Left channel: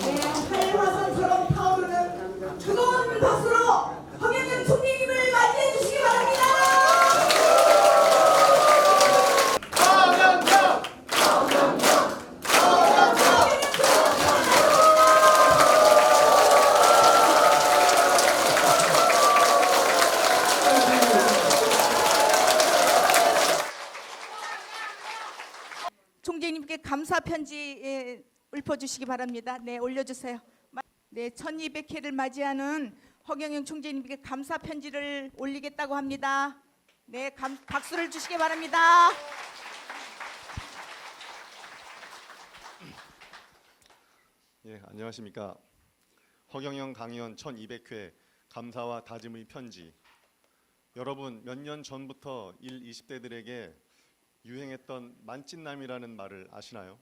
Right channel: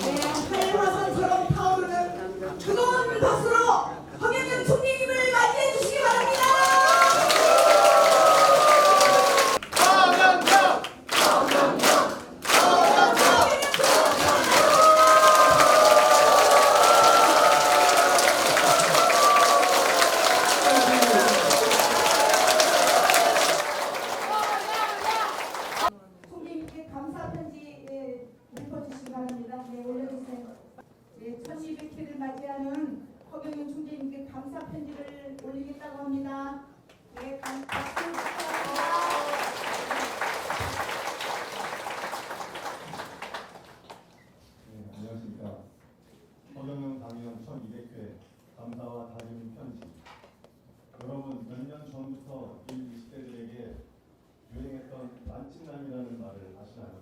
네, 활화산처럼 타오르는 뜨거운 박수로 허경영 총리님을 맞이해 주시기 바랍니다. 총재님께 감사 편지 읊어주시기 바랍니다. 네, 올려주세요. 네, 1200회를 맞이하는 허경영 총재님께 감사 편지를 올리겠다고 합니다. 네, 박수를 주시기 바랍니다. 예, 안녕하십니까. 허경영 강의원 1200회 감사와 다짐의 편지. 여러분, 몇 년 전부터 20대들에게 유행했던 만찢남이라는 말을 아시나요?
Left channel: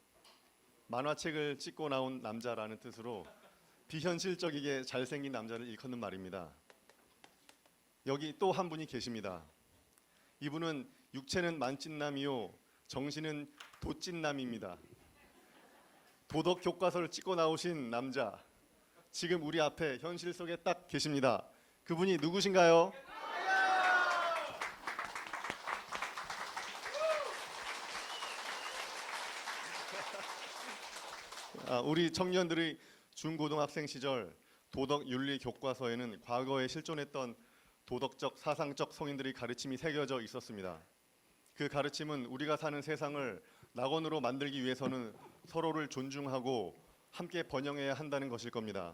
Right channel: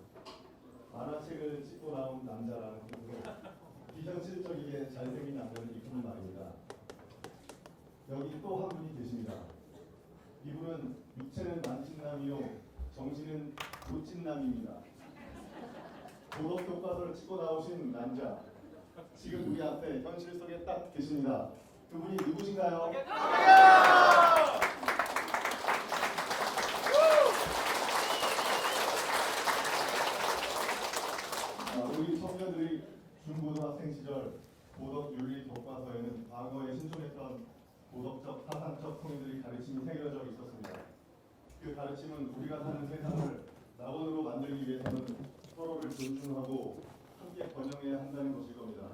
만화책을 찍고 나온 남자라는 뜻으로 비현실적이게 잘생긴 남자를 일컫는 말입니다. 여기 또 한 분이 계십니다. 이분은 육체는 만찢남이요 정신은 도찐남입니다. 도덕 교과서를 찍고 나오신 남자, 지금 우리 앞에 현실 속에 딱 계십니다. 그분이 누구신가요? 우리 청년들의 중고등학생 시절 도덕 윤리 교과서에는 과거에 실존했던 도덕적 사상적 성인들의 가르침이 새겨져 있었습니다. 그 가르침은 우리가 사는 세상을 낙원으로 만들기 위해서는 서로를 존중하고 함께 번영해야 한다는 것일 겁니다.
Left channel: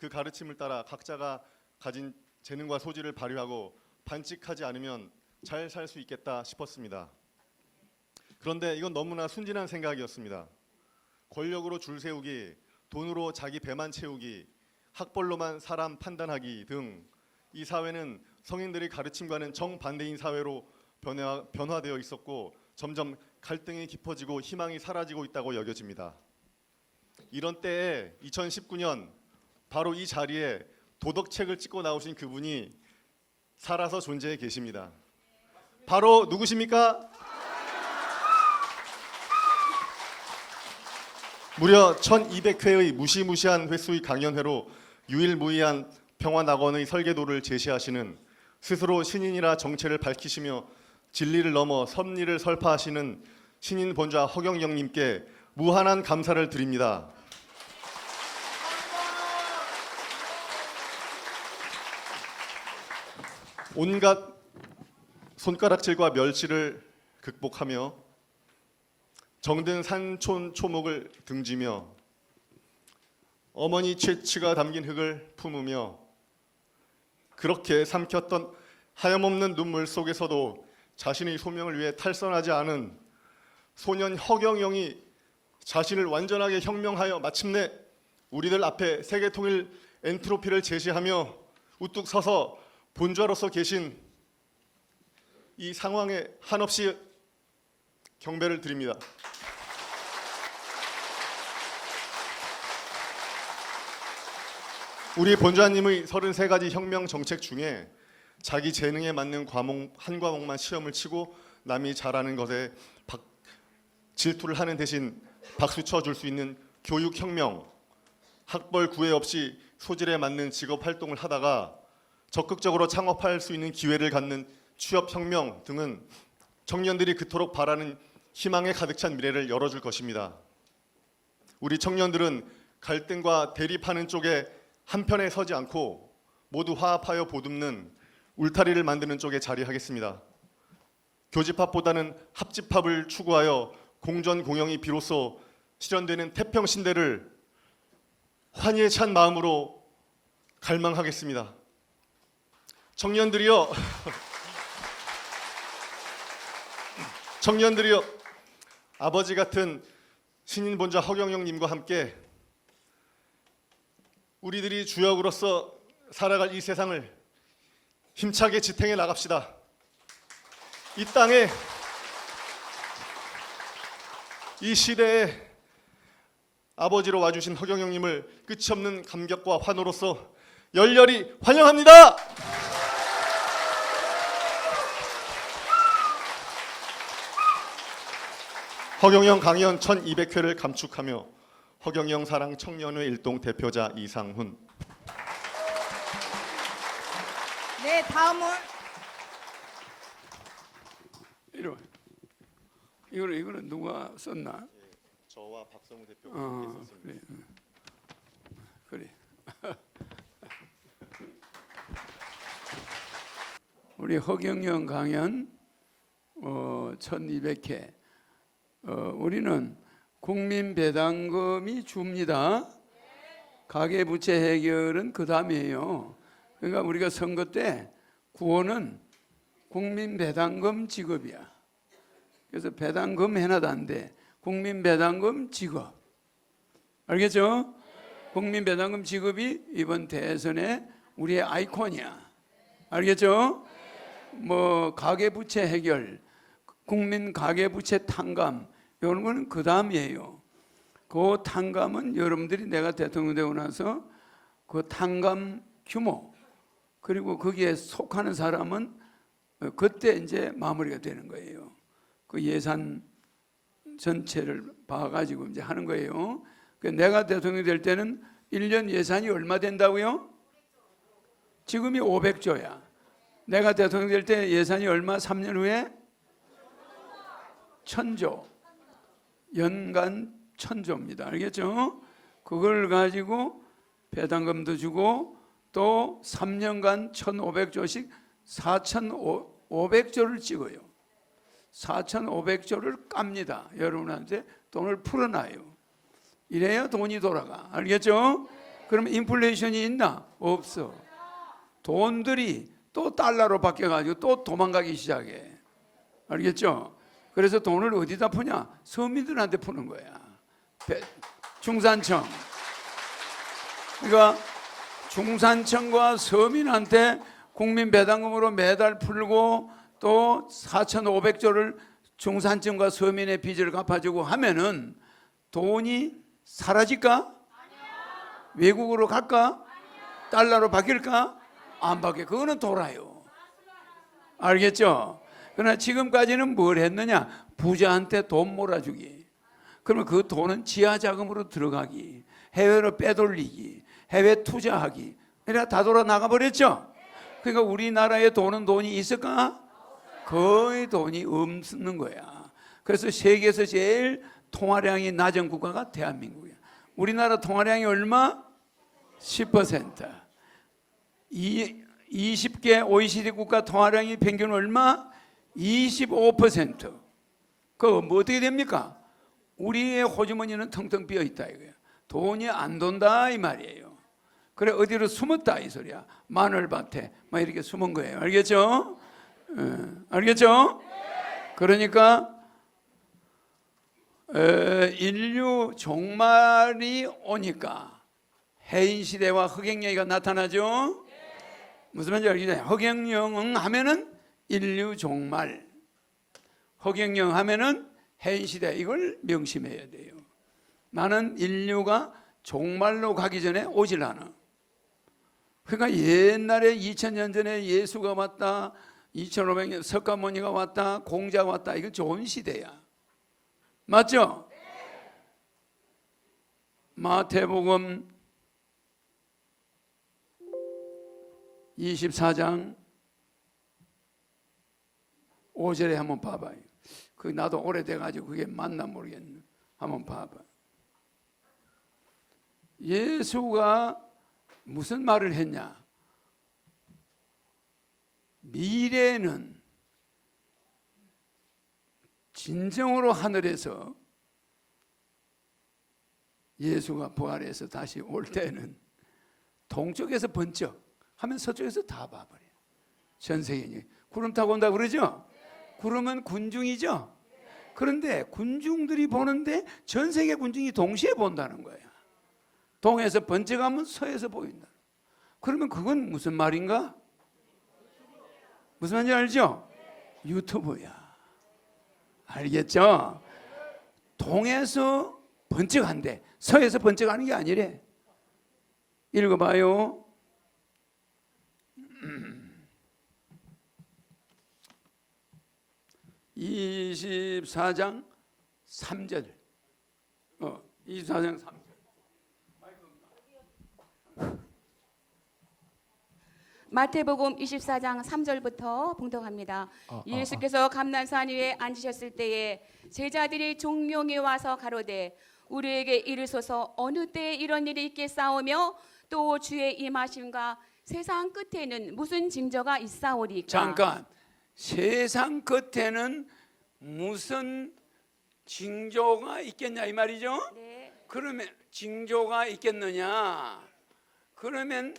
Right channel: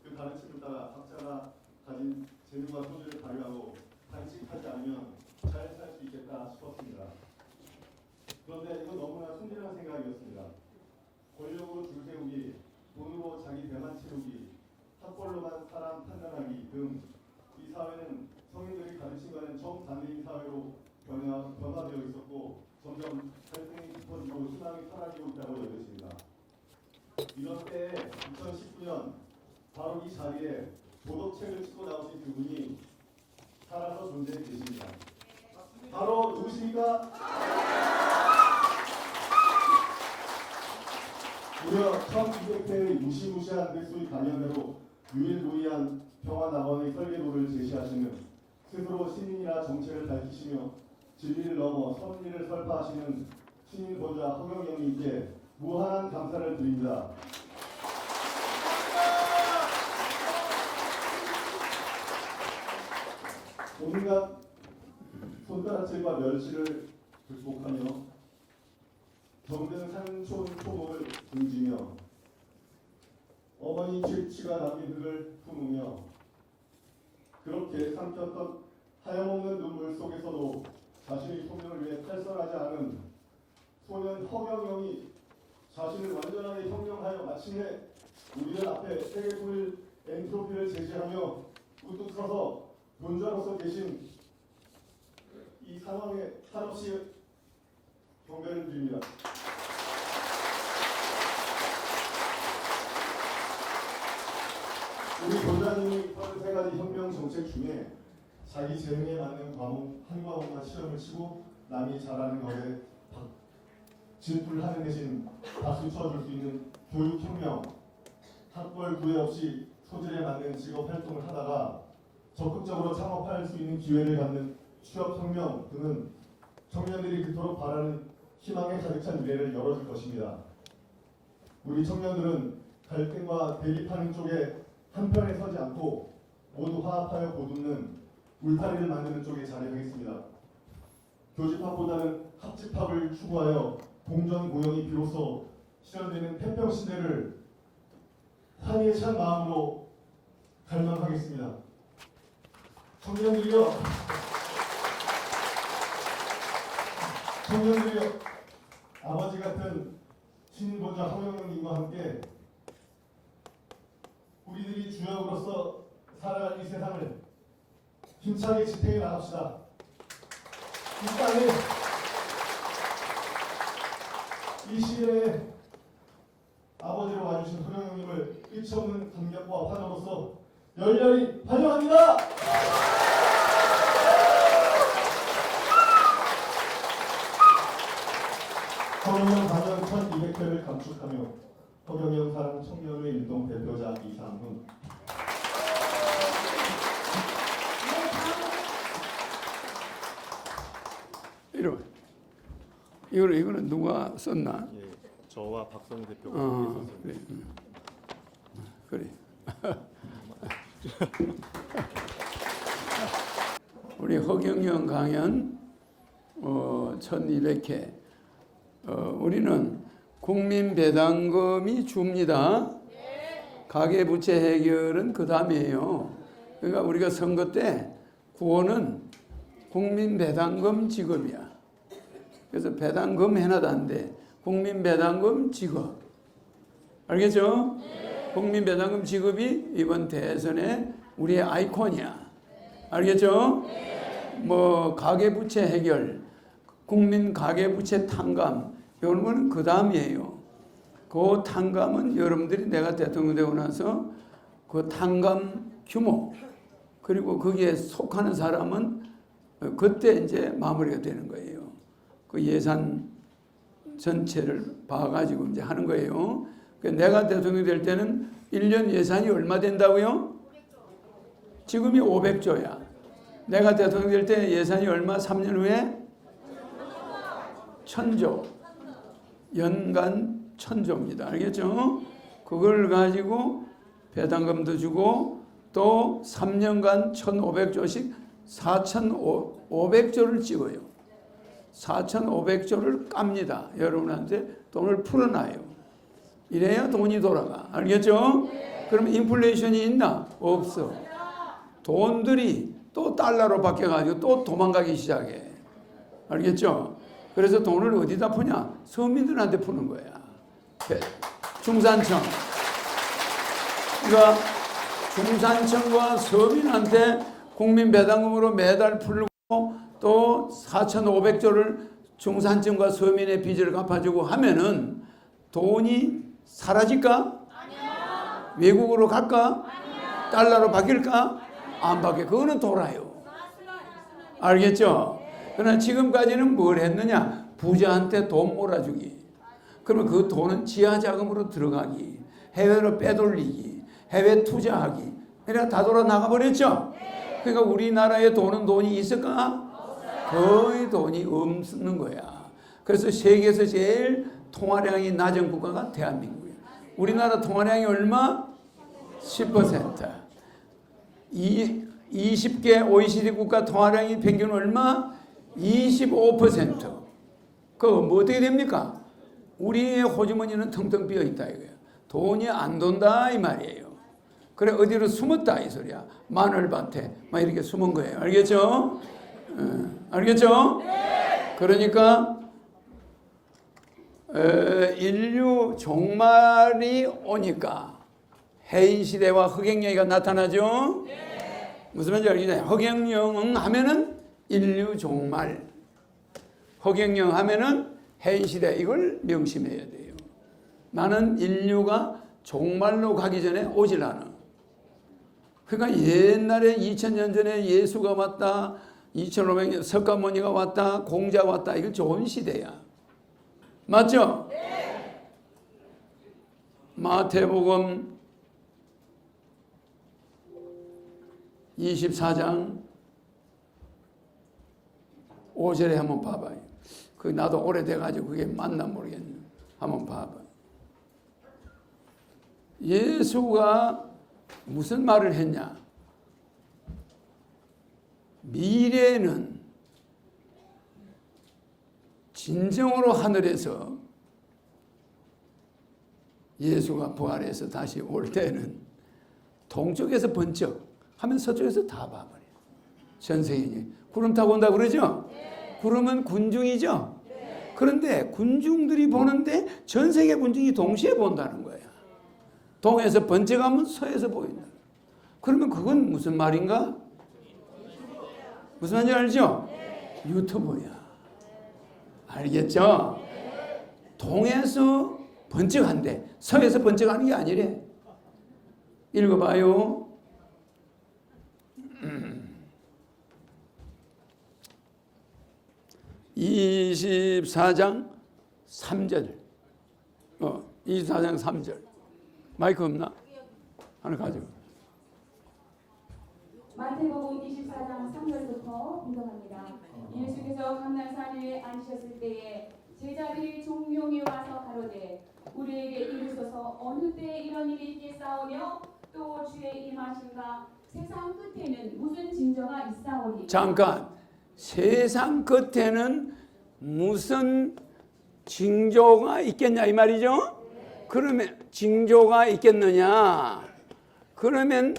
그 가르침을 따라 각자가 가진 재능과 소질을 발휘하고 반칙하지 않으면 잘 살 수 있겠다 싶었습니다. 그런데 이건 너무나 순진한 생각이었습니다. 권력으로 줄 세우기, 돈으로 자기 배만 채우기, 학벌로만 사람 판단하기 등 이 사회는 성인들의 가르침과는 정반대인 사회로 변화되어 있었고 점점 갈등이 깊어지고 희망이 사라지고 있다고 여겨집니다. 이런 때에 2019년 바로 이 자리에 도덕책을 찍고 나오신 그분이 살아서 존재해 계십니다. 바로 누구십니까? 무려 1200회의 무시무시한 횟수의 강연회로 유일무이한 평화낙원의 설계도를 제시하시는, 스스로 신인이라 정체를 밝히시며 진리를 넘어 섭리를 설파하시는 신인 본좌 허경영님께 무한한 감사를 드립니다. 온갖 손가락질과 멸시를 극복하며 정든 산촌 초목을 등지며 어머니 채취가 담긴 흙을 품으며 그렇게 삼켰던 하염없는 눈물 속에서도 자신의 소명을 위해 탈선하지 않은 소년 허경영이 자신을 완전하게 혁명하여 마침내 우리들 앞에 세계통일 엔트로피를 제시하며 우뚝 서서 본좌로서 계신 이 상황에 한없이 경배를 드립니다. 우리 본좌님의 33가지 혁명 정책 중에 자기 재능에 맞는 한 과목만 시험을 치고 남이 잘하는 것에 질투를 하는 대신 박수 쳐줄 수 있는 교육혁명, 학벌 구애 없이 소질에 맞는 직업활동을 하다가 적극적으로 창업할 수 있는 기회를 갖는 취업혁명 등은 청년들이 그토록 바라는 희망에 가득 찬 미래를 열어줄 것입니다. 우리 청년들은 갈등과 대립하는 쪽에 한편에 서지 않고 모두 화합하여 보듬는 울타리를 만드는 쪽에 자리하겠습니다. 교집합보다는 합집합을 추구하여 공전공영이 비로소 실현되는 태평신대를 환희에 찬 마음으로 갈망하겠습니다. 청년들이여 아버지 같은 신인 본좌 허경영님과 함께 우리들이 주역으로서 살아갈 이 세상을 힘차게 지탱해 나갑시다. 이 땅에 이 시대에 아버지로 와주신 허경영님을 끝이 없는 감격과 환호로서 열렬히 환영합니다. 허경영 강의원 1200회를 감축하며 허경영 사랑 청년회 일동 대표자 이상훈. 네, 다음은 이거는 누가 썼나? 예, 저와 박성우 대표가 어, 함께 썼습니다. 그래. 우리 허경영 강연 1200회. 우리는 국민배당금이 줍니다. 가계부채 해결은 그 다음이에요. 그러니까 우리가 선거 때 구호는 국민배당금 지급이야. 그래서 배당금 해놔도 안 돼. 국민배당금 지급. 알겠죠? 국민배당금 지급이 이번 대선에 우리의 아이콘이야. 알겠죠? 뭐 가계부채 해결, 국민 가계부채 탕감 이런 거는 그 다음이에요. 그 탕감은 여러분들이 내가 대통령 되고 나서 그 탕감 규모 그리고 거기에 속하는 사람은 그때 이제 마무리가 되는 거예요. 그 예산 전체를 봐가지고 이제 하는 거예요. 내가 대통령 될 때는 1년 예산이 얼마 된다고요? 지금이 500조야. 내가 대통령 될 때 예산이 얼마? 3년 후에 1000조. 연간 1000조입니다. 알겠죠? 그걸 가지고 배당금도 주고 또 3년간 1500조씩 4500조를 찍어요. 4500조를 깝니다. 여러분한테 돈을 풀어놔요. 이래야 돈이 돌아가. 알겠죠? 그러면 인플레이션이 있나? 없어. 돈들이 또 달러로 바뀌어가지고 또 도망가기 시작해. 알겠죠? 그래서 돈을 어디다 푸냐? 서민들한테 푸는 거야. 중산층. 그러니까 중산층과 서민한테 국민배당금으로 매달 풀고 또 4,500조를 중산층과 서민의 빚을 갚아주고 하면은 돈이 사라질까? 아니요. 외국으로 갈까? 아니요. 달러로 바뀔까? 안 바뀌어. 그거는 돌아요. 알겠죠? 그러나 지금까지는 뭘 했느냐? 부자한테 돈 몰아주기. 그러면 그 돈은 지하자금으로 들어가기, 해외로 빼돌리기, 해외 투자하기. 그러니까 다 돌아 나가버렸죠? 그러니까 우리나라에 돈이 있을까? 거의 돈이 없는 거야. 그래서 세계에서 제일 통화량이 낮은 국가가 대한민국이에요. 우리나라 통화량이 얼마? 10%. 20개 OECD 국가 통화량이 평균 얼마? 25%. 그거 뭐 어떻게 됩니까? 우리의 호주머니는 텅텅 비어 있다 이거예요. 돈이 안 돈다 이 말이에요. 그래 어디로 숨었다 이 소리야. 마늘밭에 막 이렇게 숨은 거예요. 알겠죠? 알겠죠? 그러니까 인류 종말이 오니까 해인 시대와 흑행영이가 나타나죠. 무슨 말인지 알겠나요? 흑행영 하면은 인류 종말, 흑행영 하면은 해인 시대. 이걸 명심해야 돼요. 나는 인류가 종말로 가기 전에 오질 않아. 그러니까 옛날에 2000년 전에 예수가 왔다, 2500년 석가모니가 왔다, 공자가 왔다. 이거 좋은 시대야. 맞죠? 네. 마태복음 24장 5절에 한번 봐봐요. 그 나도 오래돼가지고 그게 맞나 모르겠네. 한번 봐봐. 예수가 무슨 말을 했냐? 미래는 진정으로 하늘에서 예수가 부활해서 다시 올 때는 동쪽에서 번쩍 하면 서쪽에서 다 봐버려요. 전 세계에 구름 타고 온다 그러죠? 구름은 군중이죠? 그런데 군중들이 보는데 전 세계 군중이 동시에 본다는 거야. 동에서 번쩍하면 서에서 보인다. 그러면 그건 무슨 말인가? 무슨 말인지 알죠? 유튜브야. 알겠죠? 동에서 번쩍한대. 서에서 번쩍하는 게 아니래. 읽어봐요. 24장 3절 24장 3절. 마이크 없나? 하나 가지고. 마태복음 24장 3절부터 봉독합니다. 예수께서 감난산 위에 앉으셨을 때에 제자들이 종용이 와서 가로되 우리에게 이르소서 어느 때에 이런 일이 있겠사오며 또 주의 임하심과 세상 끝에는 무슨 징조가 있사오리까. 잠깐. 세상 끝에는 무슨 징조가 있겠냐 이 말이죠? 그러면 징조가 있겠느냐? 그러면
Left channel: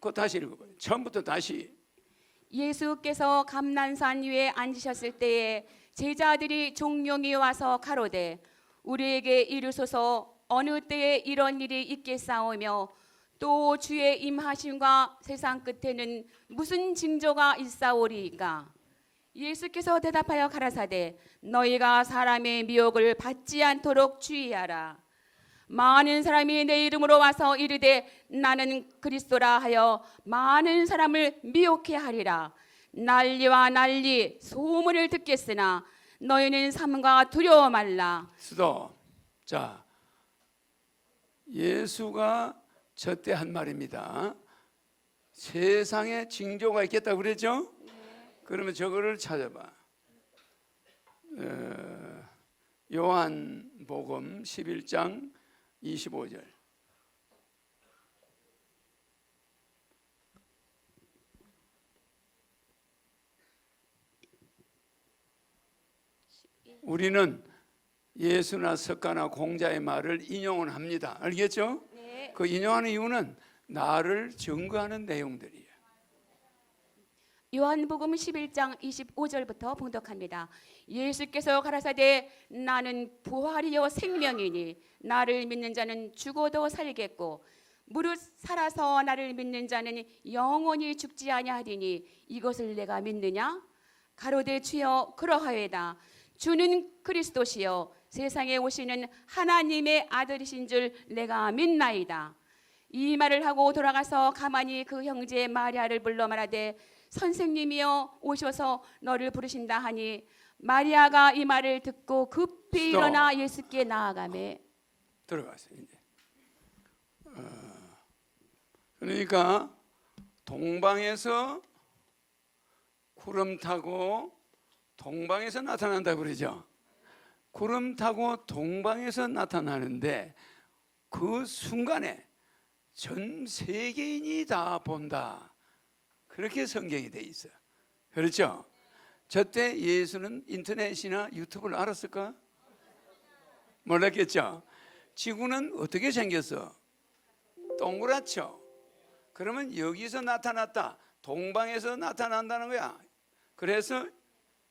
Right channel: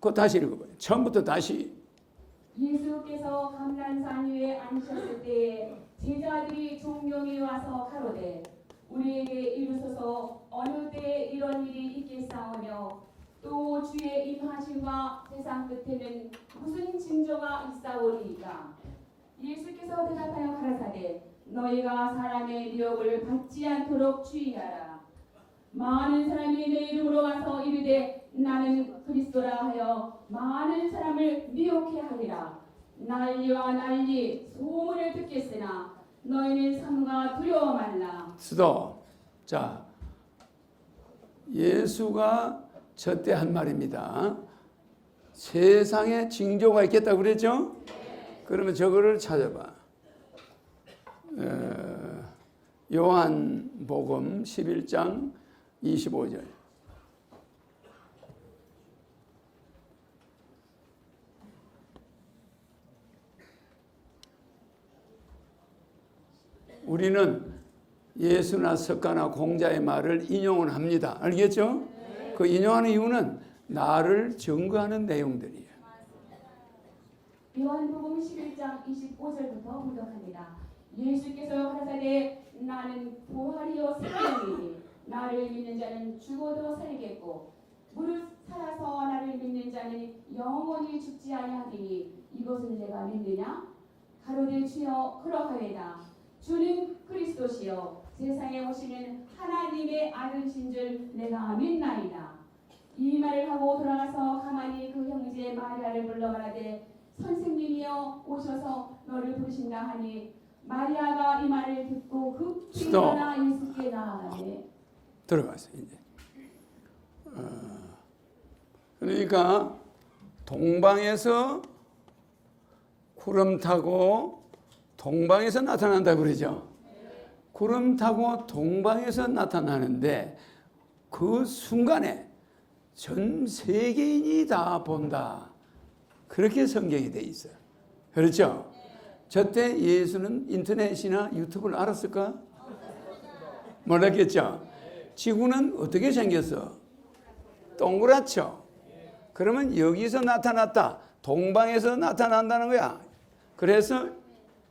그거 다시 읽어봐요. 처음부터 다시. 예수께서 감난산 위에 앉으셨을 때에 제자들이 종용이 와서 가로되 우리에게 이르소서 어느 때에 이런 일이 있겠사오며 또 주의 임하심과 세상 끝에는 무슨 징조가 있사오리이까. 예수께서 대답하여 가라사대 너희가 사람의 미혹을 받지 않도록 주의하라. 많은 사람이 내 이름으로 와서 이르되 나는 그리스도라 하여 많은 사람을 미혹해 하리라. 난리와 난리 소문을 듣겠으나 너희는 삼가 두려워 말라. 스톱. 자, 예수가 저때 한 말입니다. 세상에 징조가 있겠다고 그랬죠? 그러면 저거를 찾아봐. 요한복음 11장 25절. 우리는 예수나 석가나 공자의 말을 인용을 합니다. 알겠죠? 네. 그 인용하는 이유는 나를 증거하는 내용들이에요. 요한복음 11장 25절부터 봉독합니다. 예수께서 가라사대 나는 부활이요 생명이니 나를 믿는 자는 죽어도 살겠고 무릇 살아서 나를 믿는 자는 영원히 죽지 아니하리니 이것을 내가 믿느냐? 가로되 주여 그러하외다. 주는 그리스도시요 세상에 오시는 하나님의 아들이신 줄 내가 믿나이다. 이 말을 하고 돌아가서 가만히 그 형제 마리아를 불러 말하되 선생님이여 오셔서 너를 부르신다 하니 마리아가 이 말을 듣고 급히 일어나 예수께 나아가매. 들어가세요. 이제. 그러니까 동방에서 구름 타고 동방에서 나타난다고 그러죠. 구름 타고 동방에서 나타나는데 그 순간에 전 세계인이 다 본다. 그렇게 성경이 돼 있어요. 그렇죠? 저때 예수는 인터넷이나 유튜브를 알았을까? 몰랐겠죠? 지구는 어떻게 생겼어? 동그랗죠? 그러면 여기서 나타났다. 동방에서 나타난다는 거야. 그래서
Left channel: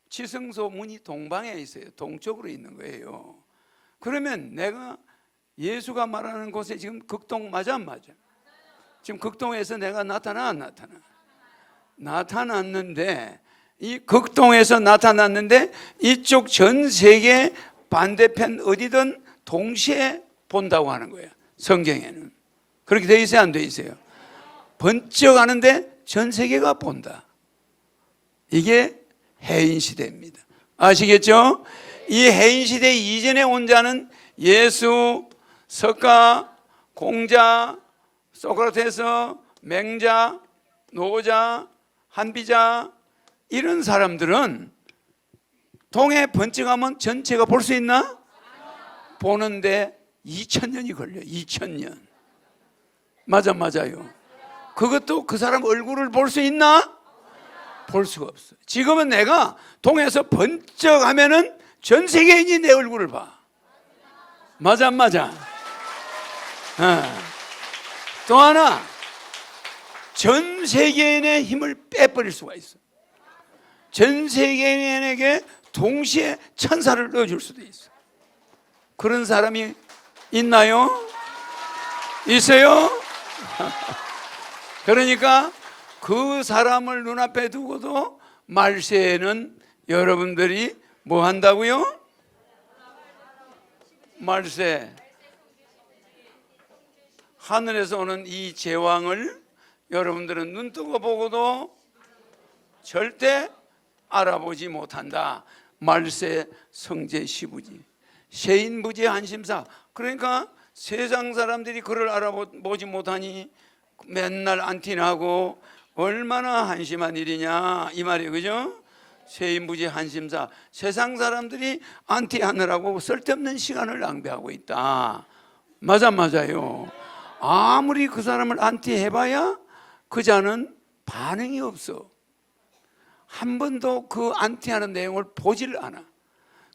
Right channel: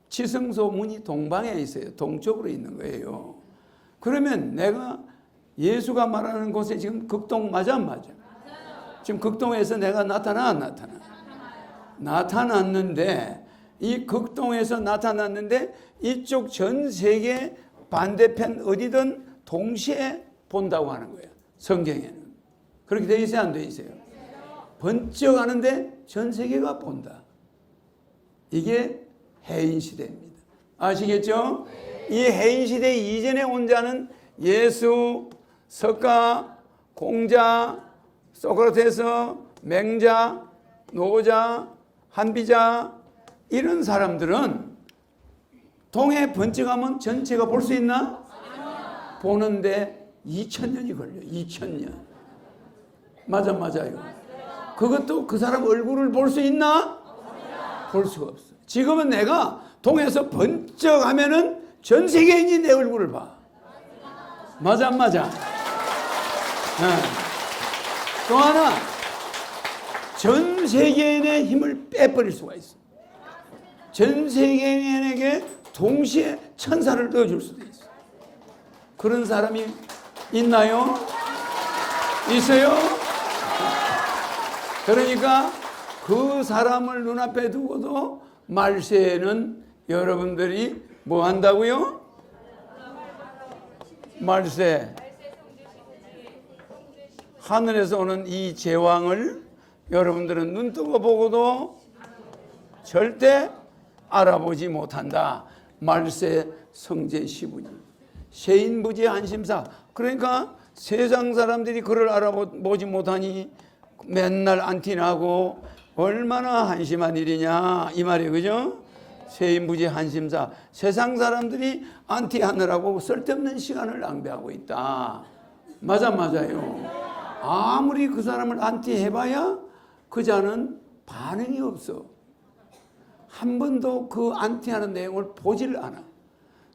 지성소문이 동방에 있어요. 동쪽으로 있는 거예요. 그러면 내가 예수가 말하는 곳에 지금 극동 맞아 안 맞아? 지금 극동에서 내가 나타나 안 나타나? 나타났는데 이 극동에서 나타났는데 이쪽 전 세계 반대편 어디든 동시에 본다고 하는 거예요. 성경에는. 그렇게 돼 있어요? 안 돼 있어요? 번쩍 하는데 전 세계가 본다. 이게 해인 시대입니다. 아시겠죠? 이 해인 시대 이전에 온 자는 예수, 석가, 공자, 소크라테스, 맹자, 노자, 한비자 이런 사람들은 동해 번쩍하면 전체가 볼 수 있나? 보는데 2000년이 걸려요. 2000년. 맞아요. 그것도 그 사람 얼굴을 볼 수 있나? 볼 수가 없어. 지금은 내가 동해에서 번쩍하면은 전 세계인이 내 얼굴을 봐. 맞아? 또 하나, 전 세계인의 힘을 빼버릴 수가 있어. 전 세계인에게 동시에 천사를 넣어줄 수도 있어. 그런 사람이 있나요? 있어요? 그러니까 그 사람을 눈앞에 두고도 말세에는 여러분들이 뭐 한다고요? 말세. 하늘에서 오는 이 제왕을 여러분들은 눈뜨고 보고도 절대 알아보지 못한다. 말세 성제 시부지. 세인부지 한심사. 그러니까 세상 사람들이 그를 알아보지 못하니 맨날 안티나고 얼마나 한심한 일이냐 이 말이에요. 그죠? 세인부지 한심사. 세상 사람들이 안티하느라고 쓸데없는 시간을 낭비하고 있다. 맞아요. 아무리 그 사람을 안티해봐야 그 자는 반응이 없어. 한 번도 그 안티하는 내용을 보질 않아.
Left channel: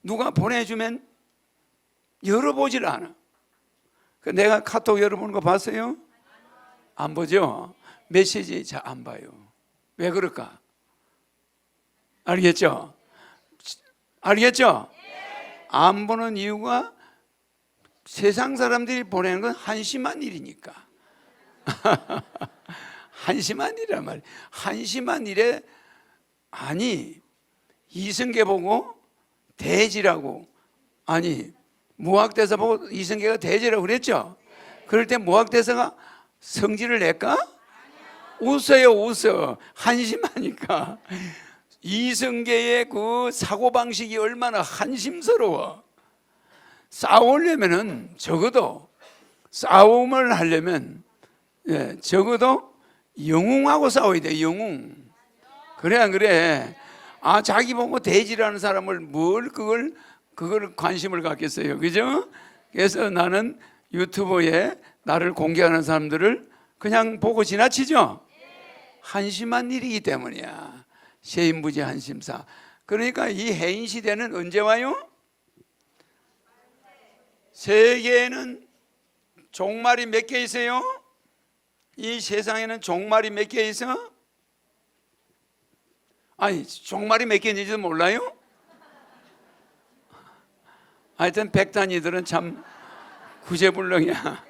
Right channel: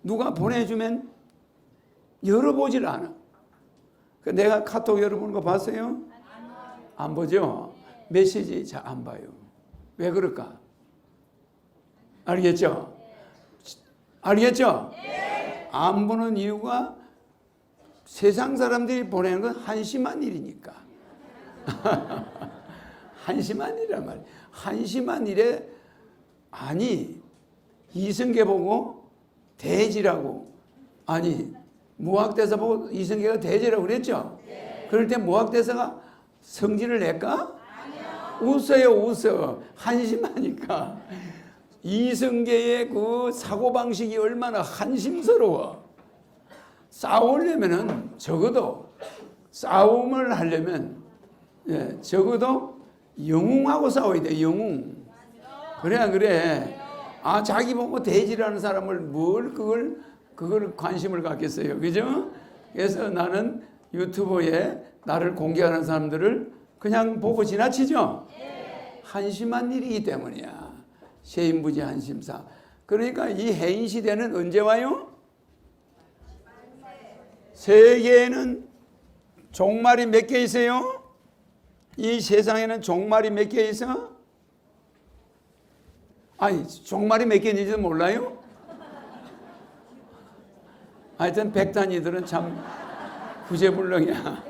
누가 보내주면 열어보질 않아. 내가 카톡 열어보는 거 봤어요? 안 보죠? 메시지 잘 안 봐요. 왜 그럴까? 알겠죠? 안 보는 이유가 세상 사람들이 보내는 건 한심한 일이니까. 한심한 일이란 말이야. 한심한 일에 아니 이성계 보고 돼지라고, 아니 무학대사 보고 이성계가 돼지라고 그랬죠? 그럴 때 무학대사가 성질을 낼까? 웃어. 한심하니까. 이성계의 그 사고방식이 얼마나 한심스러워. 싸우려면은 적어도 싸움을 하려면 적어도 영웅하고 싸워야 돼. 영웅. 그래. 아, 자기 보고 돼지라는 사람을 뭘 그걸 관심을 갖겠어요. 그죠? 그래서 나는 유튜브에 나를 공개하는 사람들을 그냥 보고 지나치죠? 한심한 일이기 때문이야. 세인부지 한심사. 그러니까 이 해인 시대는 언제 와요? 세계에는 종말이 몇 개 있어요? 이 세상에는 종말이 몇 개 있어? 아니, 종말이 몇 개인지도 몰라요? 하여튼 백단이들은 참 구제불능이야.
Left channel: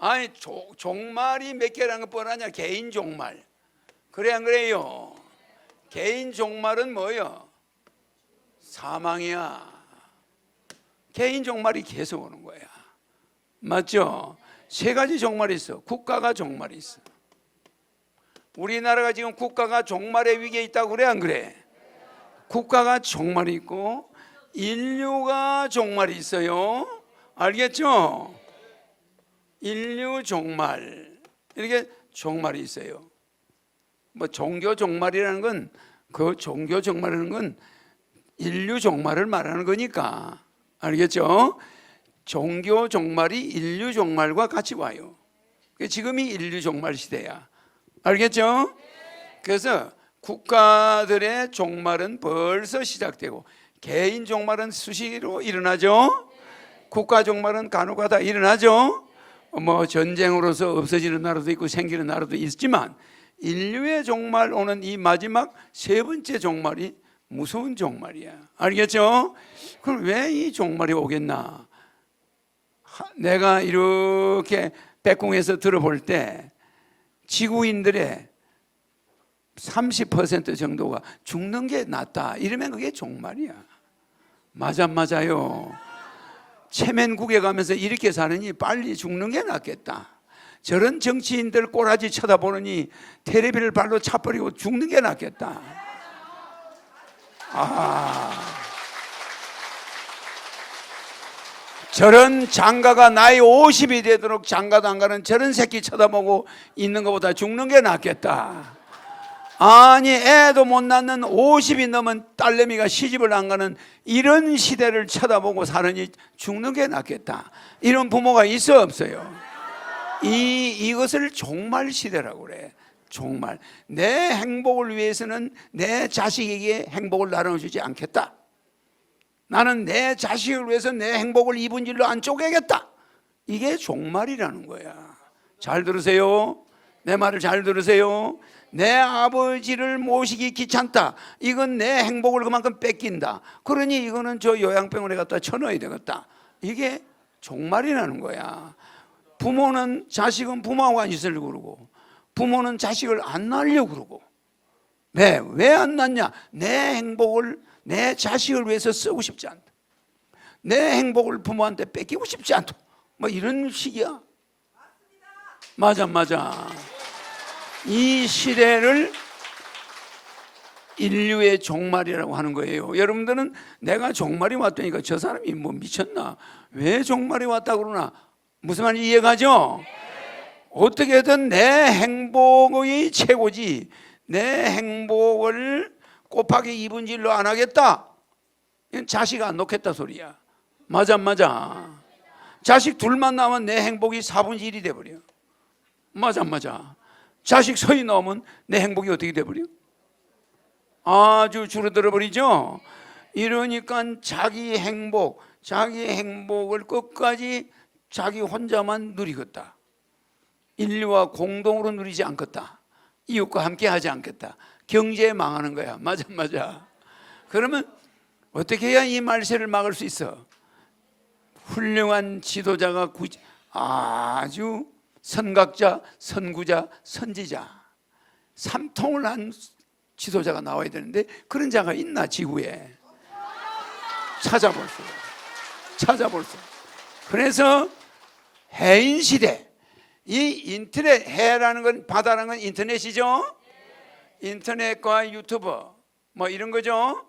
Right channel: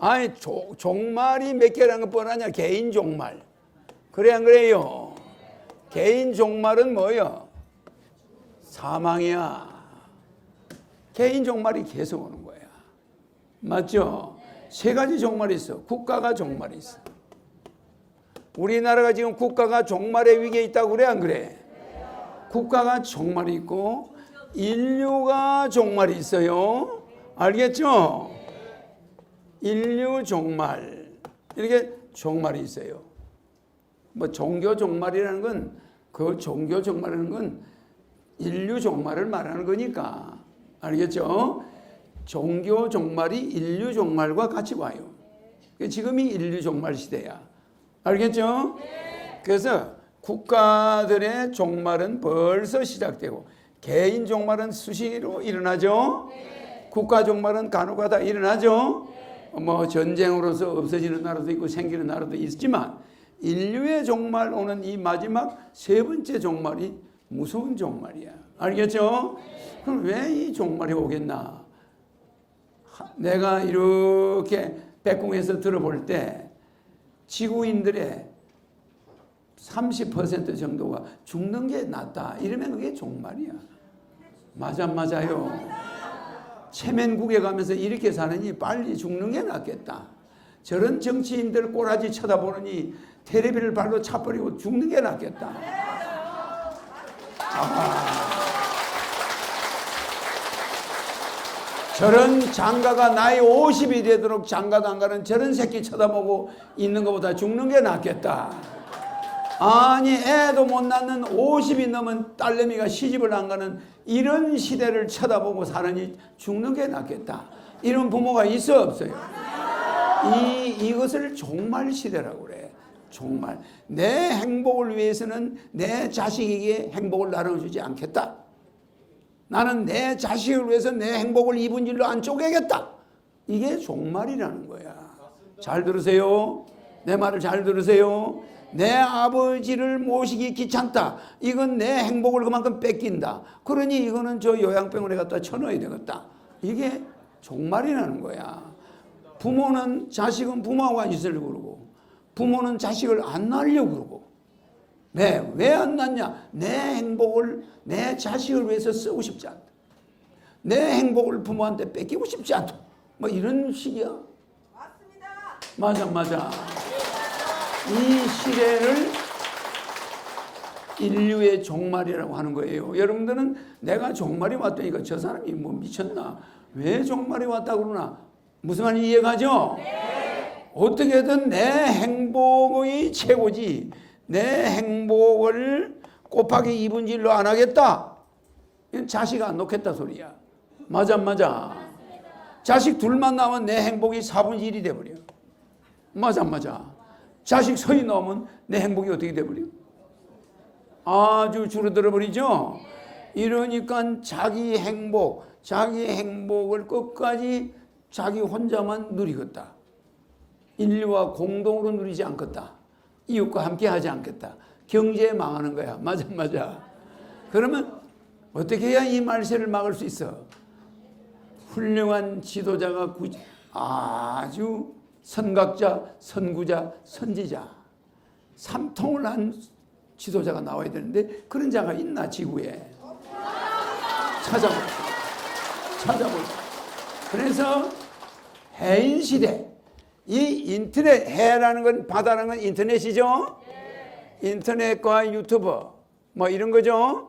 아니, 종말이 몇 개라는 거 뻔하냐? 개인 종말. 그래 안 그래요? 개인 종말은 뭐요? 사망이야. 개인 종말이 계속 오는 거야. 맞죠? 세 가지 종말이 있어. 국가가 종말이 있어. 우리나라가 지금 국가가 종말의 위기에 있다고 그래 안 그래? 국가가 종말이 있고 인류가 종말이 있어요. 알겠죠? 인류 종말, 이렇게 종말이 있어요. 뭐 종교 종말이라는 건, 그 종교 종말이라는 건 인류 종말을 말하는 거니까. 알겠죠? 종교 종말이 인류 종말과 같이 와요. 지금이 인류 종말 시대야. 알겠죠? 그래서 국가들의 종말은 벌써 시작되고 개인 종말은 수시로 일어나죠. 국가 종말은 간혹가다 일어나죠. 뭐 전쟁으로서 없어지는 나라도 있고 생기는 나라도 있지만 인류의 종말, 오는 이 마지막 세 번째 종말이 무서운 종말이야. 알겠죠? 그럼 왜 이 종말이 오겠나? 내가 이렇게 백공에서 들어볼 때 지구인들의 30% 정도가 죽는 게 낫다. 이러면 그게 종말이야. 맞아요. 체면국에 가면서 이렇게 사느니 빨리 죽는 게 낫겠다. 저런 정치인들 꼬라지 쳐다보느니 테레비를 발로 차버리고 죽는 게 낫겠다. 저런 장가가 나이 50이 되도록 장가도 안 가는 저런 새끼 쳐다보고 있는 것보다 죽는 게 낫겠다. 아니, 애도 못 낳는 50이 넘은 딸내미가 시집을 안 가는 이런 시대를 쳐다보고 사느니 죽는 게 낫겠다. 이런 부모가 있어 없어요? 이것을 종말 시대라고 그래. 종말. 내 행복을 위해서는 내 자식에게 행복을 나눠주지 않겠다. 나는 내 자식을 위해서 내 행복을 이분 일로 안 쪼개겠다. 이게 종말이라는 거야. 잘 들으세요. 내 말을 잘 들으세요. 내 아버지를 모시기 귀찮다. 이건 내 행복을 그만큼 뺏긴다. 그러니 이거는 저 요양병원에 갖다 쳐넣어야 되겠다. 이게 종말이라는 거야. 부모는 자식은 부모하고 있으려고 그러고 부모는 자식을 안 낳으려고 그러고. 왜 안 낳냐? 내 행복을 내 자식을 위해서 쓰고 싶지 않다. 내 행복을 부모한테 뺏기고 싶지 않다. 뭐 이런 식이야. 맞아. 이 시대를 인류의 종말이라고 하는 거예요. 여러분들은 내가 종말이 왔다니까 저 사람이 뭐 미쳤나? 왜 종말이 왔다 그러나? 무슨 말인지 이해가죠? 어떻게든 내 행복이 최고지 내 행복을 곱하기 2분의 1로 안 하겠다. 이건 자식 안 놓겠다 소리야. 맞아 안 맞아? 자식 둘만 나오면 내 행복이 4분의 1이 돼버려. 맞아 안 맞아? 자식 서이 나오면 내 행복이 어떻게 돼버려? 아주 줄어들어 버리죠. 이러니까 자기 행복을 끝까지 자기 혼자만 누리겠다. 인류와 공동으로 누리지 않겠다. 이웃과 함께 하지 않겠다. 경제에 망하는 거야. 맞아 맞아. 그러면 어떻게 해야 이 말세를 막을 수 있어? 훌륭한 지도자가 아주 선각자, 선구자, 선지자 삼통을 한 지도자가 나와야 되는데 그런 자가 있나 지구에? 찾아볼. 그래서 해인 시대, 이 인터넷, 해라는 건 바다라는 건 인터넷이죠. 인터넷과 유튜브 뭐 이런 거죠.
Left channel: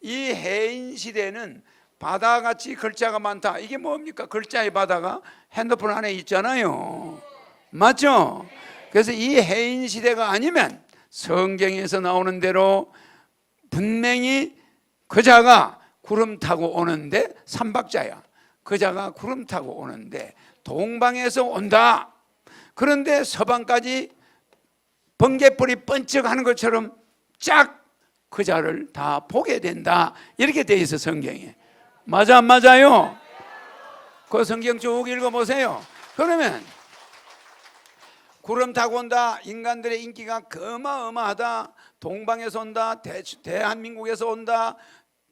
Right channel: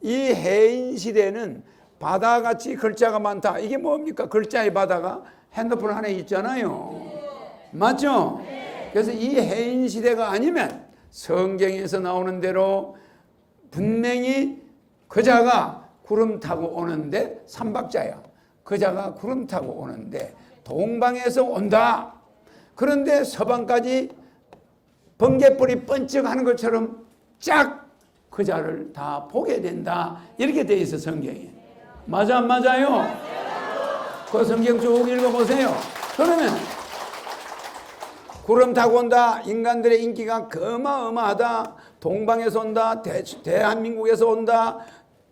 이 해인 시대는 바다같이 글자가 많다. 이게 뭡니까? 글자의 바다가 핸드폰 안에 있잖아요. 맞죠? 그래서 이 해인 시대가 아니면 성경에서 나오는 대로 분명히 그자가 구름 타고 오는데 삼박자야. 그자가 구름 타고 오는데 동방에서 온다. 그런데 서방까지 번개불이 번쩍하는 것처럼 쫙 그자를 다 보게 된다. 이렇게 돼 있어 성경에. 맞아 안 맞아요? 그 성경 쭉 읽어보세요. 그러면 구름 타고 온다. 인간들의 인기가 어마어마하다. 동방에서 온다. 대한민국에서 온다.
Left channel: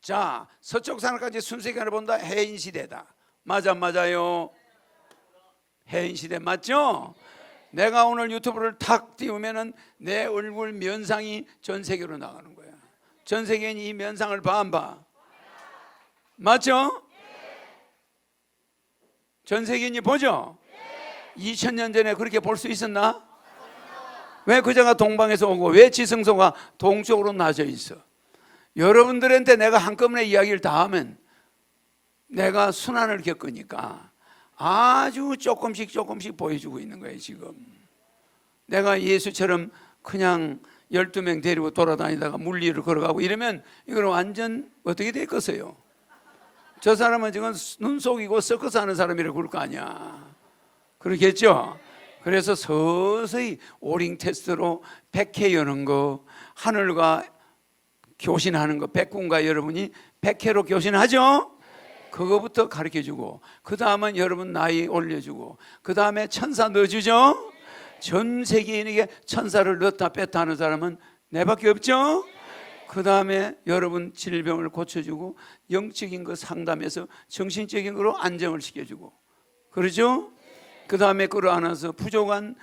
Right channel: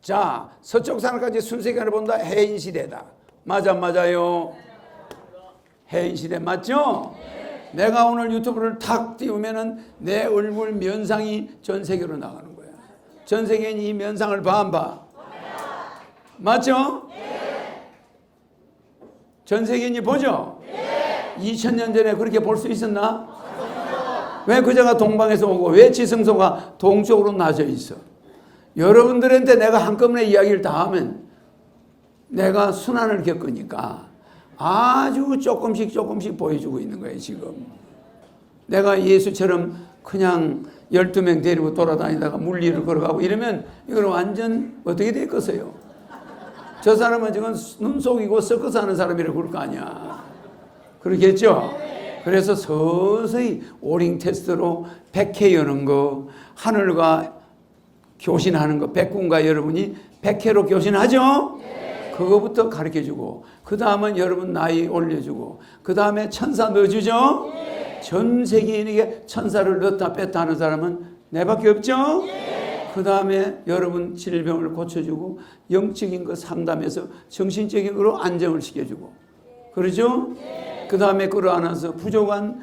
자, 서쪽 산까지 순식간에 본다. 해인 시대다. 맞아 안 맞아요? 해인 시대 맞죠? 내가 오늘 유튜브를 탁 띄우면은 내 얼굴 면상이 전 세계로 나가는 거야. 전 세계인 이 면상을 봐 안 봐? 맞죠? 전 세계인이 보죠? 2000년 전에 그렇게 볼 수 있었나? 왜 그자가 동방에서 오고 왜 지성소가 동쪽으로 나져 있어? 여러분들한테 내가 한꺼번에 이야기를 다 하면 내가 순환을 겪으니까 아주 조금씩 보여주고 있는 거예요 지금. 내가 예수처럼 그냥 12명 데리고 돌아다니다가 물리를 걸어가고 이러면 이건 완전 어떻게 됐겠어요? 저 사람은 지금 눈 속이고 섞어서 하는 사람이라고 그럴 거 아니야. 그렇겠죠? 그래서 서서히 오링 테스트로 백회 여는 거, 하늘과 교신하는 거, 백군과 여러분이 백회로 교신하죠? 그거부터 가르쳐주고 그 다음은 여러분 나이 올려주고 그 다음에 천사 넣어주죠? 전 세계인에게 천사를 넣었다 뺐다 하는 사람은 내밖에 없죠? 그 다음에 여러분 질병을 고쳐주고 영적인 거 상담해서 정신적인 거로 안정을 시켜주고 그러죠? 그 다음에 끌어안아서 부족한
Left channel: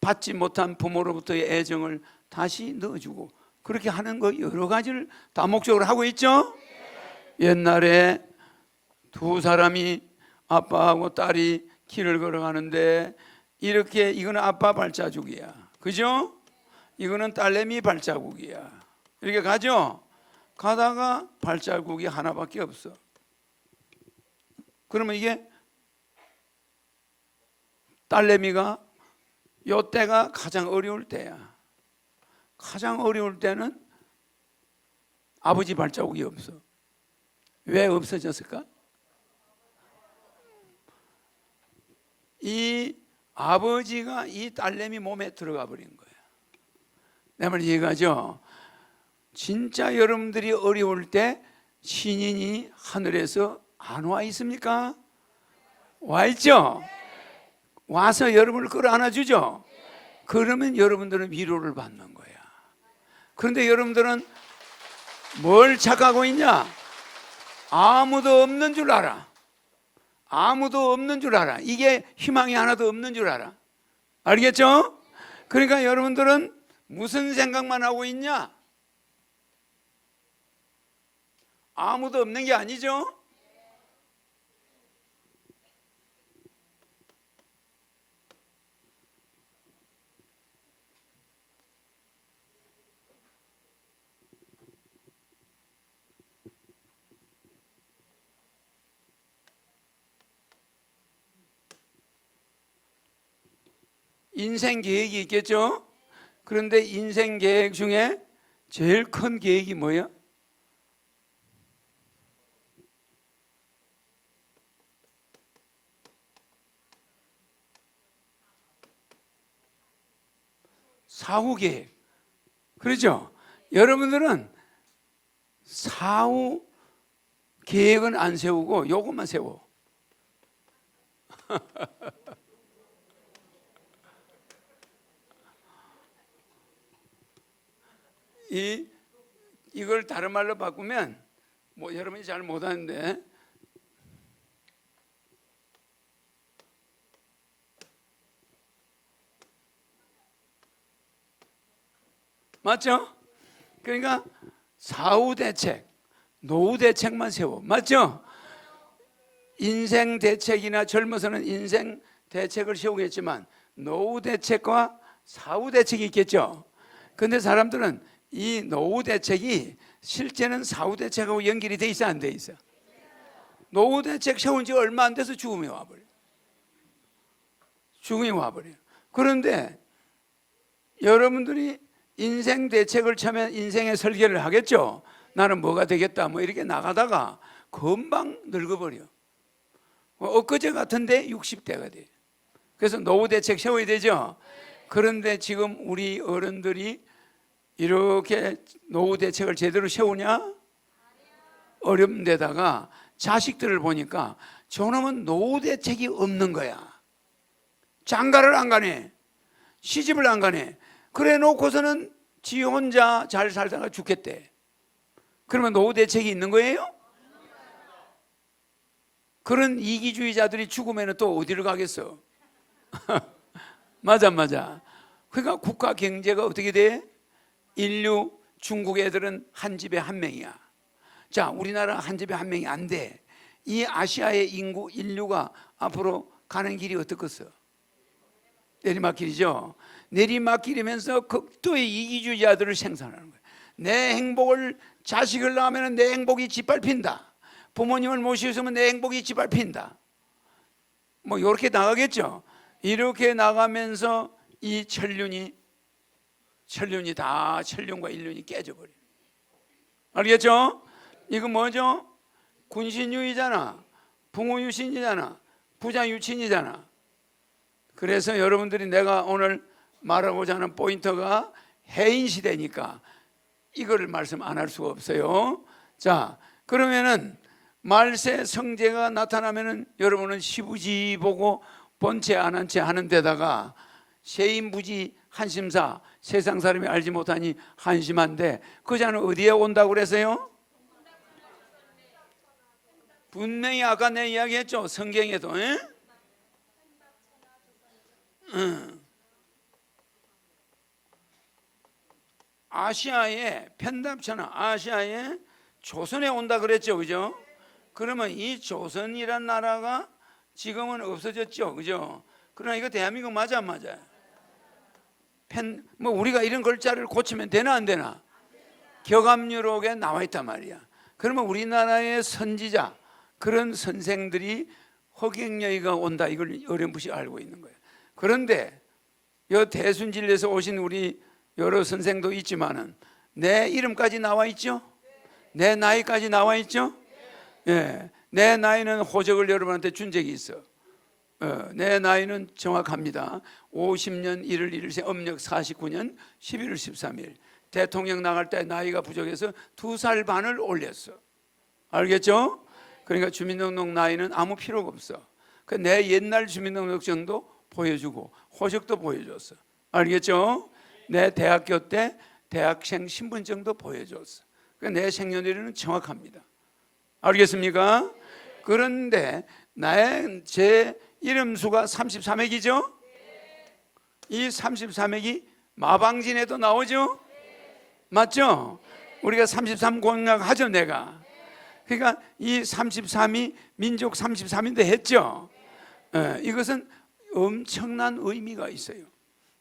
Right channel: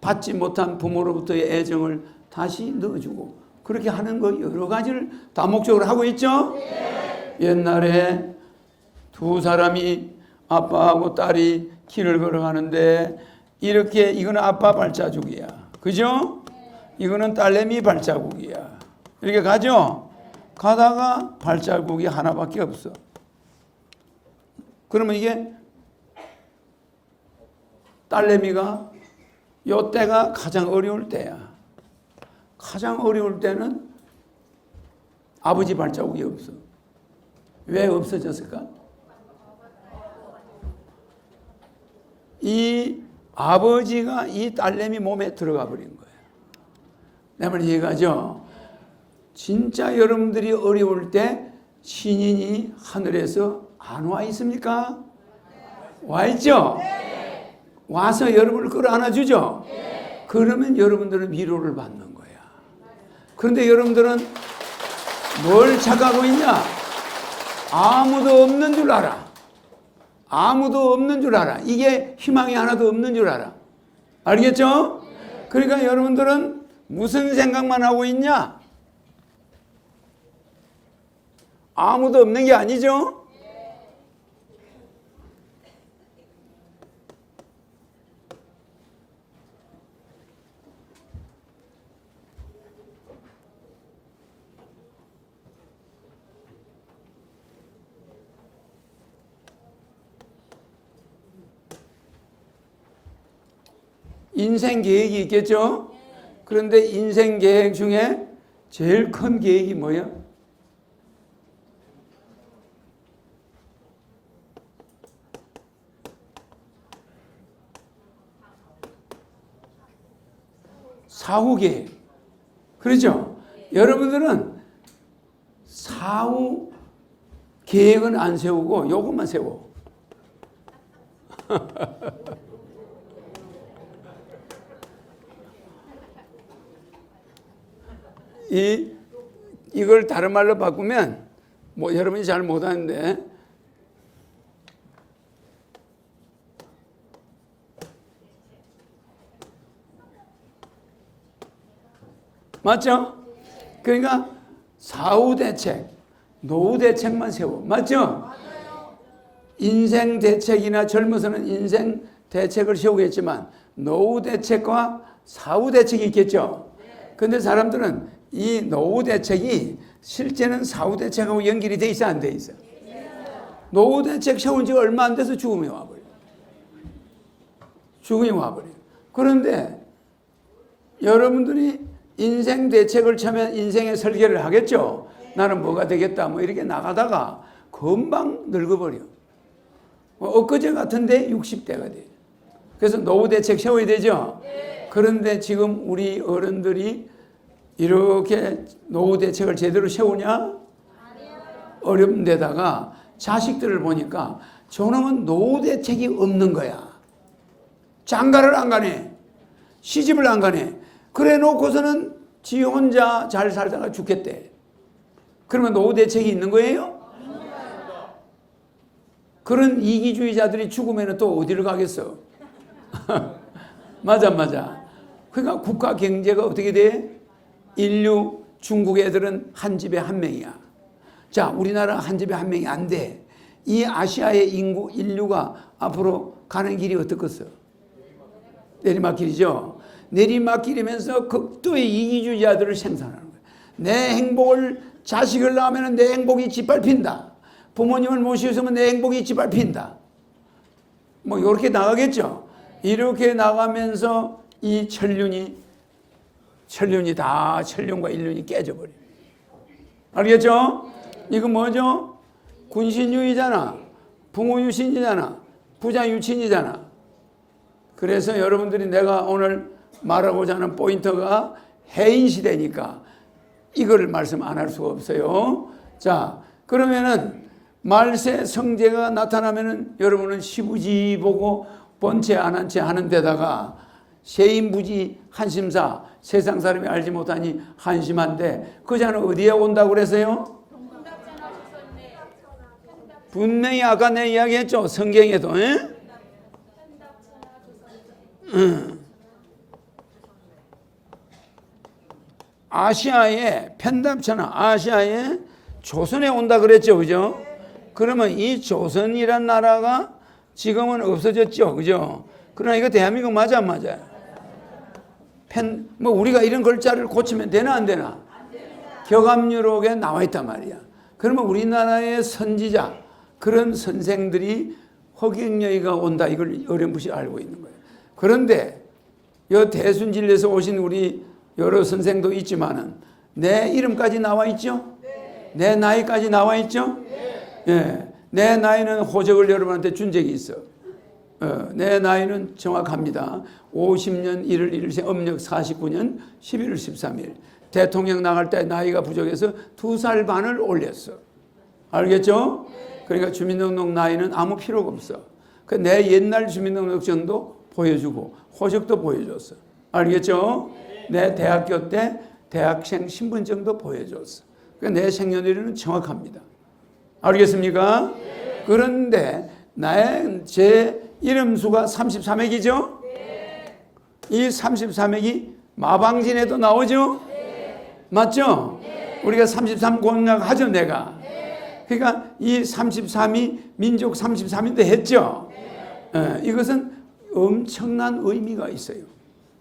받지 못한 부모로부터의 애정을 다시 넣어주고 그렇게 하는 거 여러 가지를 다목적으로 하고 있죠? 옛날에 두 사람이 아빠하고 딸이 길을 걸어가는데 이렇게 이거는 아빠 발자국이야. 그죠? 이거는 딸내미 발자국이야. 이렇게 가죠? 가다가 발자국이 하나밖에 없어. 그러면 이게 딸내미가 요 때가 가장 어려울 때야. 가장 어려울 때는 아버지 발자국이 없어. 왜 없어졌을까? 이 아버지가 이 딸내미 몸에 들어가 버린 거예요. 내 말 이해가죠? 진짜 여러분들이 어려울 때 신인이 하늘에서 안 와 있습니까? 와 있죠? 와서 여러분을 끌어안아 주죠? 그러면 여러분들은 위로를 받는 거야. 그런데 여러분들은 뭘 착각하고 있냐? 아무도 없는 줄 알아. 아무도 없는 줄 알아. 이게 희망이 하나도 없는 줄 알아. 알겠죠? 그러니까 여러분들은 무슨 생각만 하고 있냐? 아무도 없는 게 아니죠? 인생 계획이 있겠죠? 그런데 인생 계획 중에 제일 큰 계획이 뭐예요? 사후 계획. 그렇죠? 여러분들은 사후 계획은 안 세우고 요것만 세워. 이걸 다른 말로 바꾸면 뭐 여러분이 잘 못하는데 맞죠? 그러니까 사후 대책, 노후 대책만 세워. 맞죠? 인생 대책이나 젊어서는 인생 대책을 세우겠지만 노후 대책과 사후 대책이 있겠죠. 근데 사람들은 이 노후 대책이 실제는 사후 대책하고 연결이 돼 있어 안 돼 있어? 노후 대책 세운 지 얼마 안 돼서 죽음이 와버려. 죽음이 와버려. 그런데 여러분들이 인생 대책을 처음에 인생의 설계를 하겠죠. 나는 뭐가 되겠다 뭐 이렇게 나가다가 금방 늙어버려. 엊그제 같은데 60대가 돼. 그래서 노후 대책 세워야 되죠. 그런데 지금 우리 어른들이 이렇게 노후 대책을 제대로 세우냐? 어려운 데다가 자식들을 보니까 저놈은 노후 대책이 없는 거야. 장가를 안 가네. 시집을 안 가네. 그래 놓고서는 지 혼자 잘 살다가 죽겠대. 그러면 노후 대책이 있는 거예요? 그런 이기주의자들이 죽으면 또 어디를 가겠어? 맞아. 그러니까 국가 경제가 어떻게 돼? 인류 중국 애들은 한 집에 한 명이야. 자, 우리나라 한 집에 한 명이 안 돼. 이 아시아의 인류가 앞으로 가는 길이 어떻겠어? 내리막길이죠. 내리막길이면서 극도의 이기주의자들을 생산하는 거예요. 내 행복을 자식을 낳으면 내 행복이 짓밟힌다. 부모님을 모시면 내 행복이 짓밟힌다. 뭐 이렇게 나가겠죠. 이렇게 나가면서 이 천륜과 인륜이 깨져버려. 알겠죠? 이거 뭐죠? 군신유이잖아. 부모유신이잖아. 부자유친이잖아. 그래서 여러분들이 내가 오늘 말하고자 하는 포인트가 해인 시대니까 이걸 말씀 안 할 수가 없어요. 자, 그러면은 말세 성제가 나타나면은 여러분은 시부지 보고 본체 안 한 채 하는 데다가 세인부지 한심사, 세상 사람이 알지 못하니 한심한데 그 자는 어디에 온다고 그랬어요? 분명히 아까 내 이야기했죠. 성경에도. 아시아에 편답천하 아시아에 조선에 온다 그랬죠. 그죠? 그러면 이 조선이란 나라가 지금은 없어졌죠. 그죠? 그러나 이거 대한민국 맞아 안 맞아요? 뭐 우리가 이런 글자를 고치면 되나 안 되나? 격암유록에 나와 있단 말이야. 그러면 우리나라의 선지자 그런 선생들이 허경영이가 온다 이걸 어렴풋이 알고 있는 거예요. 그런데 이 대순진리에서 오신 우리 여러 선생도 있지만은 내 이름까지 나와 있죠? 내 나이까지 나와 있죠? 예, 내 나이는 호적을 여러분한테 준 적이 있어. 내 나이는 정확합니다. 50년 1월 1일생 음력 49년 11월 13일 대통령 나갈 때 나이가 부족해서 2살 반을 올렸어. 알겠죠? 그러니까 주민등록 나이는 아무 필요가 없어. 내 옛날 주민등록증도 보여주고 호적도 보여줬어. 알겠죠? 내 대학교 때 대학생 신분증도 보여줬어. 내 생년월일은 정확합니다. 알겠습니까? 그런데 제 이름수가 33핵이죠? 이 33핵이 마방진에도 나오죠? 맞죠? 우리가 33 공략하죠, 내가. 그러니까 이 33이 민족 33인데 했죠? 이것은 엄청난 의미가 있어요.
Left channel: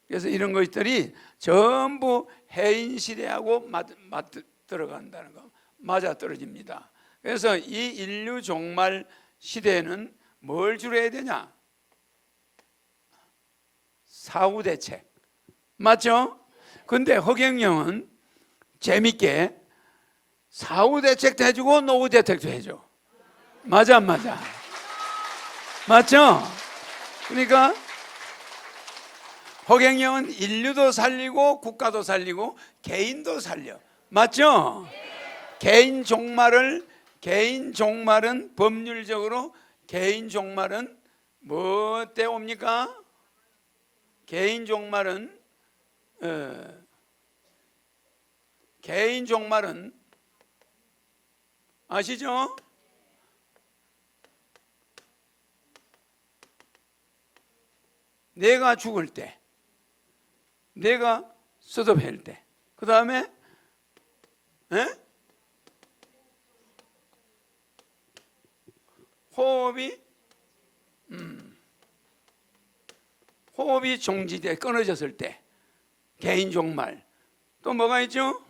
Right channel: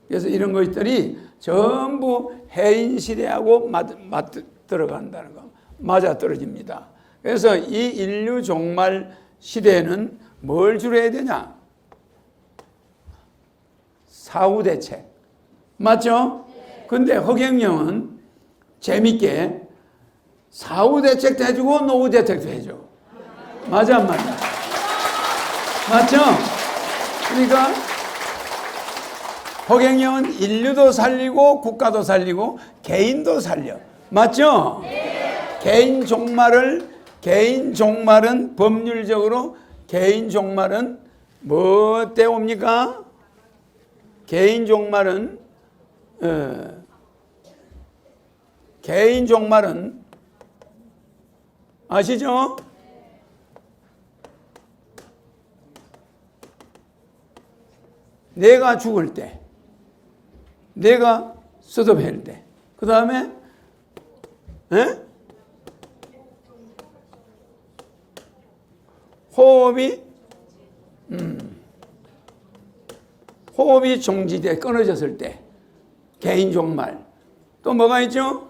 그래서 이런 것들이 전부 해인 시대하고 들어간다는 거, 맞아 떨어집니다. 그래서 이 인류 종말 시대에는 뭘 주로 해야 되냐? 사후대책. 맞죠? 근데 허경영은 재밌게 사후대책도 해주고 노후대책도 해줘. 맞아 안 맞아? 맞죠? 그러니까 허경영은 인류도 살리고 국가도 살리고 개인도 살려. 맞죠? 개인 종말은 법률적으로 개인 종말은 뭐 때 옵니까? 개인 종말은 아시죠? 내가 죽을 때, 내가 쏟아낼 때, 그 다음에 호흡이 정지돼 끊어졌을 때 개인 종말. 또 뭐가 있죠?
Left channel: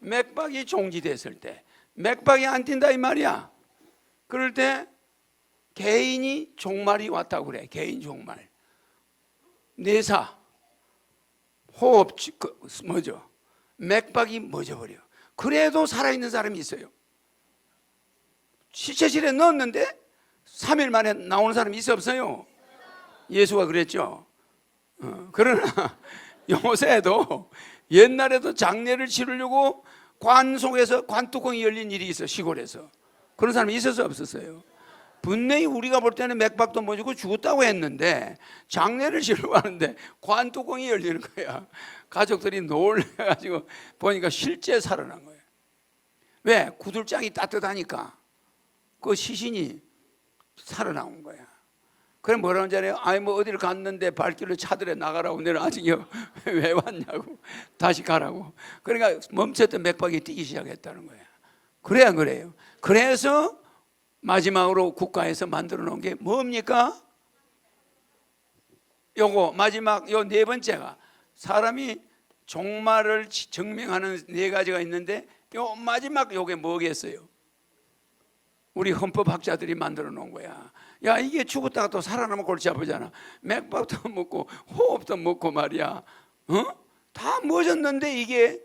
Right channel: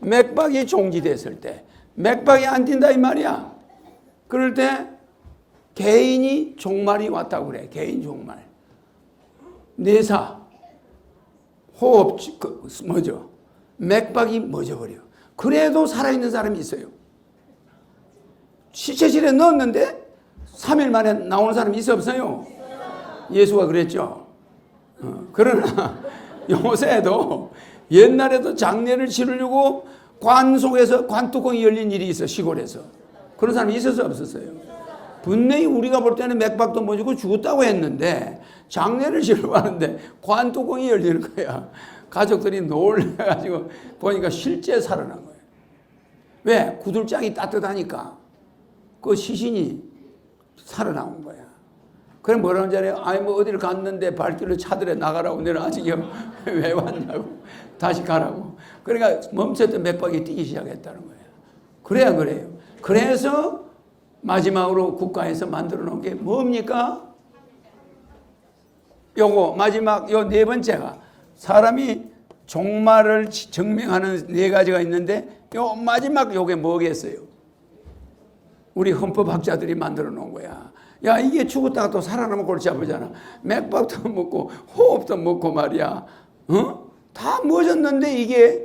맥박이 종지됐을 때, 맥박이 안 뛴다 이 말이야. 그럴 때 개인이 종말이 왔다고 그래. 개인 종말. 뇌사, 호흡, 맥박이 멎어버려. 그래도 살아있는 사람이 있어요. 시체실에 넣었는데 3일 만에 나오는 사람이 있어 없어요? 예수가 그랬죠. 그러나 요새도 옛날에도 장례를 치르려고 관 속에서 관뚜껑이 열린 일이 있어. 시골에서. 그런 사람이 있었어요 없었어요? 분명히 우리가 볼 때는 맥박도 멎고 죽었다고 했는데 장례를 치르려고 하는데 관뚜껑이 열리는 거야. 가족들이 놀라가지고 보니까 실제 살아난 거예요. 왜? 구들장이 따뜻하니까 그 시신이 살아나온 거야. 그럼 뭐라는 줄 알아요? 아니 뭐 어디를 갔는데 발길로 차들에 나가라고. 내가 아직 왜 왔냐고. 다시 가라고. 그러니까 멈췄던 맥박이 뛰기 시작했다는 거예요. 그래야 그래요. 그래서 마지막으로 국가에서 만들어 놓은 게 뭡니까? 요거 마지막 요 네 번째가 사람이 종말을 증명하는 네 가지가 있는데 요 마지막 요게 뭐겠어요? 우리 헌법학자들이 만들어 놓은 거야. 야 이게 죽었다가 또 살아나면 골치 아프잖아. 맥박도 먹고 호흡도 먹고 말이야. 다 멎었는데 이게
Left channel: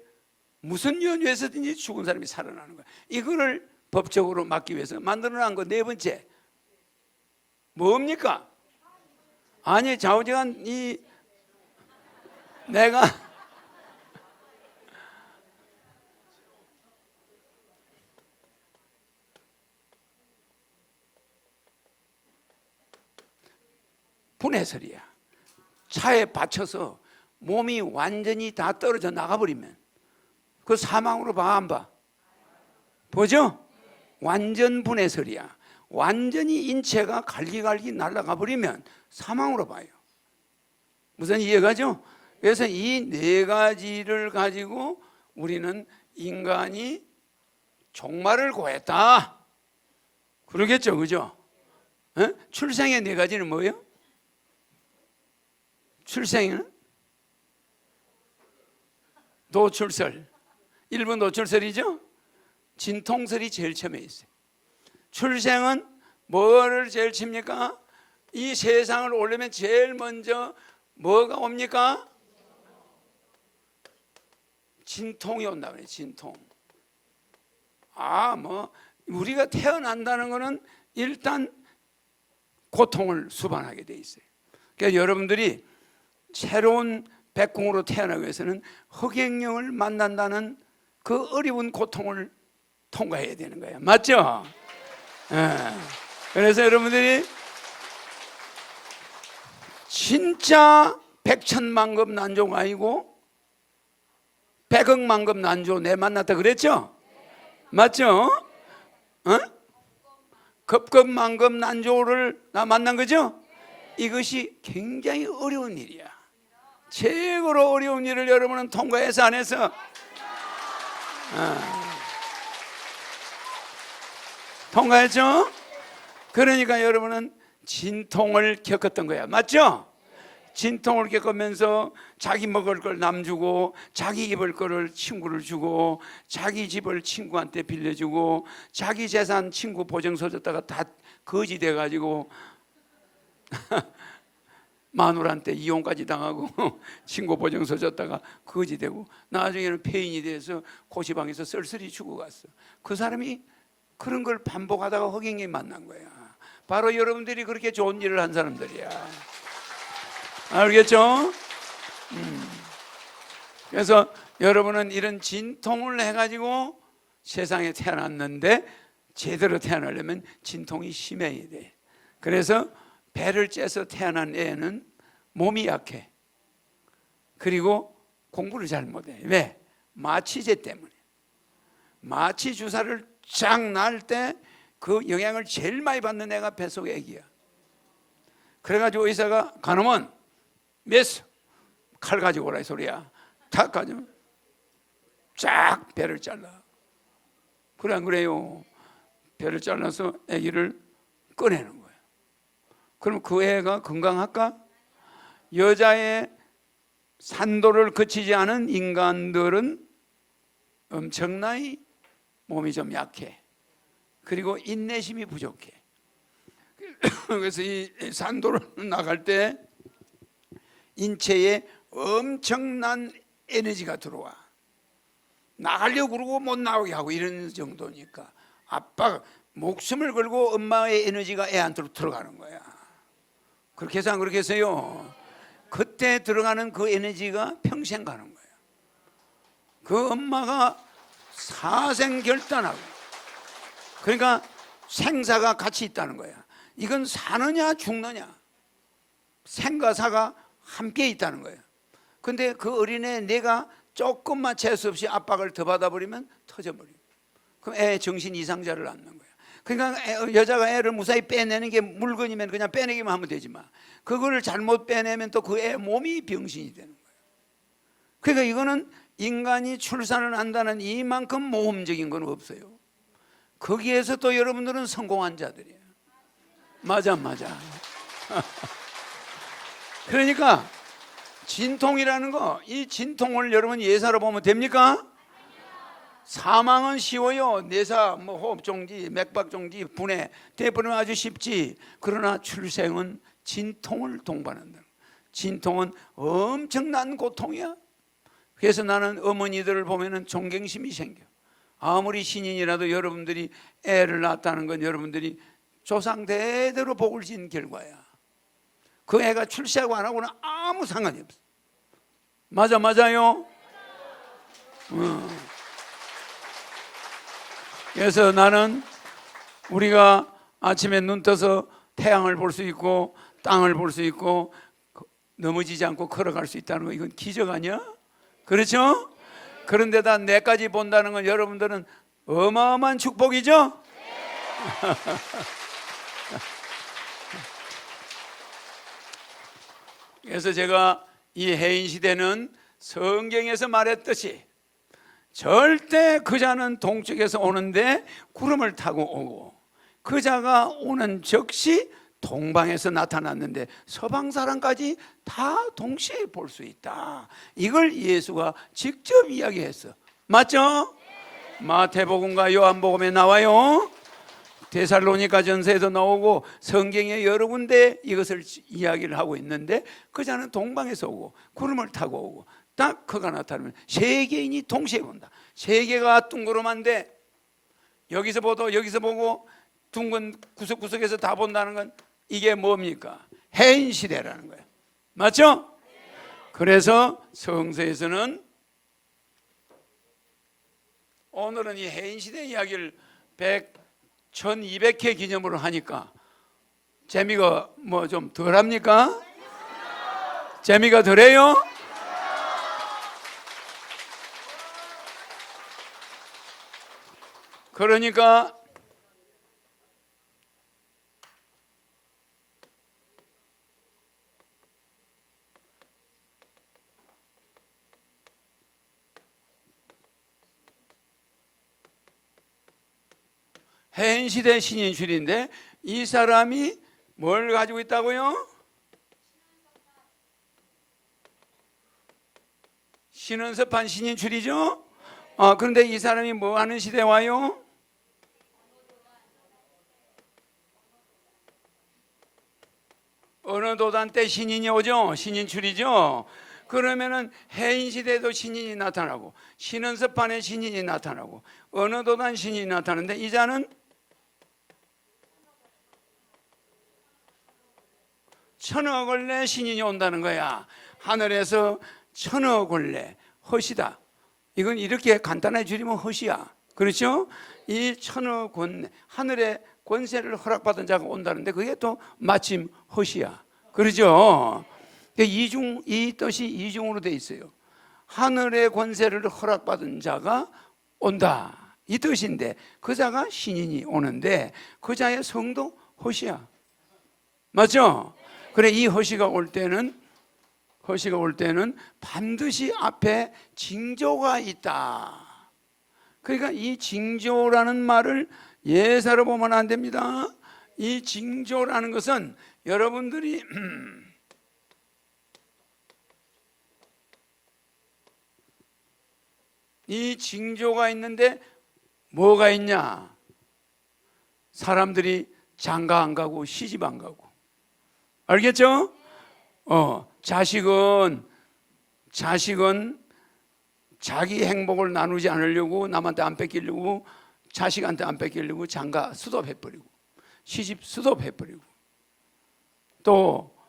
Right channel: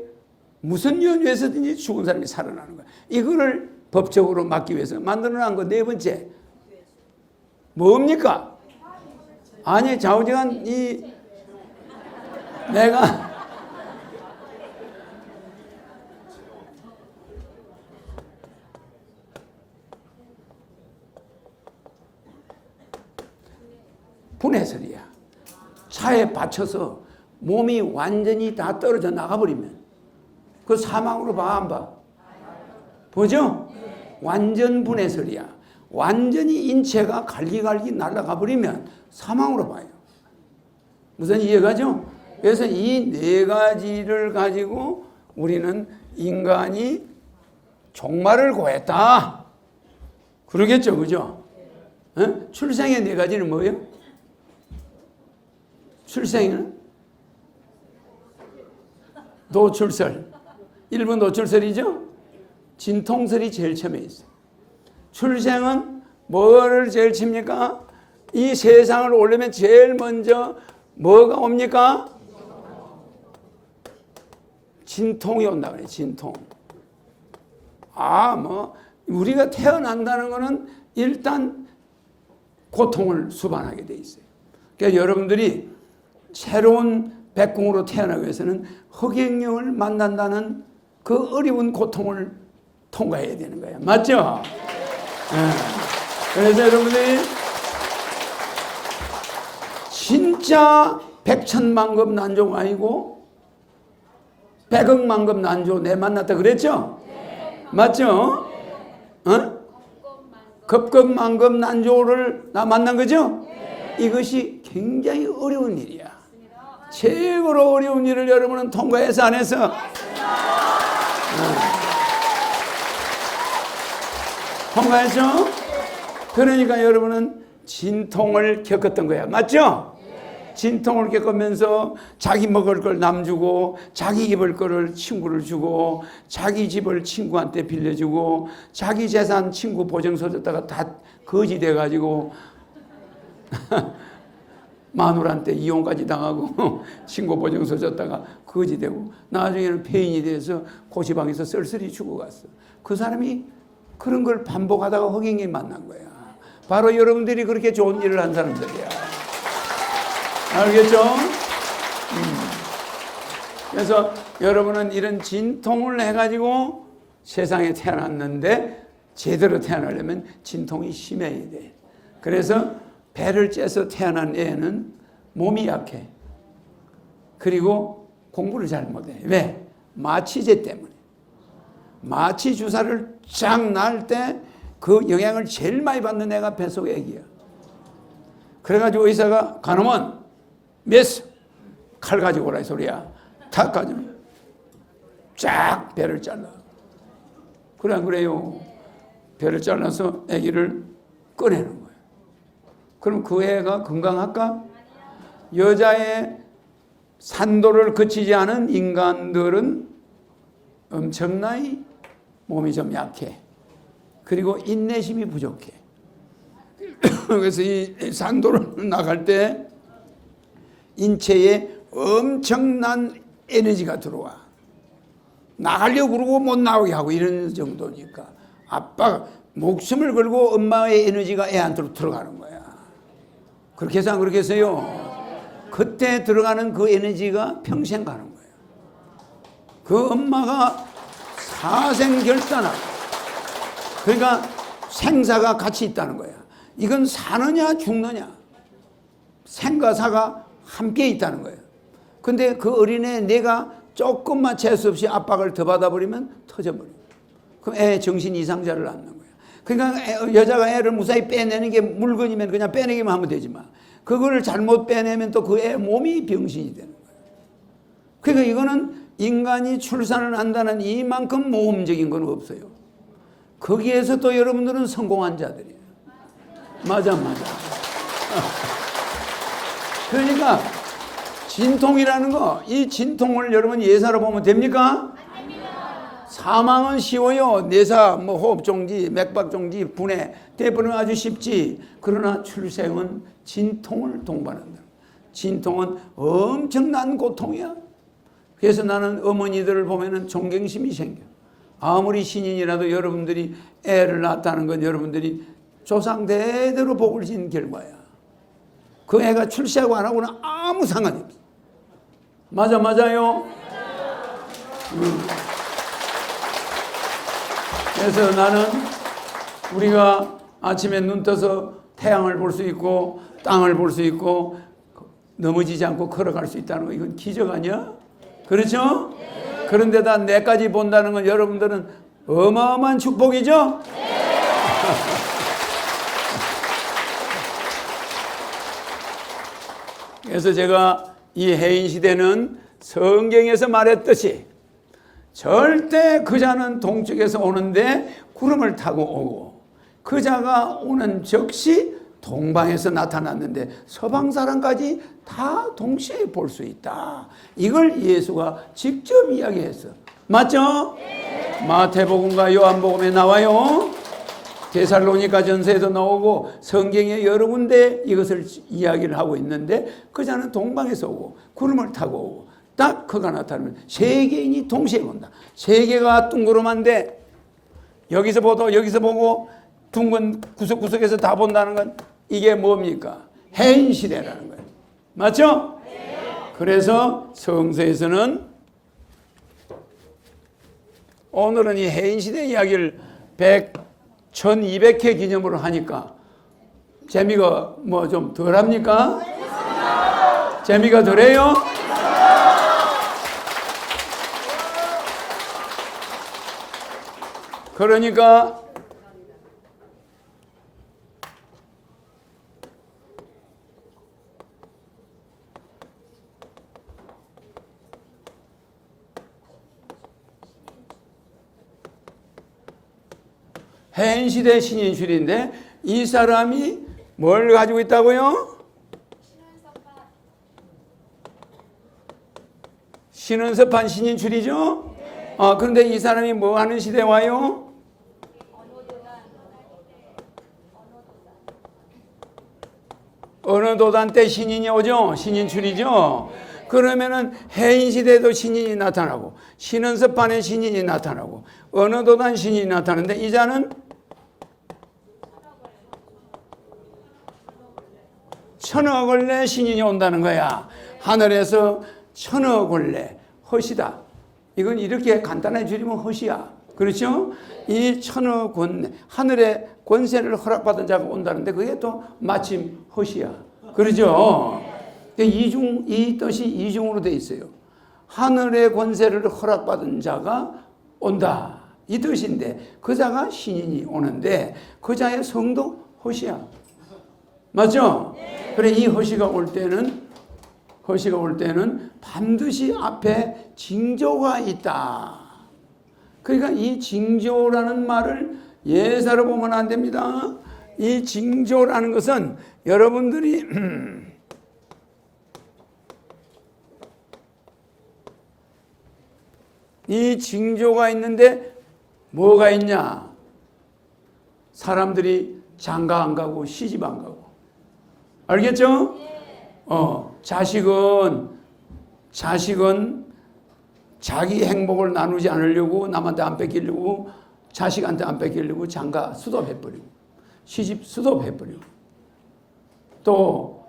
무슨 연유에서든지 죽은 사람이 살아나는 거야. 이거를 법적으로 막기 위해서 만들어 놓은 거 네 번째 뭡니까? 아니 좌우지간 내가 분해설이야. 차에 받쳐서 몸이 완전히 다 떨어져 나가버리면 그 사망으로 봐 안 봐? 보죠? 완전 분해설이야. 완전히 인체가 갈기갈기 날아가 버리면 사망으로 봐요. 무슨 이해가죠? 그래서 이 네 가지를 가지고 우리는 인간이 종말을 고했다. 그러겠죠, 그죠? 출생의 네 가지는 뭐예요? 출생은 노출설. 1번 노출설이죠? 진통설이 제일 처음에 있어요. 출생은 뭐를 제일 칩니까? 이 세상을 오려면 제일 먼저 뭐가 옵니까? 진통이 온다 그래. 진통. 우리가 태어난다는 거는 일단 고통을 수반하게 돼 있어요. 그러니까 여러분들이 새로운 백궁으로 태어나기 위해서는 허경영을 만난다는 그 어려운 고통을 통과해야 되는 거야. 맞죠? 그래서 여러분들이 진짜 백천만급 난조가 아니고 백억만급 난조 내 만났다 그랬죠? 맞죠? 급급만급 난조를 나 만난 거죠? 이것이 굉장히 어려운 일이야. 최고로 어려운 일을 여러분은 통과해서 안 해서 통과했죠? 그러니까 여러분은 진통을 겪었던 거야. 맞죠? 진통을 겪으면서 자기 먹을 걸 남 주고 자기 입을 거를 친구를 주고 자기 집을 친구한테 빌려주고 자기 재산 친구 보증서 줬다가 다 거지 돼가지고 마누라한테 이혼까지 당하고 친구 보증서 줬다가 거지 되고 나중에는 폐인이 돼서 고시방에서 쓸쓸히 죽어갔어. 그 사람이 그런 걸 반복하다가 허경영이 만난 거야. 바로 여러분들이 그렇게 좋은 일을 한 사람들이야. 알겠죠? 그래서 여러분은 이런 진통을 해가지고 세상에 태어났는데 제대로 태어나려면 진통이 심해야 돼. 그래서 배를 째서 태어난 애는 몸이 약해. 그리고 공부를 잘 못해. 왜? 마취제 때문에. 마취 주사를 쫙 날 때 그 영향을 제일 많이 받는 애가 뱃속 애기야. 그래가지고 의사가 가놈은 메스 칼 가지고 오라 이 소리야. 탁 가지고 쫙 배를 잘라. 그래 안 그래요? 배를 잘라서 애기를 꺼내는 거예요. 그럼 그 애가 건강할까? 여자의 산도를 거치지 않은 인간들은 엄청나게 몸이 좀 약해. 그리고 인내심이 부족해. 그래서 이 산도를 나갈 때 인체에 엄청난 에너지가 들어와. 나가려고 그러고 못 나오게 하고 이런 정도니까 아빠가 목숨을 걸고 엄마의 에너지가 애한테로 들어가는 거야. 그렇게 해서 안 그렇겠어요? 그때 들어가는 그 에너지가 평생 가는 거예요. 그 엄마가 사생결단하고 그러니까 생사가 같이 있다는 거야. 이건 사느냐 죽느냐 생과 사가 함께 있다는 거예요. 근데 그 어린애 내가 조금만 재수 없이 압박을 더 받아버리면 터져버려요. 그럼 애 정신 이상자를 낳는 거예요. 그러니까 여자가 애를 무사히 빼내는 게 물건이면 그냥 빼내기만 하면 되지만 그거를 잘못 빼내면 또 그 애 몸이 병신이 되는 거예요. 그러니까 이거는 인간이 출산을 한다는 이만큼 모험적인 건 없어요. 거기에서 또 여러분들은 성공한 자들이에요. 맞아. 그러니까 진통이라는 거, 이 진통을 여러분 예사로 보면 됩니까? 사망은 쉬워요. 뇌사, 호흡정지, 맥박정지, 분해, 대부분 아주 쉽지. 그러나 출생은 진통을 동반한다. 진통은 엄청난 고통이야. 그래서 나는 어머니들을 보면 존경심이 생겨. 아무리 신인이라도 여러분들이 애를 낳았다는 건 여러분들이 조상 대대로 복을 진 결과야. 그 애가 출세하고 안 하고는 아무 상관이 없어. 맞아요? 그래서 나는 우리가 아침에 눈 떠서 태양을 볼 수 있고 땅을 볼 수 있고 넘어지지 않고 걸어갈 수 있다는 거 이건 기적 아니야? 그렇죠? 그런데다 내까지 본다는 건 여러분들은 어마어마한 축복이죠? 그래서 제가 이 해인 시대는 성경에서 말했듯이 절대 그자는 동쪽에서 오는데 구름을 타고 오고 그자가 오는 즉시 동방에서 나타났는데 서방 사람까지 다 동시에 볼 수 있다. 이걸 예수가 직접 이야기했어. 맞죠? 네. 마태복음과 요한복음에 나와요. 데살로니가 전서에도 나오고 성경에 여러 군데 이것을 이야기를 하고 있는데 그자는 동방에서 오고 구름을 타고 오고 딱 그가 나타나면 세 개인이 동시에 온다. 세 개가 둥그름한데 여기서 보고 둥근 구석구석에서 다 본다는 건 이게 뭡니까? 해인 시대라는 거예요. 맞죠? 네. 그래서 성서에서는 오늘은 이 해인 시대 이야기를 1200회 기념으로 하니까 재미가 뭐 좀 덜합니까? 재미가 덜해요? 그러니까 해인시대 신인술인데 이 사람이 뭘 가지고 있다고요? 신은섭한 신인출이죠? 그런데 이 사람이 뭐 하는 시대에 와요? 어느 도단 때 신인이 오죠? 신인출이죠? 그러면은 해인 시대에도 신인이 나타나고 신은섭판에 신인이 나타나고 어느 도단 신인이 나타나는데 이 자는 천어걸레 신인이 온다는 거야. 하늘에서 천어걸레 헛이다. 이건 이렇게 간단하게 줄이면 헛이야. 그렇죠? 이 천어권 하늘의 권세를 허락받은 자가 온다는데 그게 또 마침 헛이야. 그렇죠? 이 뜻이 이중으로 돼 있어요. 하늘의 권세를 허락받은 자가 온다. 이 뜻인데 그 자가 신인이 오는데 그 자의 성도 헛이야. 맞죠? 그래 이 허시가 올 때는 반드시 앞에 징조가 있다. 그러니까 이 징조라는 말을 예사로 보면 안 됩니다. 이 징조라는 것은 여러분들이 이 징조가 있는데 뭐가 있냐? 사람들이 장가 안 가고 시집 안 가고. 알겠죠? 자식은 자기 행복을 나누지 않으려고 남한테 안 뺏기려고 자식한테 안 뺏기려고 장가 수도해버리고 시집 수도해버리고 또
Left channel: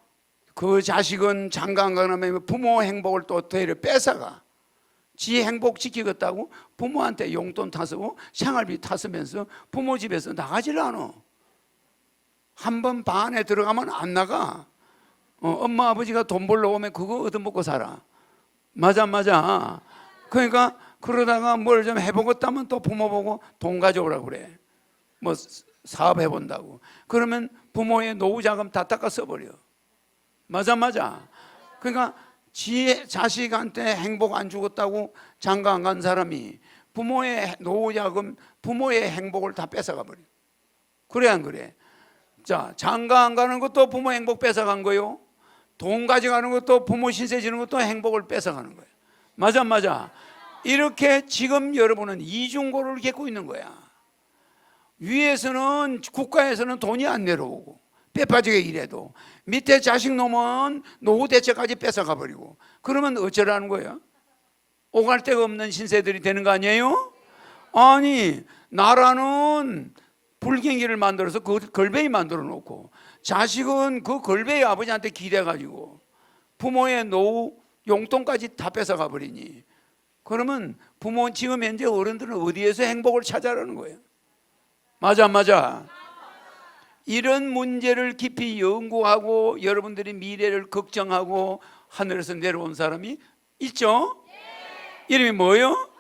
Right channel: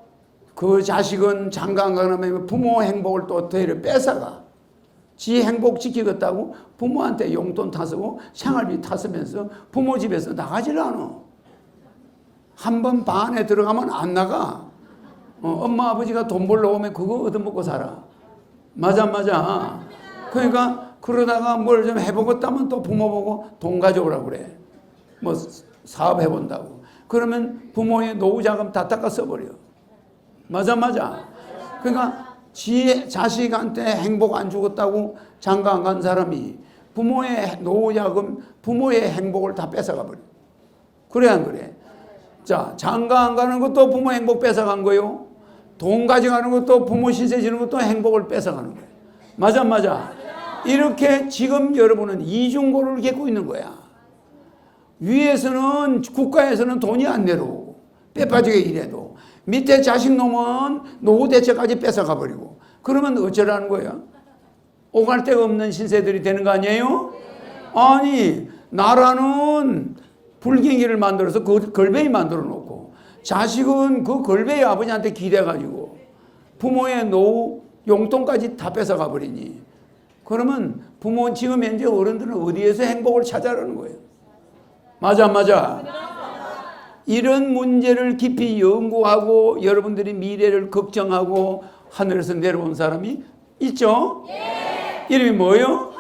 그 자식은 장가 안 가면 부모 행복을 또 되려 뺏어가 지 행복 지키겠다고 부모한테 용돈 타쓰고 생활비 타쓰면서 부모 집에서 나가질 않아. 한 번 반에 들어가면 안 나가. 엄마 아버지가 돈 벌러 오면 그거 얻어먹고 살아. 맞아. 그러니까 그러다가 뭘 좀 해보겠다면 또 부모 보고 돈 가져오라고 그래. 뭐 사업 해본다고. 그러면 부모의 노후자금 다 닦아 써버려. 맞아. 그러니까 지 자식한테 행복 안 주겠다고 장가 안 간 사람이 부모의 노후자금, 부모의 행복을 다 뺏어가 버려. 그래 안 그래? 자, 장가 안 가는 것도 부모 행복 뺏어간 거요. 돈 가져가는 것도 부모 신세 지는 것도 행복을 뺏어가는 거예요. 맞아. 이렇게 지금 여러분은 이중고를 겪고 있는 거야. 위에서는 국가에서는 돈이 안 내려오고 빼빠지게 일해도 밑에 자식 놈은 노후 대책까지 뺏어가 버리고 그러면 어쩌라는 거야? 오갈 데 없는 신세들이 되는 거 아니에요? 아니 나라는 불경기를 만들어서 그 걸베이 만들어 놓고 자식은 그 걸베이 아버지한테 기대가지고 부모의 노후 용돈까지 다 뺏어가 버리니 그러면 부모 지금 현재 어른들은 어디에서 행복을 찾아라는 거예요? 맞아. 이런 문제를 깊이 연구하고 여러분들이 미래를 걱정하고 하늘에서 내려온 사람이 있죠? 예. 이름이 뭐예요?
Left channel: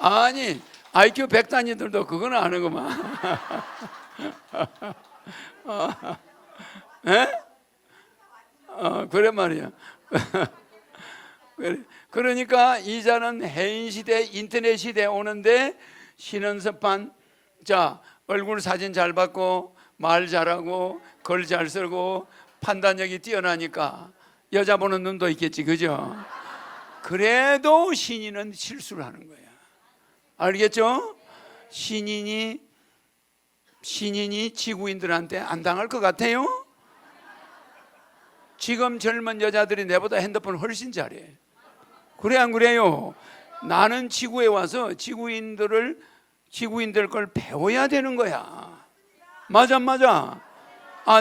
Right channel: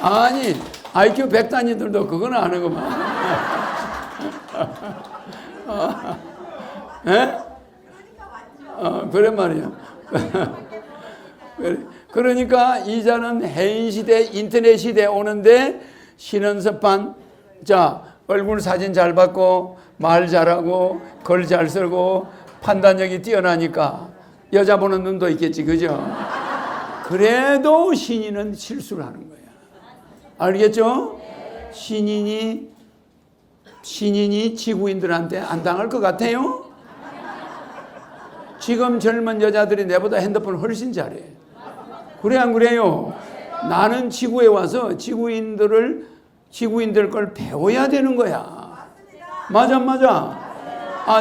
아니 IQ 100단위들도 그건 아는구만. 그래 말이야. 그러니까 이자는 해인 시대, 인터넷 시대에 오는데 신은섭한 자 얼굴 사진 잘 받고 말 잘하고 글 잘 쓰고 판단력이 뛰어나니까 여자 보는 눈도 있겠지, 그죠? 그래도 신인은 실수를 하는 거야. 알겠죠? 신인이 지구인들한테 안 당할 것 같아요? 지금 젊은 여자들이 내보다 핸드폰을 훨씬 잘해. 그래 안 그래요? 나는 지구에 와서 지구인들 걸 배워야 되는 거야. 맞아.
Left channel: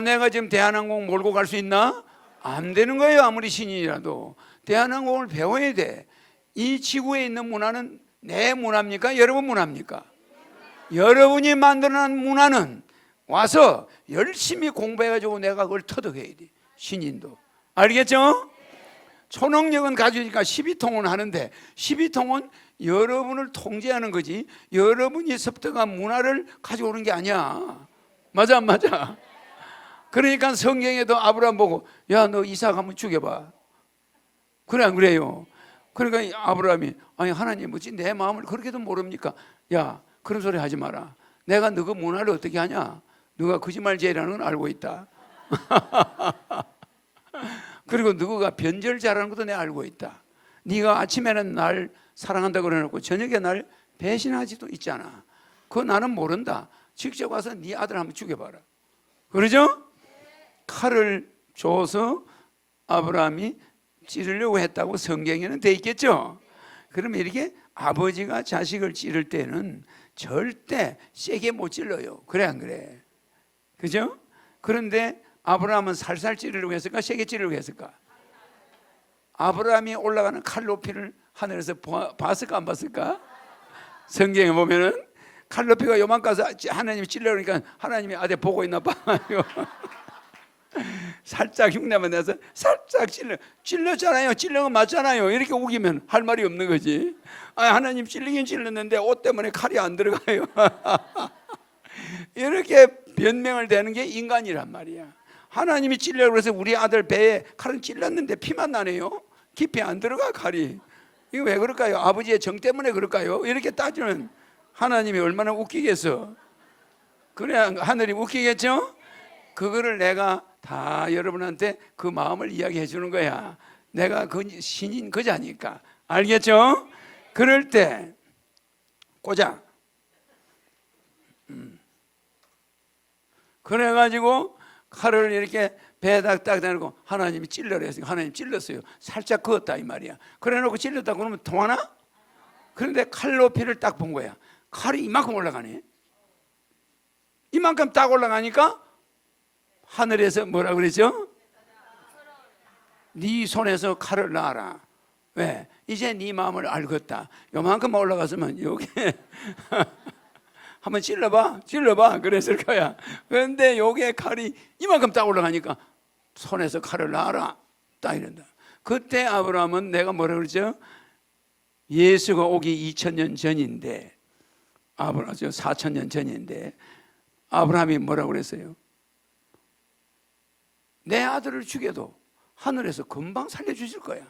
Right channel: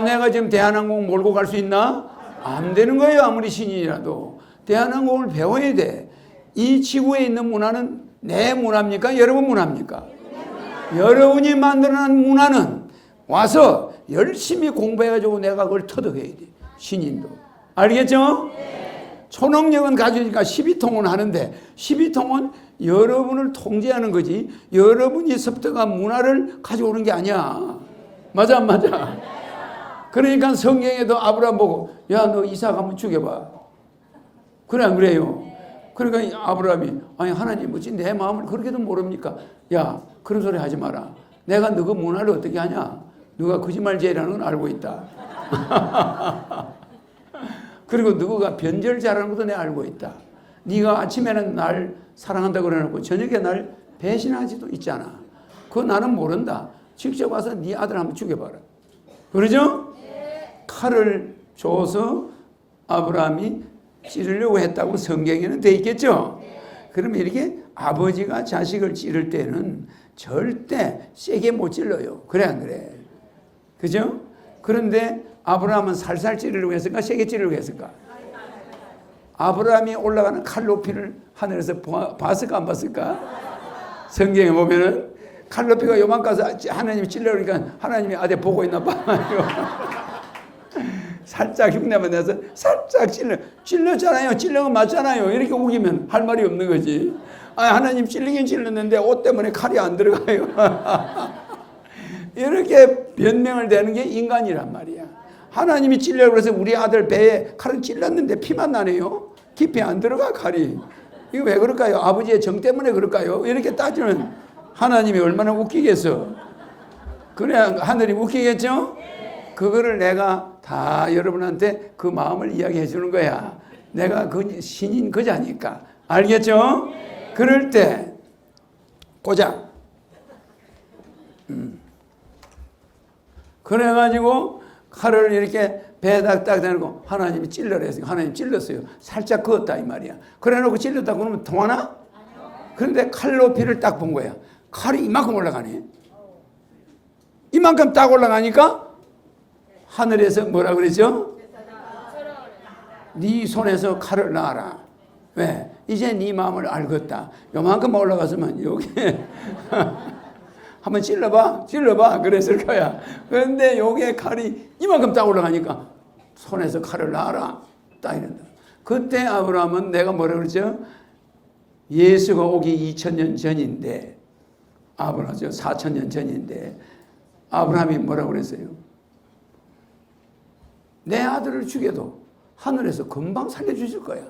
내가 지금 대한항공 몰고 갈 수 있나? 안 되는 거예요. 아무리 신인이라도. 대한항공을 배워야 돼. 이 지구에 있는 문화는 내 문화입니까? 여러분 문화입니까? 여러분이 만들어낸 문화는 와서 열심히 공부해가지고 내가 그걸 터득해야 돼. 신인도. 알겠죠? 초능력은 가지니까 12통은 하는데 12통은 여러분을 통제하는 거지 여러분이 습득한 문화를 가져오는 게 아니야. 맞아. 그러니까 성경에도 아브라함 보고 야 너 이삭 한번 죽여봐. 그래 안 그래요? 그러니까 아브라함이 아니 하나님 어찌 내 마음을 그렇게도 모릅니까? 야 그런 소리 하지 마라. 내가 너 그 문화를 어떻게 하냐? 누가 거짓말 제일하는 걸 알고 있다. 그리고 누가 변절 잘하는 것도 내가 알고 있다. 네가 아침에는 날 사랑한다고 그러놓고 저녁에 날 배신하지도 있잖아. 그거 나는 모른다. 직접 와서 네 아들 한번 죽여봐라. 그러죠? 칼을 줘서 아브라함이 찌르려고 했다고 성경에는 돼 있겠죠? 그러면 이렇게 아버지가 자식을 찌를 때는 절대 세게 못 찔러요. 그래 안 그래? 그죠? 그런데 아브라함은 살살 찌르려고 했을까? 세게 찌르려고 했을까? 아브라함이 올라가는 칼 높이를 하늘에서 봤을까 안 봤을까? 성경에 보면은 칼 높이가 요만까지 하나님이 찔러니까 하나님이 아들 보고 있나 봐. 살짝 흉내만 내서 살짝 찔렀잖아요. 찔른 건 맞잖아요. 이렇게 우기면 할 말이 없는 거지. 아, 하나님 찔리긴 찔렀는데 옷 때문에 칼이 안 들어가요. 이렇게 변명을 대는 게 인간이란 말이야. 하나님이 찔려고 그래서 우리 아들 배에 칼을 찔렀는데 피만 나네요. 깊이 안 들어가 칼이. 이거 왜 그럴까요? 아버지의 정 때문에 그럴까요? 이렇게 따지는 하나님이 얼마나 웃기겠어. 그래 하늘이 웃기겠죠? 그거를 내가 다 여러분한테 그 마음을 이야기해 주는 거야. 내가 그 신인 그자니까. 알겠죠? 그럴 때 보자. 그래가지고 칼을 이렇게 배에다 딱 대놓고 하나님이 찔러라 했어요. 하나님 찔렀어요. 살짝 그었다 이 말이야. 그래놓고 찔렀다 그러면 통하나? 그런데 칼 높이를 딱 본 거야. 칼이 이만큼 올라가네. 이만큼 딱 올라가니까 하늘에서 뭐라 그랬죠? 네 손에서 칼을 놔라. 왜? 이제 네 마음을 알겠다. 요만큼 올라갔으면 여기 한번 찔러봐 그랬을 거야. 그런데 여기에 칼이 이만큼 딱 올라가니까 손에서 칼을 놔라 딱 이런다. 그때 아브라함은 내가 뭐라 그러죠? 예수가 오기 2000년 전인데 아브라함 4000년 전인데 아브라함이 뭐라고 그랬어요? 내 아들을 죽여도 하늘에서 금방 살려주실 거야.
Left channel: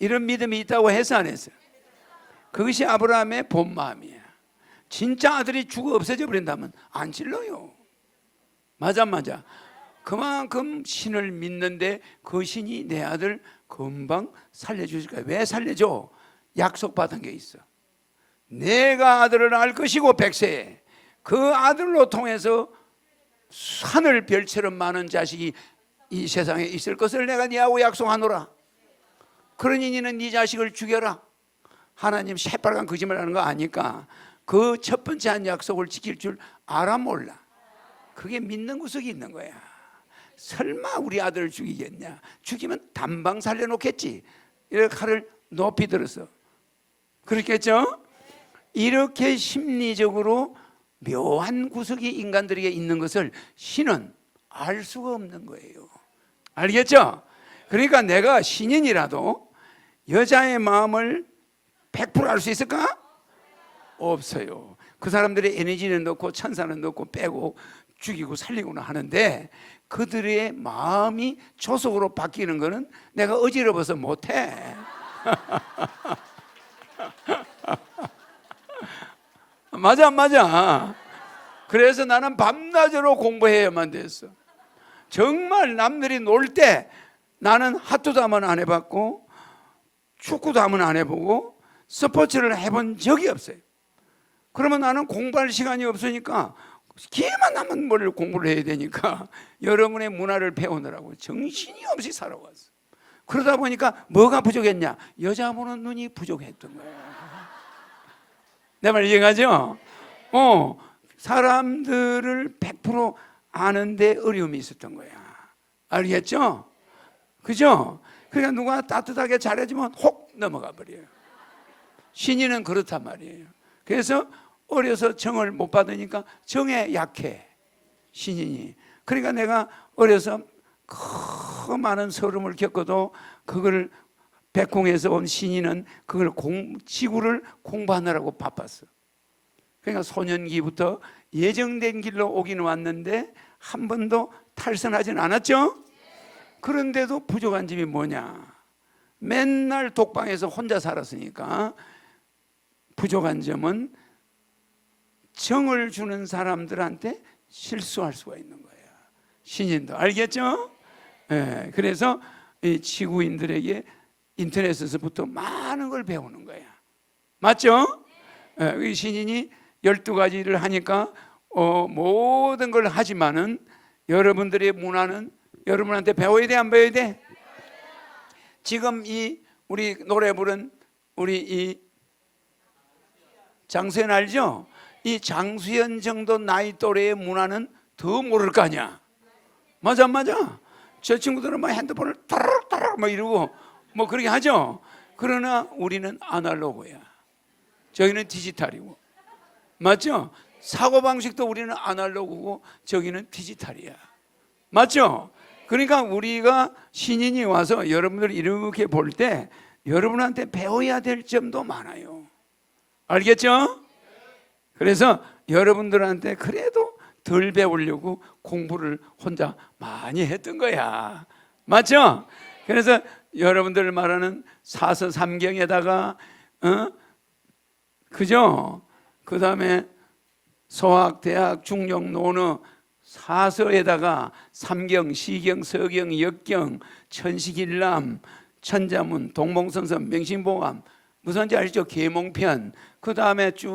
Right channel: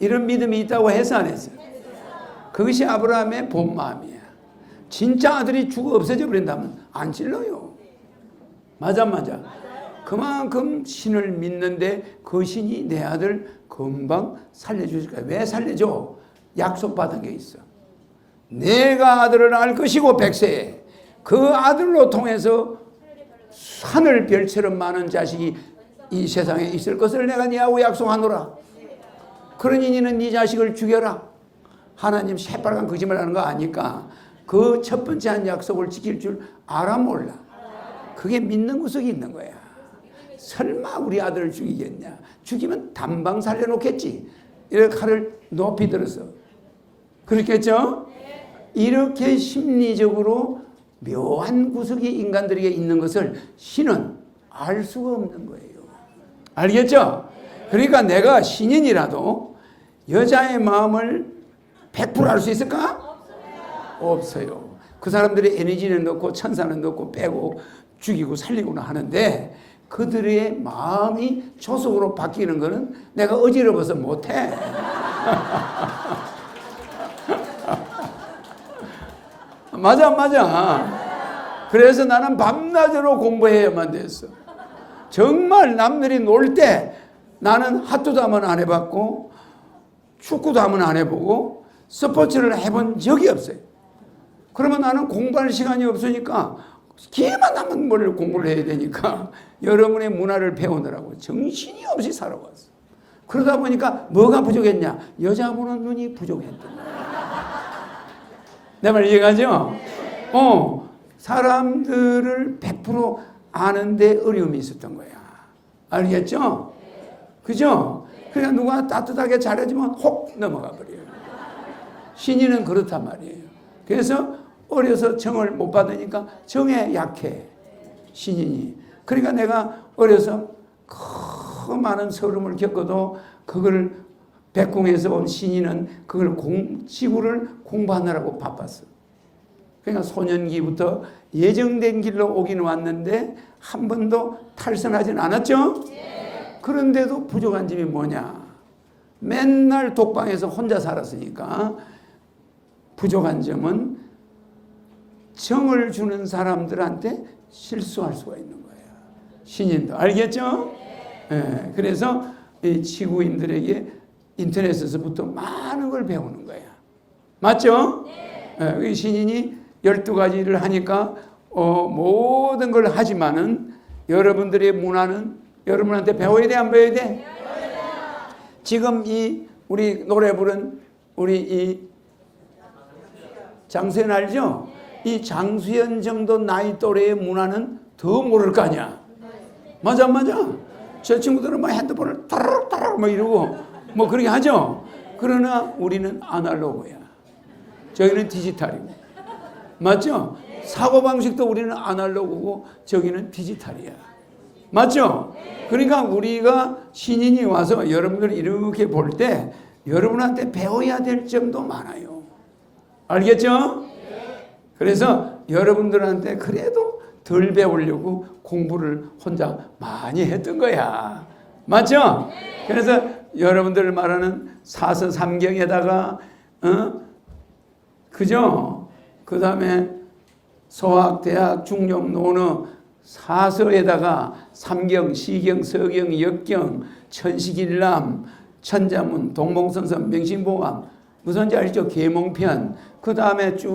이런 믿음이 있다고 해서 안 했어요? 그것이 아브라함의 본 마음이야. 진짜 아들이 죽어 없어져 버린다면 안 찔러요. 맞아. 그만큼 신을 믿는데 그 신이 내 아들 금방 살려주실 거야. 왜 살려줘? 약속받은 게 있어. 내가 아들을 알 것이고 백세에 그 아들로 통해서 하늘 별처럼 많은 자식이 이 세상에 있을 것을 내가 네하고 약속하노라. 그러니 너는 네 자식을 죽여라. 하나님 새빨간 거짓말하는 거 아니까 그 첫 번째 한 약속을 지킬 줄 알아 몰라. 그게 믿는 구석이 있는 거야. 설마 우리 아들을 죽이겠냐? 죽이면 단방 살려놓겠지. 이렇게 칼을 높이 들어서 그렇겠죠? 이렇게 심리적으로 묘한 구석이 인간들에게 있는 것을 신은 알 수가 없는 거예요. 알겠죠? 그러니까 내가 신인이라도 여자의 마음을 100% 알 수 있을까? 없어요. 그 사람들의 에너지는 넣고 천사는 넣고 빼고 죽이고 살리고는 하는데 그들의 마음이 조속으로 바뀌는 거는 내가 어지러워서 못해. 맞아. 그래서 나는 밤낮으로 공부해야만 됐어. 정말 남들이 놀 때 나는 핫도도 한번 안 해봤고 축구도 한번 안 해보고 스포츠를 해본 적이 없어요. 그러면 나는 공부할 시간이 없으니까 기회만 나면 뭘 공부를 해야 되니까 여러분의 문화를 배우느라고 정신이 없이 살아왔어. 그러다 보니까 뭐가 부족했냐? 여자 보는 눈이 부족했던 거야. 내 말 이해가죠? 사람들을 100% 아는데 어려움이 있었던 거야. 알겠죠? 그죠? 그러니까 누가 따뜻하게 잘해주면 혹 넘어가 버려요. 신인은 그렇단 말이에요. 그래서 어려서 정을 못 받으니까 정에 약해. 신인이. 그러니까 내가 어려서 그 많은 서름을 겪어도 그걸 백공에서 온 신인은 그걸 지구를 공부하느라고 바빴어. 그러니까 소년기부터 예정된 길로 오긴 왔는데 한 번도 탈선하진 않았죠? 그런데도 부족한 점이 뭐냐? 맨날 독방에서 혼자 살았으니까 부족한 점은 정을 주는 사람들한테 실수할 수가 있는 거예요. 신인도 알겠죠? 예, 그래서 이 지구인들에게 인터넷에서부터 많은 걸 배우는 거예요. 맞죠? 이 신인이 12가지를 하니까 모든 걸 하지만은 여러분들의 문화는 여러분한테 배워야 돼, 안 배워야 돼? 지금 이 우리 노래 부른 우리 이 장수연 알죠? 이 장수연 정도 나이 또래의 문화는 더 모를 거 아니야. 맞아, 맞아. 저 친구들은 막 핸드폰을 따라따라 막 이러고 뭐 그렇게 하죠. 그러나 우리는 아날로그야. 저희는 디지털이고. 맞죠? 사고방식도 우리는 아날로그고 저기는 디지털이야. 맞죠? 그러니까 우리가 신인이 와서 여러분들 이렇게 볼 때 여러분한테 배워야 될 점도 많아요. 알겠죠? 그래서 여러분들한테 그래도 덜 배우려고 공부를 혼자 많이 했던 거야. 맞죠? 그래서 여러분들 말하는 사서 삼경에다가 그죠? 그 다음에 소학, 대학, 중용, 논어 사서에다가 삼경, 시경, 서경, 역경, 천식일남, 천자문, 동몽성선, 명심보감 무슨지 알죠? 계몽편. 그 다음에 쭉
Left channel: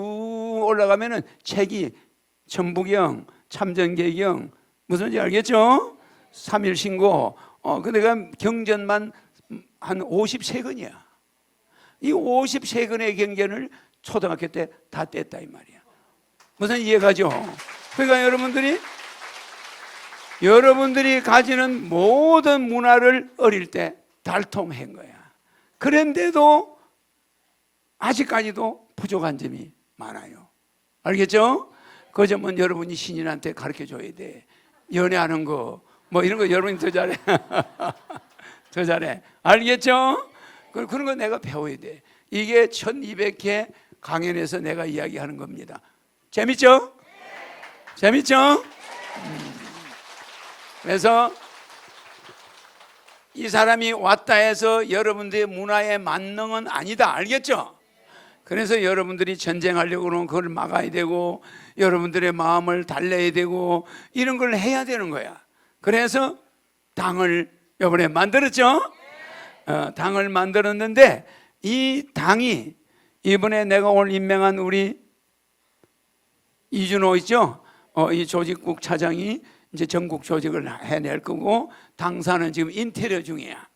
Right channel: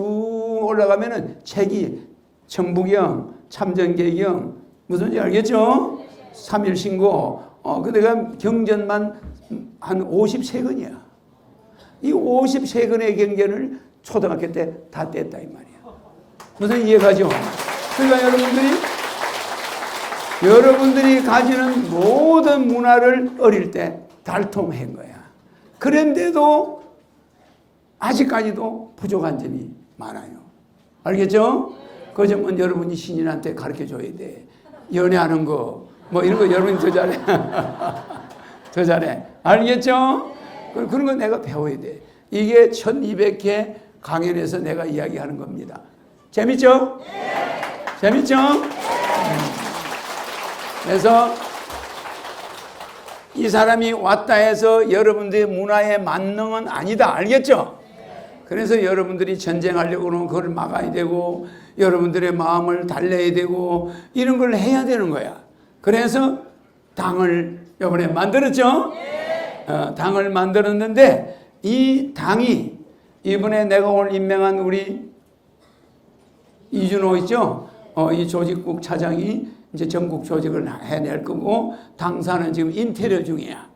올라가면은 책이 청부경, 참전계경 무슨지 알겠죠? 삼일신고. 그 내가 경전만 한 53권이야. 이 53권의 경전을 초등학교 때 다 뗐다 이 말이야. 무슨 이해가죠? 그러니까 여러분들이 가지는 모든 문화를 어릴 때 달통한 거야. 그런데도 아직까지도 부족한 점이 많아요. 알겠죠? 그 점은 여러분이 신인한테 가르쳐줘야 돼. 연애하는 거, 뭐 이런 거 여러분이 더 잘해. 더 잘해. 알겠죠? 그런 거 내가 배워야 돼. 이게 1200회 강연에서 내가 이야기하는 겁니다. 재밌죠? 재밌죠? 그래서 이 사람이 왔다 해서 여러분들의 문화에 만능은 아니다. 알겠죠? 그래서 여러분들이 전쟁하려고 그러면 그걸 막아야 되고 여러분들의 마음을 달래야 되고 이런 걸 해야 되는 거야. 그래서 당을 이번에 만들었죠? 당을 만들었는데 이 당이 이번에 내가 오늘 임명한 우리 이준호 있죠? 이 조직국 차장이 이제 전국 조직을 해낼 거고 당사는 지금 인테리어 중이야.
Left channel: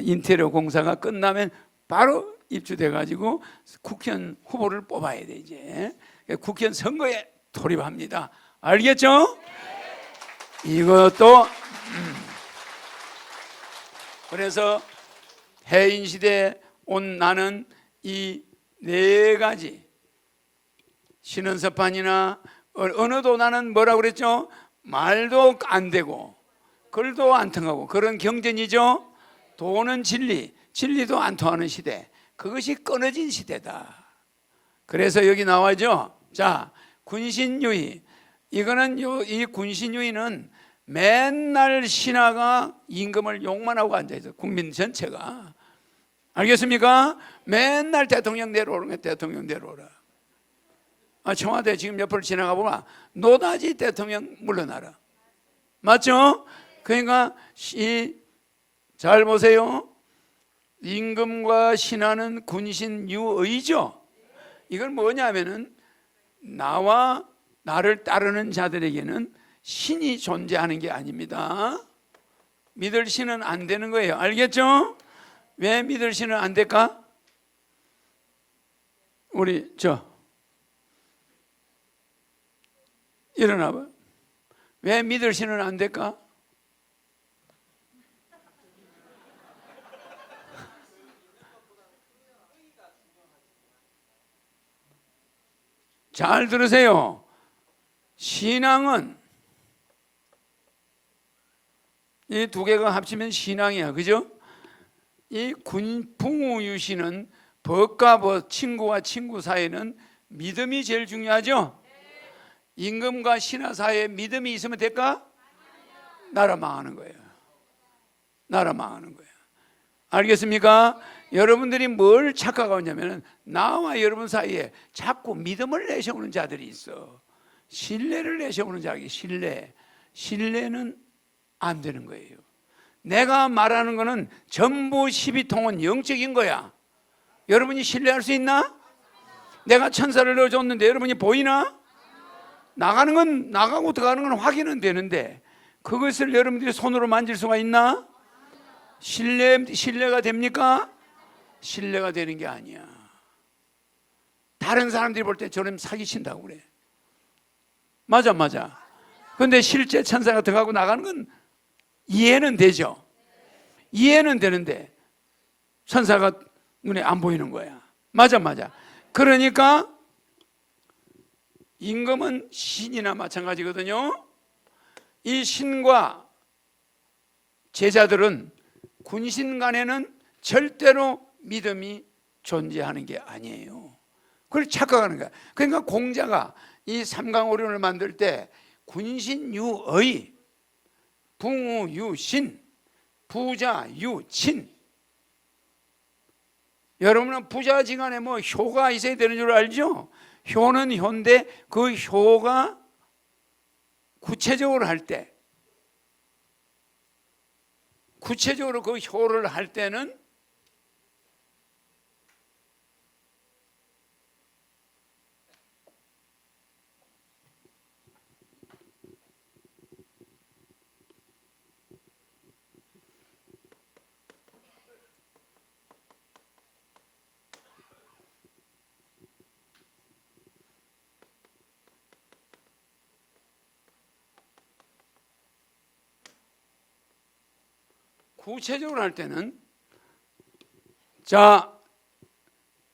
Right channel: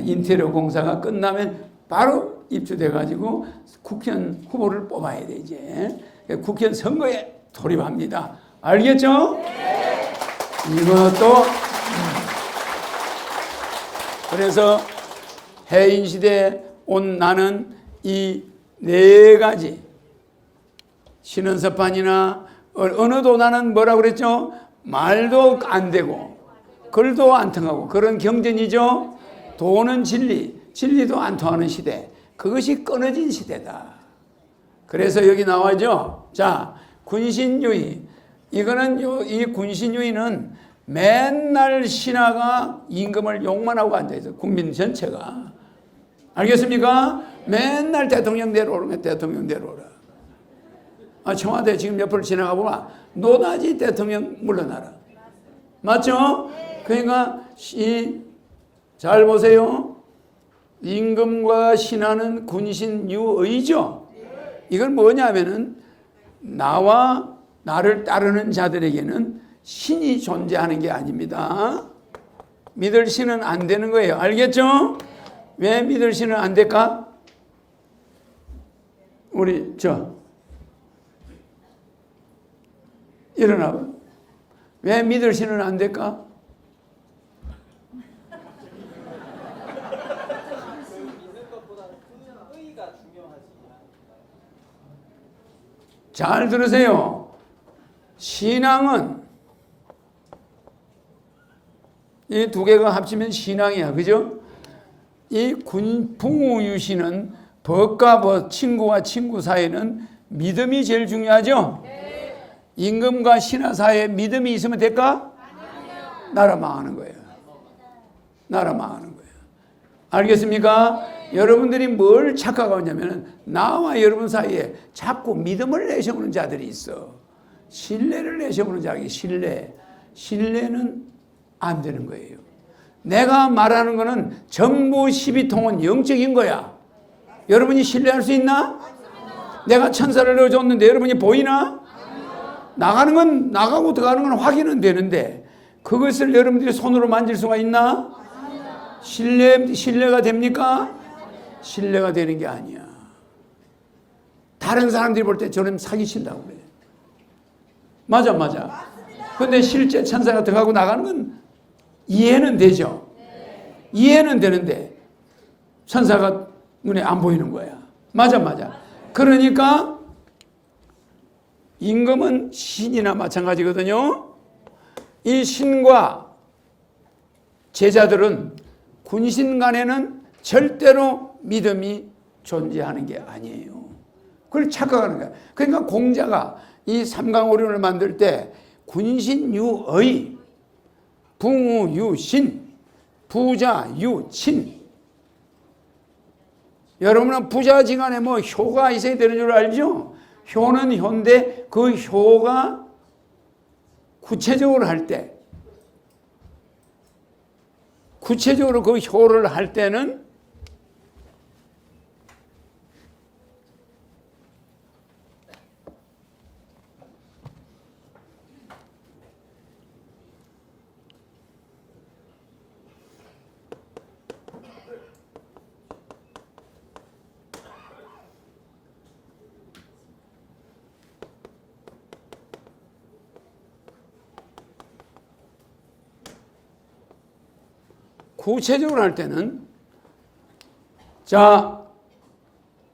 인테리어 공사가 끝나면 바로 입주돼 가지고 국회의원 후보를 뽑아야 돼 이제. 국회의원 선거에 돌입합니다. 알겠죠? 이것도 그래서 해인 시대에 온 나는 이 네 가지 신원서판이나 언어도 나는 뭐라고 그랬죠? 말도 안 되고 글도 안 통하고 그런 경전이죠. 도는 진리, 진리도 안 통하는 시대. 그것이 끊어진 시대다. 그래서 여기 나와죠. 자, 군신유의. 이거는 이 군신유의는 맨날 신하가 임금을 욕만 하고 앉아있어. 국민 전체가. 알겠습니까? 맨날 대통령 내려오는 거 대통령 내려오라. 청와대 지금 옆을 지나가 보면 노다지 대통령 물러나라. 맞죠? 그러니까 잘 보세요. 임금과 신하는 군신유의죠. 이건 뭐냐면은 나와 나를 따르는 자들에게는 신이 존재하는 게 아닙니다. 믿을 신은 안 되는 거예요. 알겠죠? 왜 믿을 신은 안 될까? 우리 일어나봐. 왜 믿을 신은 안 될까? 잘 들으세요. 신앙은 이 두 개가 합치면 신앙이야. 그죠? 이 풍우유신은 법과 법, 친구와 친구 사이에는 믿음이 제일 중요하죠? 임금과 신하 사이에 믿음이 있으면 될까? 나라 망하는 거예요. 나라 망하는 거예요. 알겠습니까? 여러분들이 뭘 착각하냐면 나와 여러분 사이에 자꾸 믿음을 내세우는 자들이 있어. 신뢰를 내세우는 자에게 신뢰는 안 되는 거예요. 내가 말하는 거는 정보 12통은 영적인 거야. 여러분이 신뢰할 수 있나? 내가 천사를 넣어줬는데 여러분이 보이나? 나가는 건 나가고 들어가는 건 확인은 되는데 그것을 여러분들이 손으로 만질 수가 있나? 신뢰가 됩니까? 신뢰가 되는 게 아니야. 다른 사람들이 볼 때 저놈 사기친다고 그래. 맞아. 근데 실제 천사가 들어가고 나가는 건 이해는 되죠. 이해는 되는데 천사가 눈에 안 보이는 거야. 맞아. 그러니까 임금은 신이나 마찬가지거든요. 이 신과 제자들은 군신 간에는 절대로 믿음이 존재하는 게 아니에요. 그걸 착각하는 거야. 그러니까 공자가 이 삼강오륜을 만들 때 군신유의, 붕우유신, 부자유친. 여러분은 부자지간에 뭐 효가 있어야 되는 줄 알죠? 효는 효인데 그 효가 구체적으로 할 때, 구체적으로 그 효를 할 때는 구체적으로 할 때는 자,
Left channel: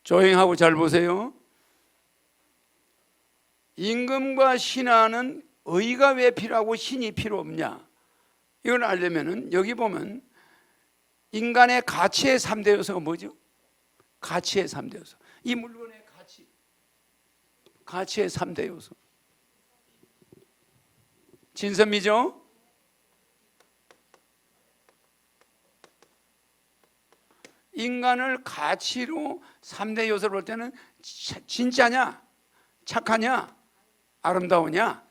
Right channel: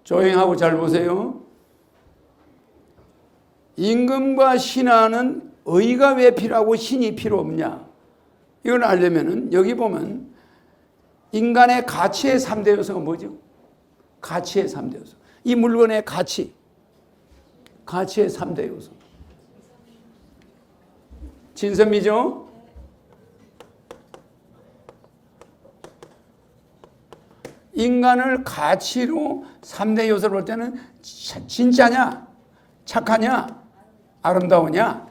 조용하고 잘 보세요. 임금과 신하는 의가 왜 필요하고 신이 필요 없냐? 이걸 알려면은 여기 보면 인간의 가치의 3대 요소가 뭐죠? 가치의 3대 요소. 이 물건의 가치의 3대 요소. 진선미죠? 인간을 가치로 3대 요소를 볼 때는 진짜냐, 착하냐, 아름다우냐,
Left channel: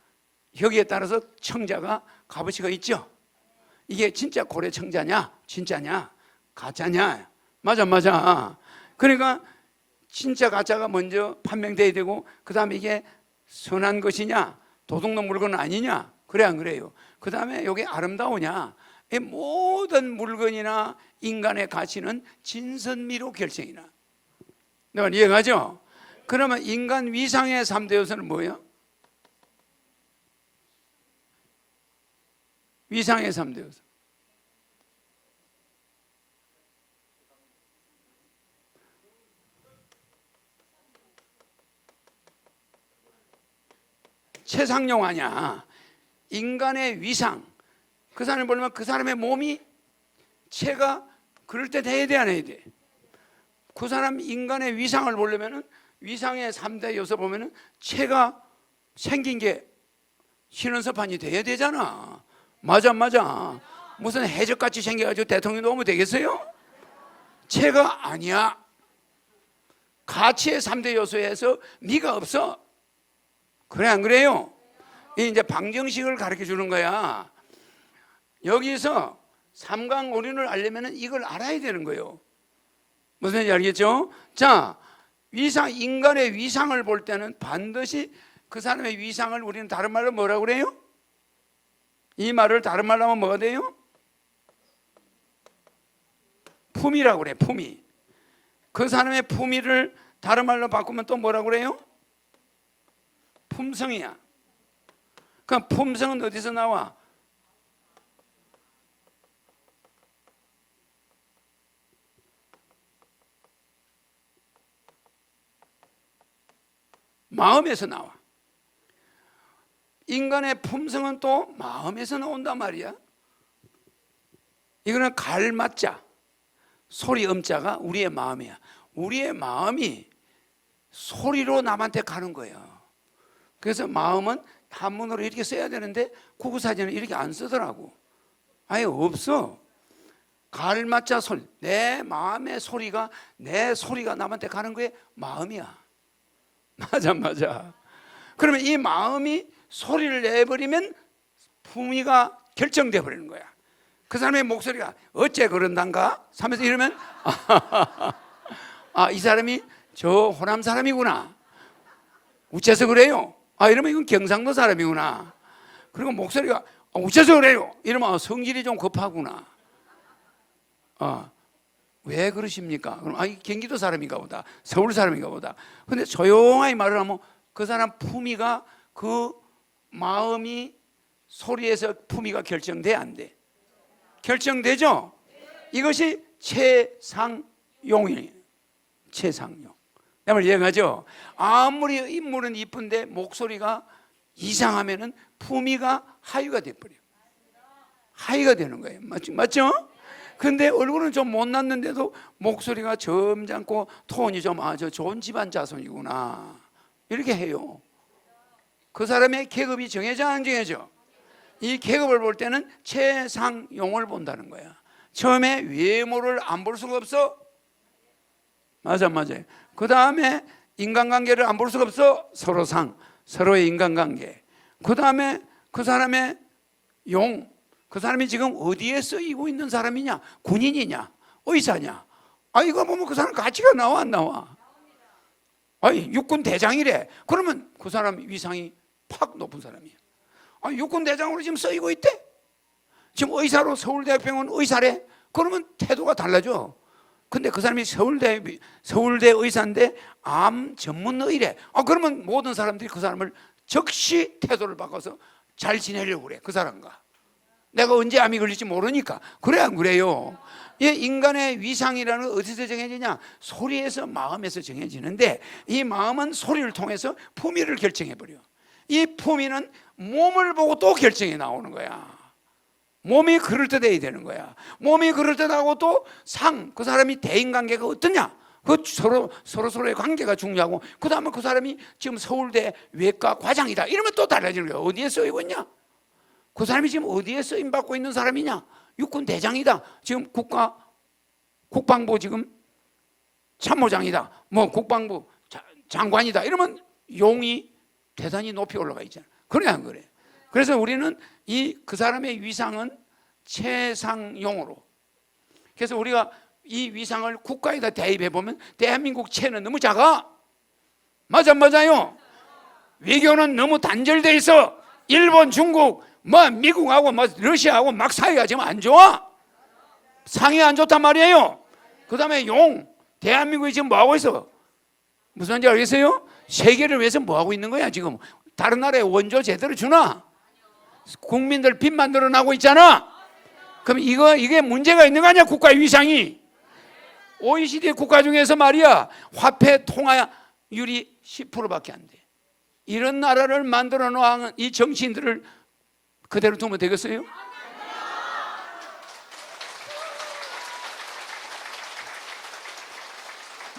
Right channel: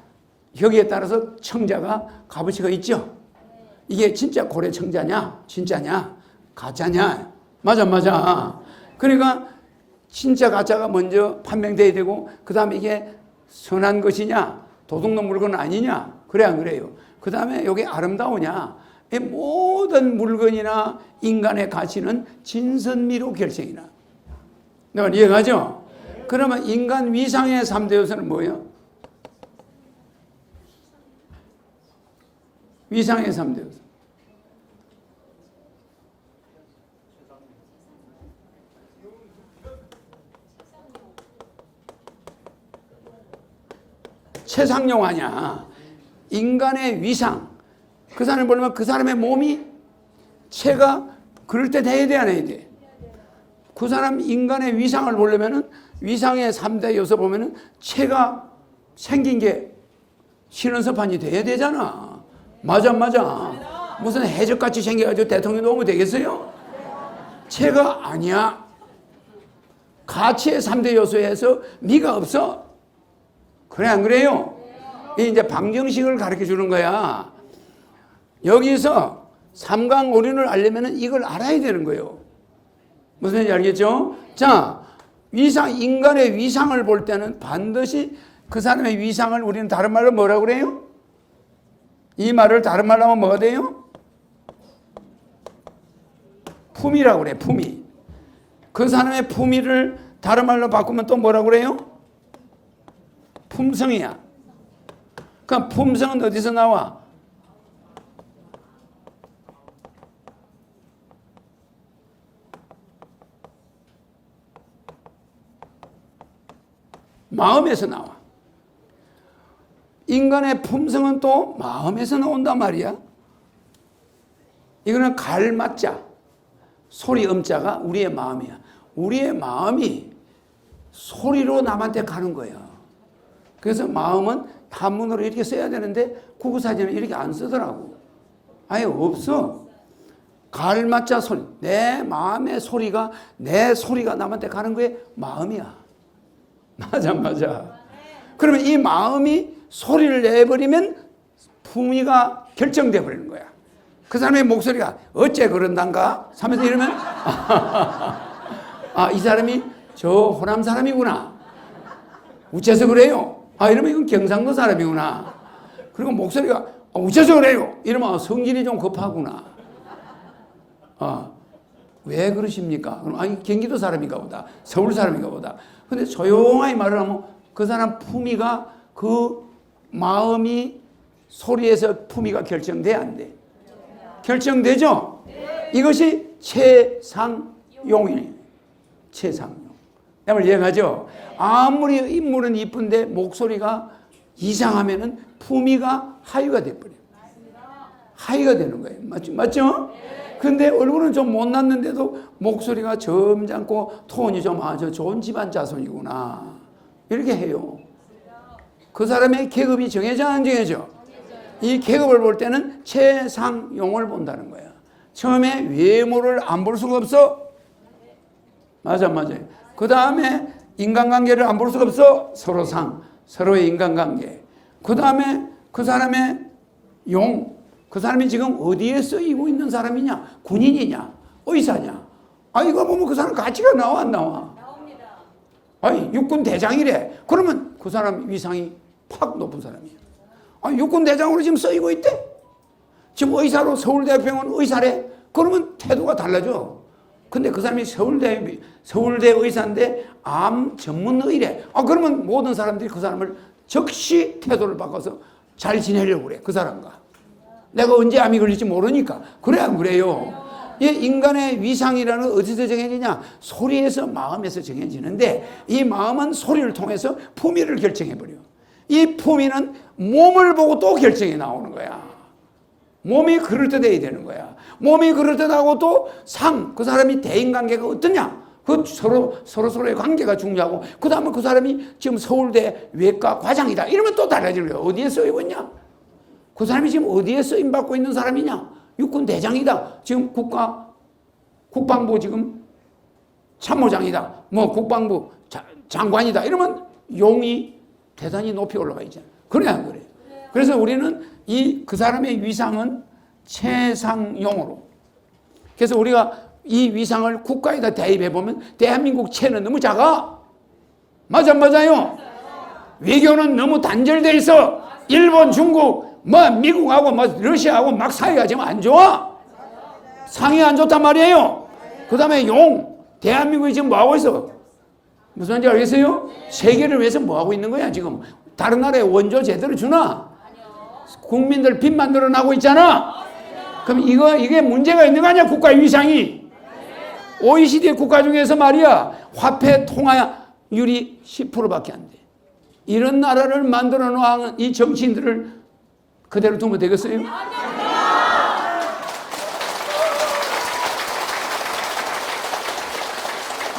여기에 따라서 청자가 값어치가 있죠. 이게 진짜 고래 청자냐, 진짜냐, 가짜냐. 맞아. 그러니까 진짜 가짜가 먼저 판명돼야 되고 그 다음에 이게 선한 것이냐, 도둑놈 물건 아니냐, 그래 안 그래요? 그 다음에 여기 아름다우냐. 이 모든 물건이나 인간의 가치는 진선미로 결정이 나. 너가 이해가죠? 그러면 인간 위상의 3대 요소는 뭐예요? 위상의 3대 요소. 최상용 아니야. 인간의 위상. 그 사람을 보려면 그 사람의 몸이 체가 그럴 때 돼야 돼, 안 해야 돼? 그 사람 인간의 위상을 보려면은 위상의 3대 요소 보면은 체가 생긴 게 신원서판이 돼야 되잖아. 맞아. 무슨 해적같이 생겨가지고 대통령이 오면 되겠어요? 체가 아니야. 가치의 3대 요소에서 네가 없어. 그래 안 그래요? 이제 방정식을 가르쳐 주는 거야. 여기서 삼강오륜을 알려면 이걸 알아야 되는 거예요. 무슨 얘기인지 알겠죠? 자, 인간의 위상을 볼 때는 반드시 그 사람의 위상을 우리는 다른 말로 뭐라고 그래요? 이 말을 다른 말로 하면 뭐가 돼요? 품위라고 그래, 품위. 그 사람의 품위를 다른 말로 바꾸면 또 뭐라고 그래요? 품성이야. 그럼 품성은 어디서 나와? 마음에서 나와. 인간의 품성은 또 마음에서 나온단 말이야. 이거는 갈맞자, 소리 음자가 우리의 마음이야. 우리의 마음이 소리로 남한테 가는 거예요. 그래서 마음은 한문으로 이렇게 써야 되는데 구구사전은 이렇게 안 쓰더라고. 아예 없어. 갈맞자 소리. 내 마음의 소리가, 내 소리가 남한테 가는 거에 마음이야. 맞아. 그러면 이 마음이 소리를 내버리면 품위가 결정돼 버리는 거야. 그 사람의 목소리가 어째 그런단가 하면서 이러면 아, 이 사람이 저 호남 사람이구나. 우째서 그래요? 아, 이러면 이건 경상도 사람이구나. 그리고 목소리가 우째서 그래요? 이러면 성질이 좀 급하구나. 아, 왜 그러십니까? 그럼 아니 경기도 사람인가 보다. 서울 사람인가 보다. 근데 조용하게 말을 하면 그 사람 품위가 그 마음이 소리에서 품위가 결정돼 안 돼? 결정되죠? 이것이 최상용이에요. 최상용. 여러분 이해가죠? 아무리 인물은 이쁜데 목소리가 이상하면은 품위가 하위가 돼버려요. 하위가 되는 거예요. 맞죠? 근데 얼굴은 좀 못났는데도 목소리가 점잖고 톤이 좀 아주 좋은 집안 자손이구나. 이렇게 해요. 그 사람의 계급이 정해져 안 정해져? 이 계급을 볼 때는 최상용을 본다는 거야. 처음에 외모를 안 볼 수가 없어. 맞아요. 그 다음에 인간관계를 안 볼 수가 없어. 서로의 인간관계. 그 다음에 그 사람의 용. 그 사람이 지금 어디에 쓰이고 있는 사람이냐? 군인이냐? 의사냐? 아, 이거 보면 그 사람 가치가 나와 안 나와? 아니, 육군 대장이래. 그러면 그 사람 위상이 팍 높은 사람이에요. 아, 육군 대장으로 지금 쓰이고 있대. 지금 의사로 서울대병원 의사래. 그러면 태도가 달라져. 근데 그 사람이 서울대 의사인데 암 전문의래. 아, 그러면 모든 사람들이 그 사람을 즉시 태도를 바꿔서 잘 지내려고 그래. 그 사람과. 내가 언제 암이 걸릴지 모르니까. 그래 안 그래요? 이 인간의 위상이라는 어디서 정해지냐? 소리에서 마음에서 정해지는데 이 마음은 소리를 통해서 품위를 결정해버려. 이 품위는 몸을 보고 또 결정이 나오는 거야. 몸이 그럴듯해야 되는 거야. 몸이 그럴듯하고 또 그 사람이 대인관계가 어떠냐? 그 서로의 관계가 중요하고 그 다음에 그 사람이 지금 서울대 외과 과장이다. 이러면 또 달라지는 거야. 어디에 쓰이고 있냐? 그 사람이 지금 어디에 쓰임받고 있는 사람이냐? 육군 대장이다. 지금 국방부 지금 참모장이다. 뭐 국방부 장관이다. 이러면 용이 대단히 높이 올라가 있잖아요. 그래 안 그래? 그래서 우리는 그 사람의 위상은 최상용으로. 그래서 우리가 이 위상을 국가에다 대입해 보면 대한민국 체는 너무 작아. 맞아요. 외교는 너무 단절돼 있어. 일본, 중국, 미국하고 러시아하고 막 사이가 지금 안 좋아. 상이 안 좋단 말이에요. 그 다음에 대한민국이 지금 뭐 하고 있어? 무슨 말인지 알겠어요? 세계를 위해서 뭐 하고 있는 거야 지금? 다른 나라에 원조 제대로 주나? 국민들 빚만 늘어나고 있잖아. 그럼 이게 문제가 있는 거 아니야? 국가의 위상이. OECD 국가 중에서 말이야 화폐 통화율이 10%밖에 안 돼. 이런 나라를 만들어 놓은 이 정치인들을 그대로 두면 되겠어요?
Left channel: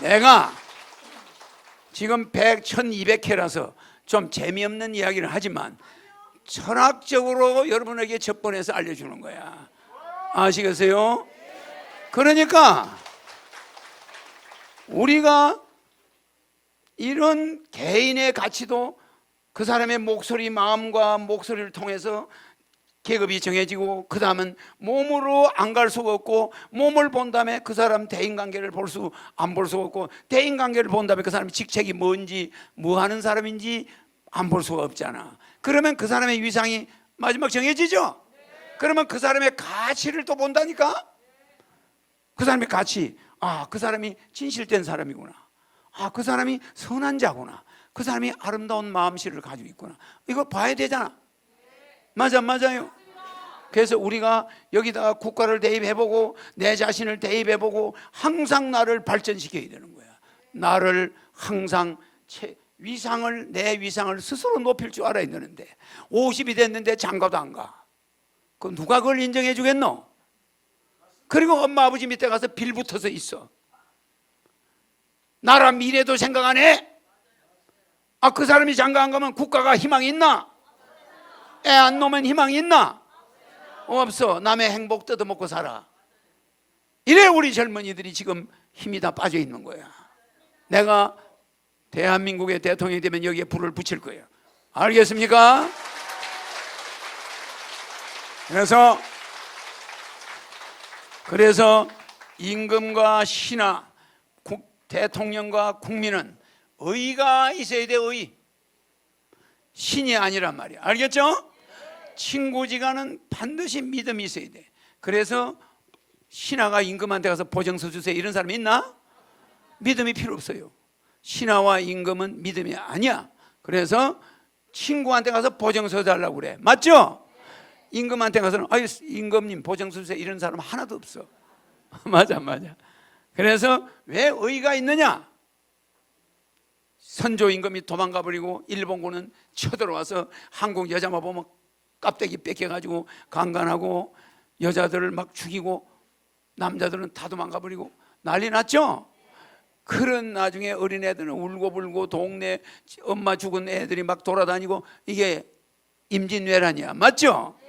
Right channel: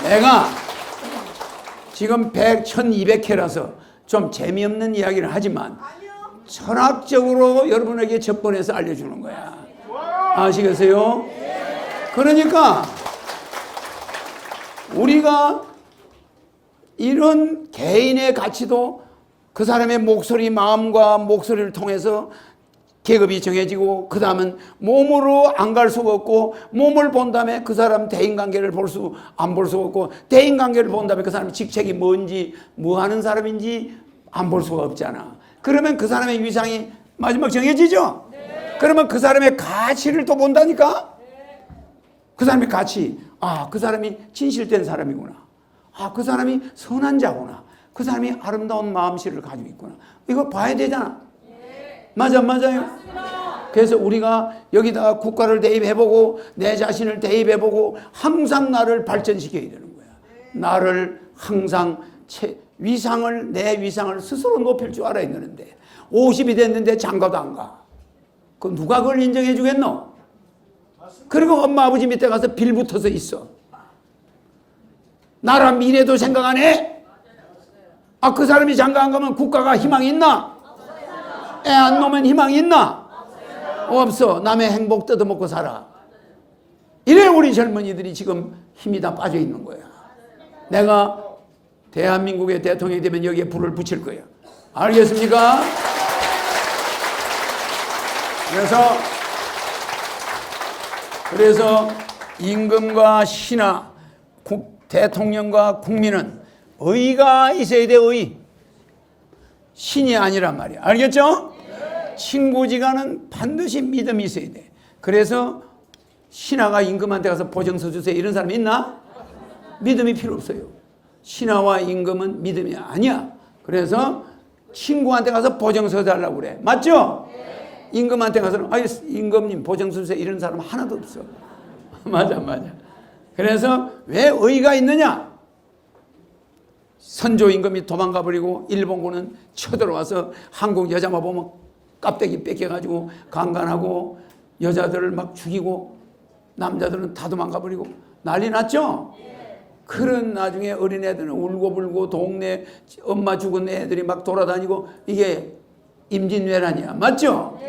내가 지금 1200회라서 좀 재미없는 이야기를 하지만 철학적으로 여러분에게 접근해서 알려주는 거야. 아시겠어요? 그러니까 우리가 이런 개인의 가치도 그 사람의 목소리, 마음과 목소리를 통해서 계급이 정해지고 그 다음은 몸으로 안 갈 수가 없고 몸을 본 다음에 그 사람 대인관계를 안 볼 수가 없고 대인관계를 본 다음에 그 사람의 직책이 뭔지 뭐 하는 사람인지 안 볼 수가 없잖아. 그러면 그 사람의 위상이 마지막 정해지죠? 그러면 그 사람의 가치를 또 본다니까? 그 사람의 가치. 아, 그 사람이 진실된 사람이구나. 아, 그 사람이 선한 자구나. 그 사람이 아름다운 마음씨를 가지고 있구나. 이거 봐야 되잖아. 맞아요. 그래서 우리가 여기다가 국가를 대입해보고 내 자신을 대입해보고 항상 나를 발전시켜야 되는 거야. 나를 항상 내 위상을 스스로 높일 줄 알아야 되는데 50이 됐는데 장가도 안 가. 그럼 누가 그걸 인정해 주겠노? 그리고 엄마 아버지 밑에 가서 빌붙어서 있어. 나라 미래도 생각 안 해? 아, 그 사람이 장가 안 가면 국가가 희망이 있나? 애 안 놓으면 희망이 있나? 없어. 남의 행복 뜯어먹고 살아. 이래 우리 젊은이들이 지금 힘이 다 빠져 있는 거야. 내가 대한민국의 대통령이 되면 여기에 불을 붙일 거야. 알겠습니까? 그래서 임금과 신하, 대통령과 국민은 의가 있어야 돼. 의. 신이 아니란 말이야. 알겠죠? 친구지간은 반드시 믿음이 있어야 돼. 그래서 신하가 임금한테 가서 보증서 주세요 이런 사람 있나? 믿음이 필요 없어요. 신하와 임금은 믿음이 아니야. 그래서 친구한테 가서 보증서 달라고 그래. 맞죠? 임금한테 가서는 아유 임금님 보증서 주세요 이런 사람 하나도 없어. 맞아. 그래서 왜 의가 있느냐? 선조 임금이 도망가 버리고 일본군은 쳐들어와서 한국 여자만 보면 깝대기 뺏겨가지고 강간하고 여자들을 막 죽이고 남자들은 다 도망가 버리고 난리 났죠? 그런 나중에 어린애들은 울고불고 동네 엄마 죽은 애들이 막 돌아다니고 이게 임진왜란이야. 맞죠?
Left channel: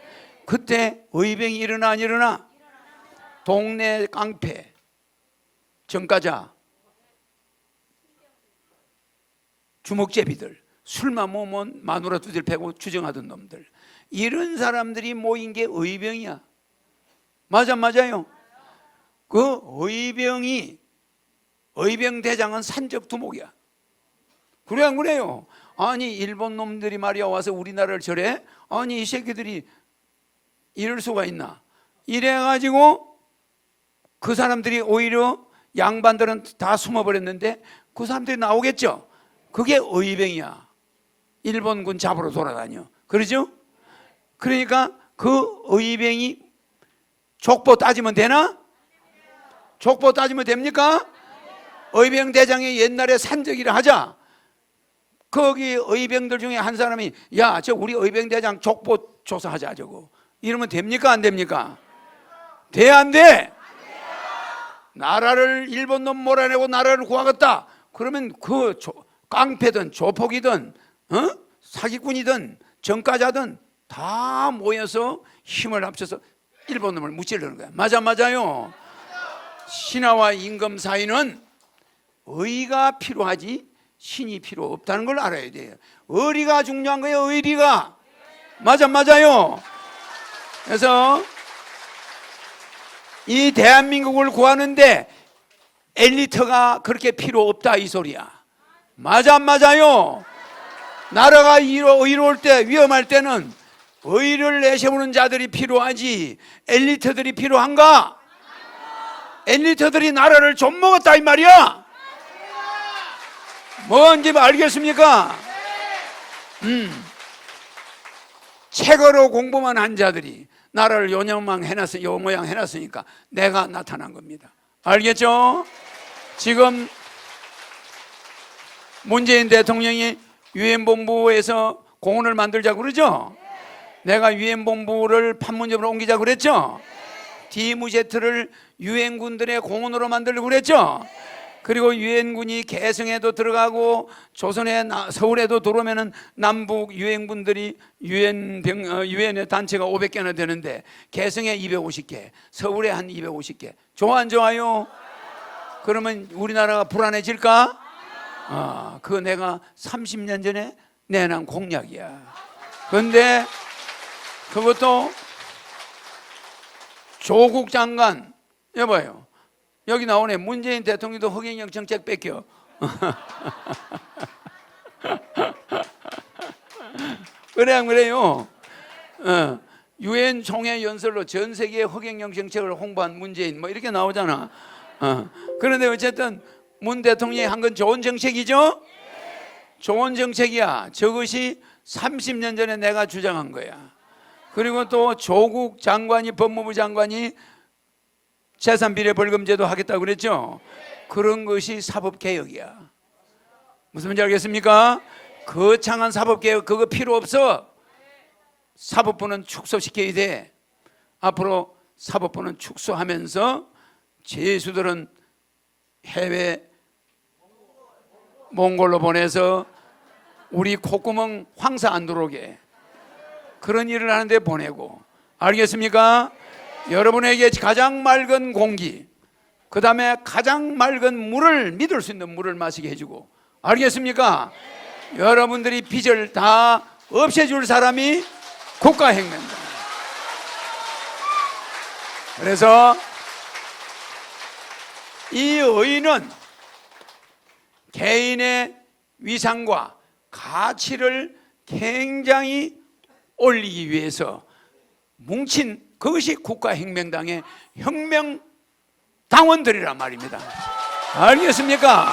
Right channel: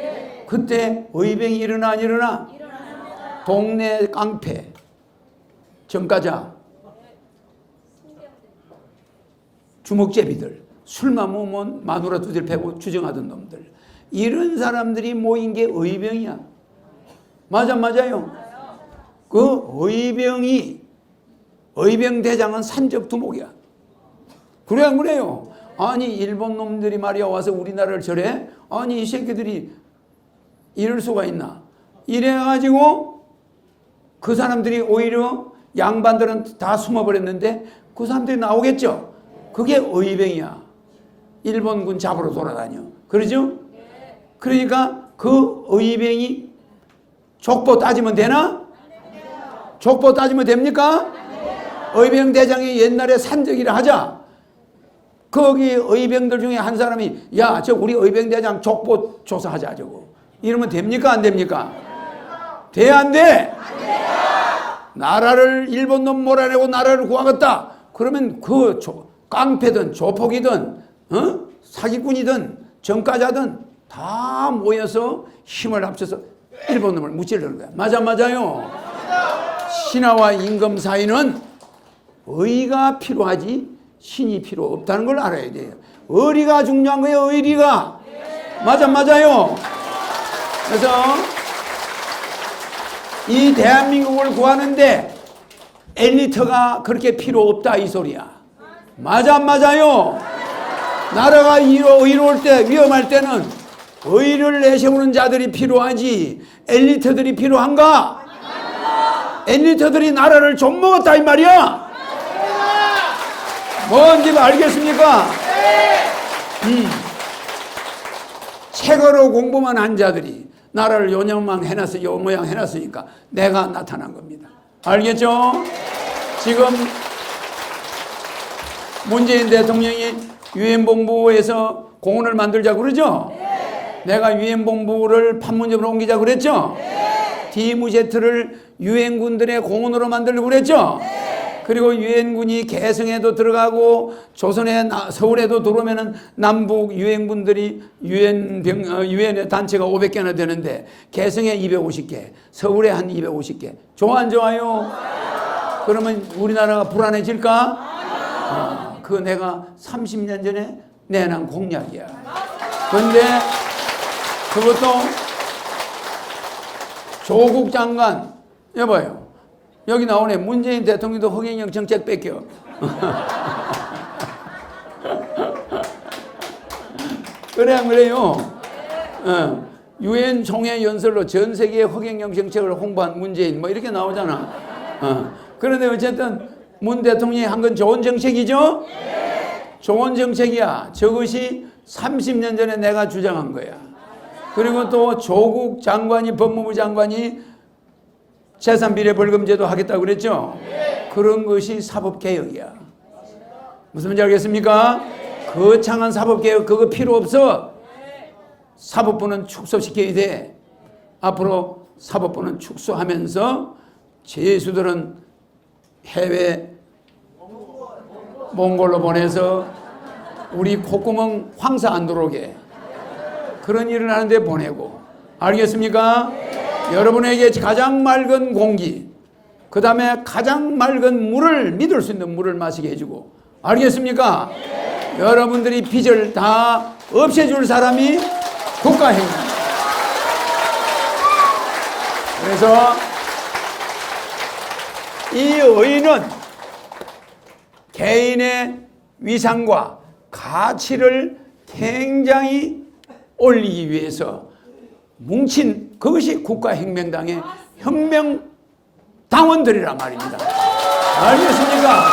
그때 의병이 일어나 안 일어나? 동네 깡패 정가자 주먹제비들 술만 먹으면 마누라 두들 패고 주정하던 놈들 이런 사람들이 모인 게 의병이야. 맞아요. 그 의병 대장은 산적두목이야. 그래 안 그래요? 아니 일본 놈들이 말이야 와서 우리나라를 저래? 아니 이 새끼들이 이럴 수가 있나? 이래가지고 그 사람들이 오히려 양반들은 다 숨어버렸는데 그 사람들이 나오겠죠? 그게 의병이야. 일본군 잡으러 돌아다녀. 그러죠? 그러니까 그 의병이 족보 따지면 되나? 족보 따지면 됩니까? 의병 대장이 옛날에 산적이라 하자. 거기 의병들 중에 한 사람이 야, 저 우리 의병 대장 족보 조사하자 저거. 이러면 됩니까? 안 됩니까? 돼 안 돼? 나라를 일본 놈 몰아내고 나라를 구하겠다. 그러면 그 깡패든 조폭이든 사기꾼이든 정가자든 다 모여서 힘을 합쳐서 일본 놈을 무찌르는 거야. 맞아요. 신하와 임금 사이는 의가 필요하지 신이 필요 없다는 걸 알아야 돼요. 의리가 중요한 거예요. 의리가. 맞아요. 그래서 이 대한민국을 구하는데 엘리트가 그렇게 필요 없다 이 소리야. 맞아요. 나라가 의로울 때 위험할 때는 의를 내세우는 자들이 필요하지 엘리트들이 필요한가? 엘리트들이 나라를 좀 먹었다 이 말이야. 뭔지 알겠습니까? 책으로 공부만 한 자들이 나라를 요 모양 해놨으니까 내가 나타난 겁니다. 알겠죠? 지금 문재인 대통령이 유엔본부에서 공원을 만들자고 그러죠? 내가 유엔본부를 판문점으로 옮기자고 그랬죠? 디무제트를 유엔군들의 공원으로 만들려고 그랬죠? 그리고 유엔군이 개성에도 들어가고 조선에 서울에도 들어오면은 남북 유엔군들이 유엔의 단체가 500개나 되는데 개성에 250개, 서울에 한 250개. 좋아 안 좋아요? 그러면 우리나라가 불안해질까? 그거 내가 30년 전에 내놓은 공약이야. 근데 그것도 조국 장관 여봐요. 여기 나오네. 문재인 대통령도 허경영 정책 뺏겨. 그래 안 그래요? 유엔 총회 연설로 전 세계의 허경영 정책을 홍보한 문재인 뭐 이렇게 나오잖아. 그런데 어쨌든 문 대통령이 한 건 좋은 정책이죠? 좋은 정책이야. 저것이 30년 전에 내가 주장한 거야. 그리고 또 조국 장관이 법무부 장관이 재산비례 벌금제도 하겠다고 그랬죠? 그런 것이 사법개혁이야. 무슨 말인지 알겠습니까? 거창한 사법개혁 그거 필요 없어. 사법부는 축소시켜야 돼. 앞으로 사법부는 축소하면서 죄수들은 해외 몽골로 보내서 우리 콧구멍 황사 안 들어오게 그런 일을 하는데 보내고. 알겠습니까? 여러분에게 가장 맑은 공기, 그 다음에 가장 맑은 물을 믿을 수 있는 물을 마시게 해주고. 알겠습니까? 여러분들이 빚을 다 없애줄 사람이 국가행위. 그래서 이 의는 개인의 위상과 가치를 굉장히 올리기 위해서 뭉친 그것이 국가혁명당의 혁명당원들이란 말입니다. 알겠습니까?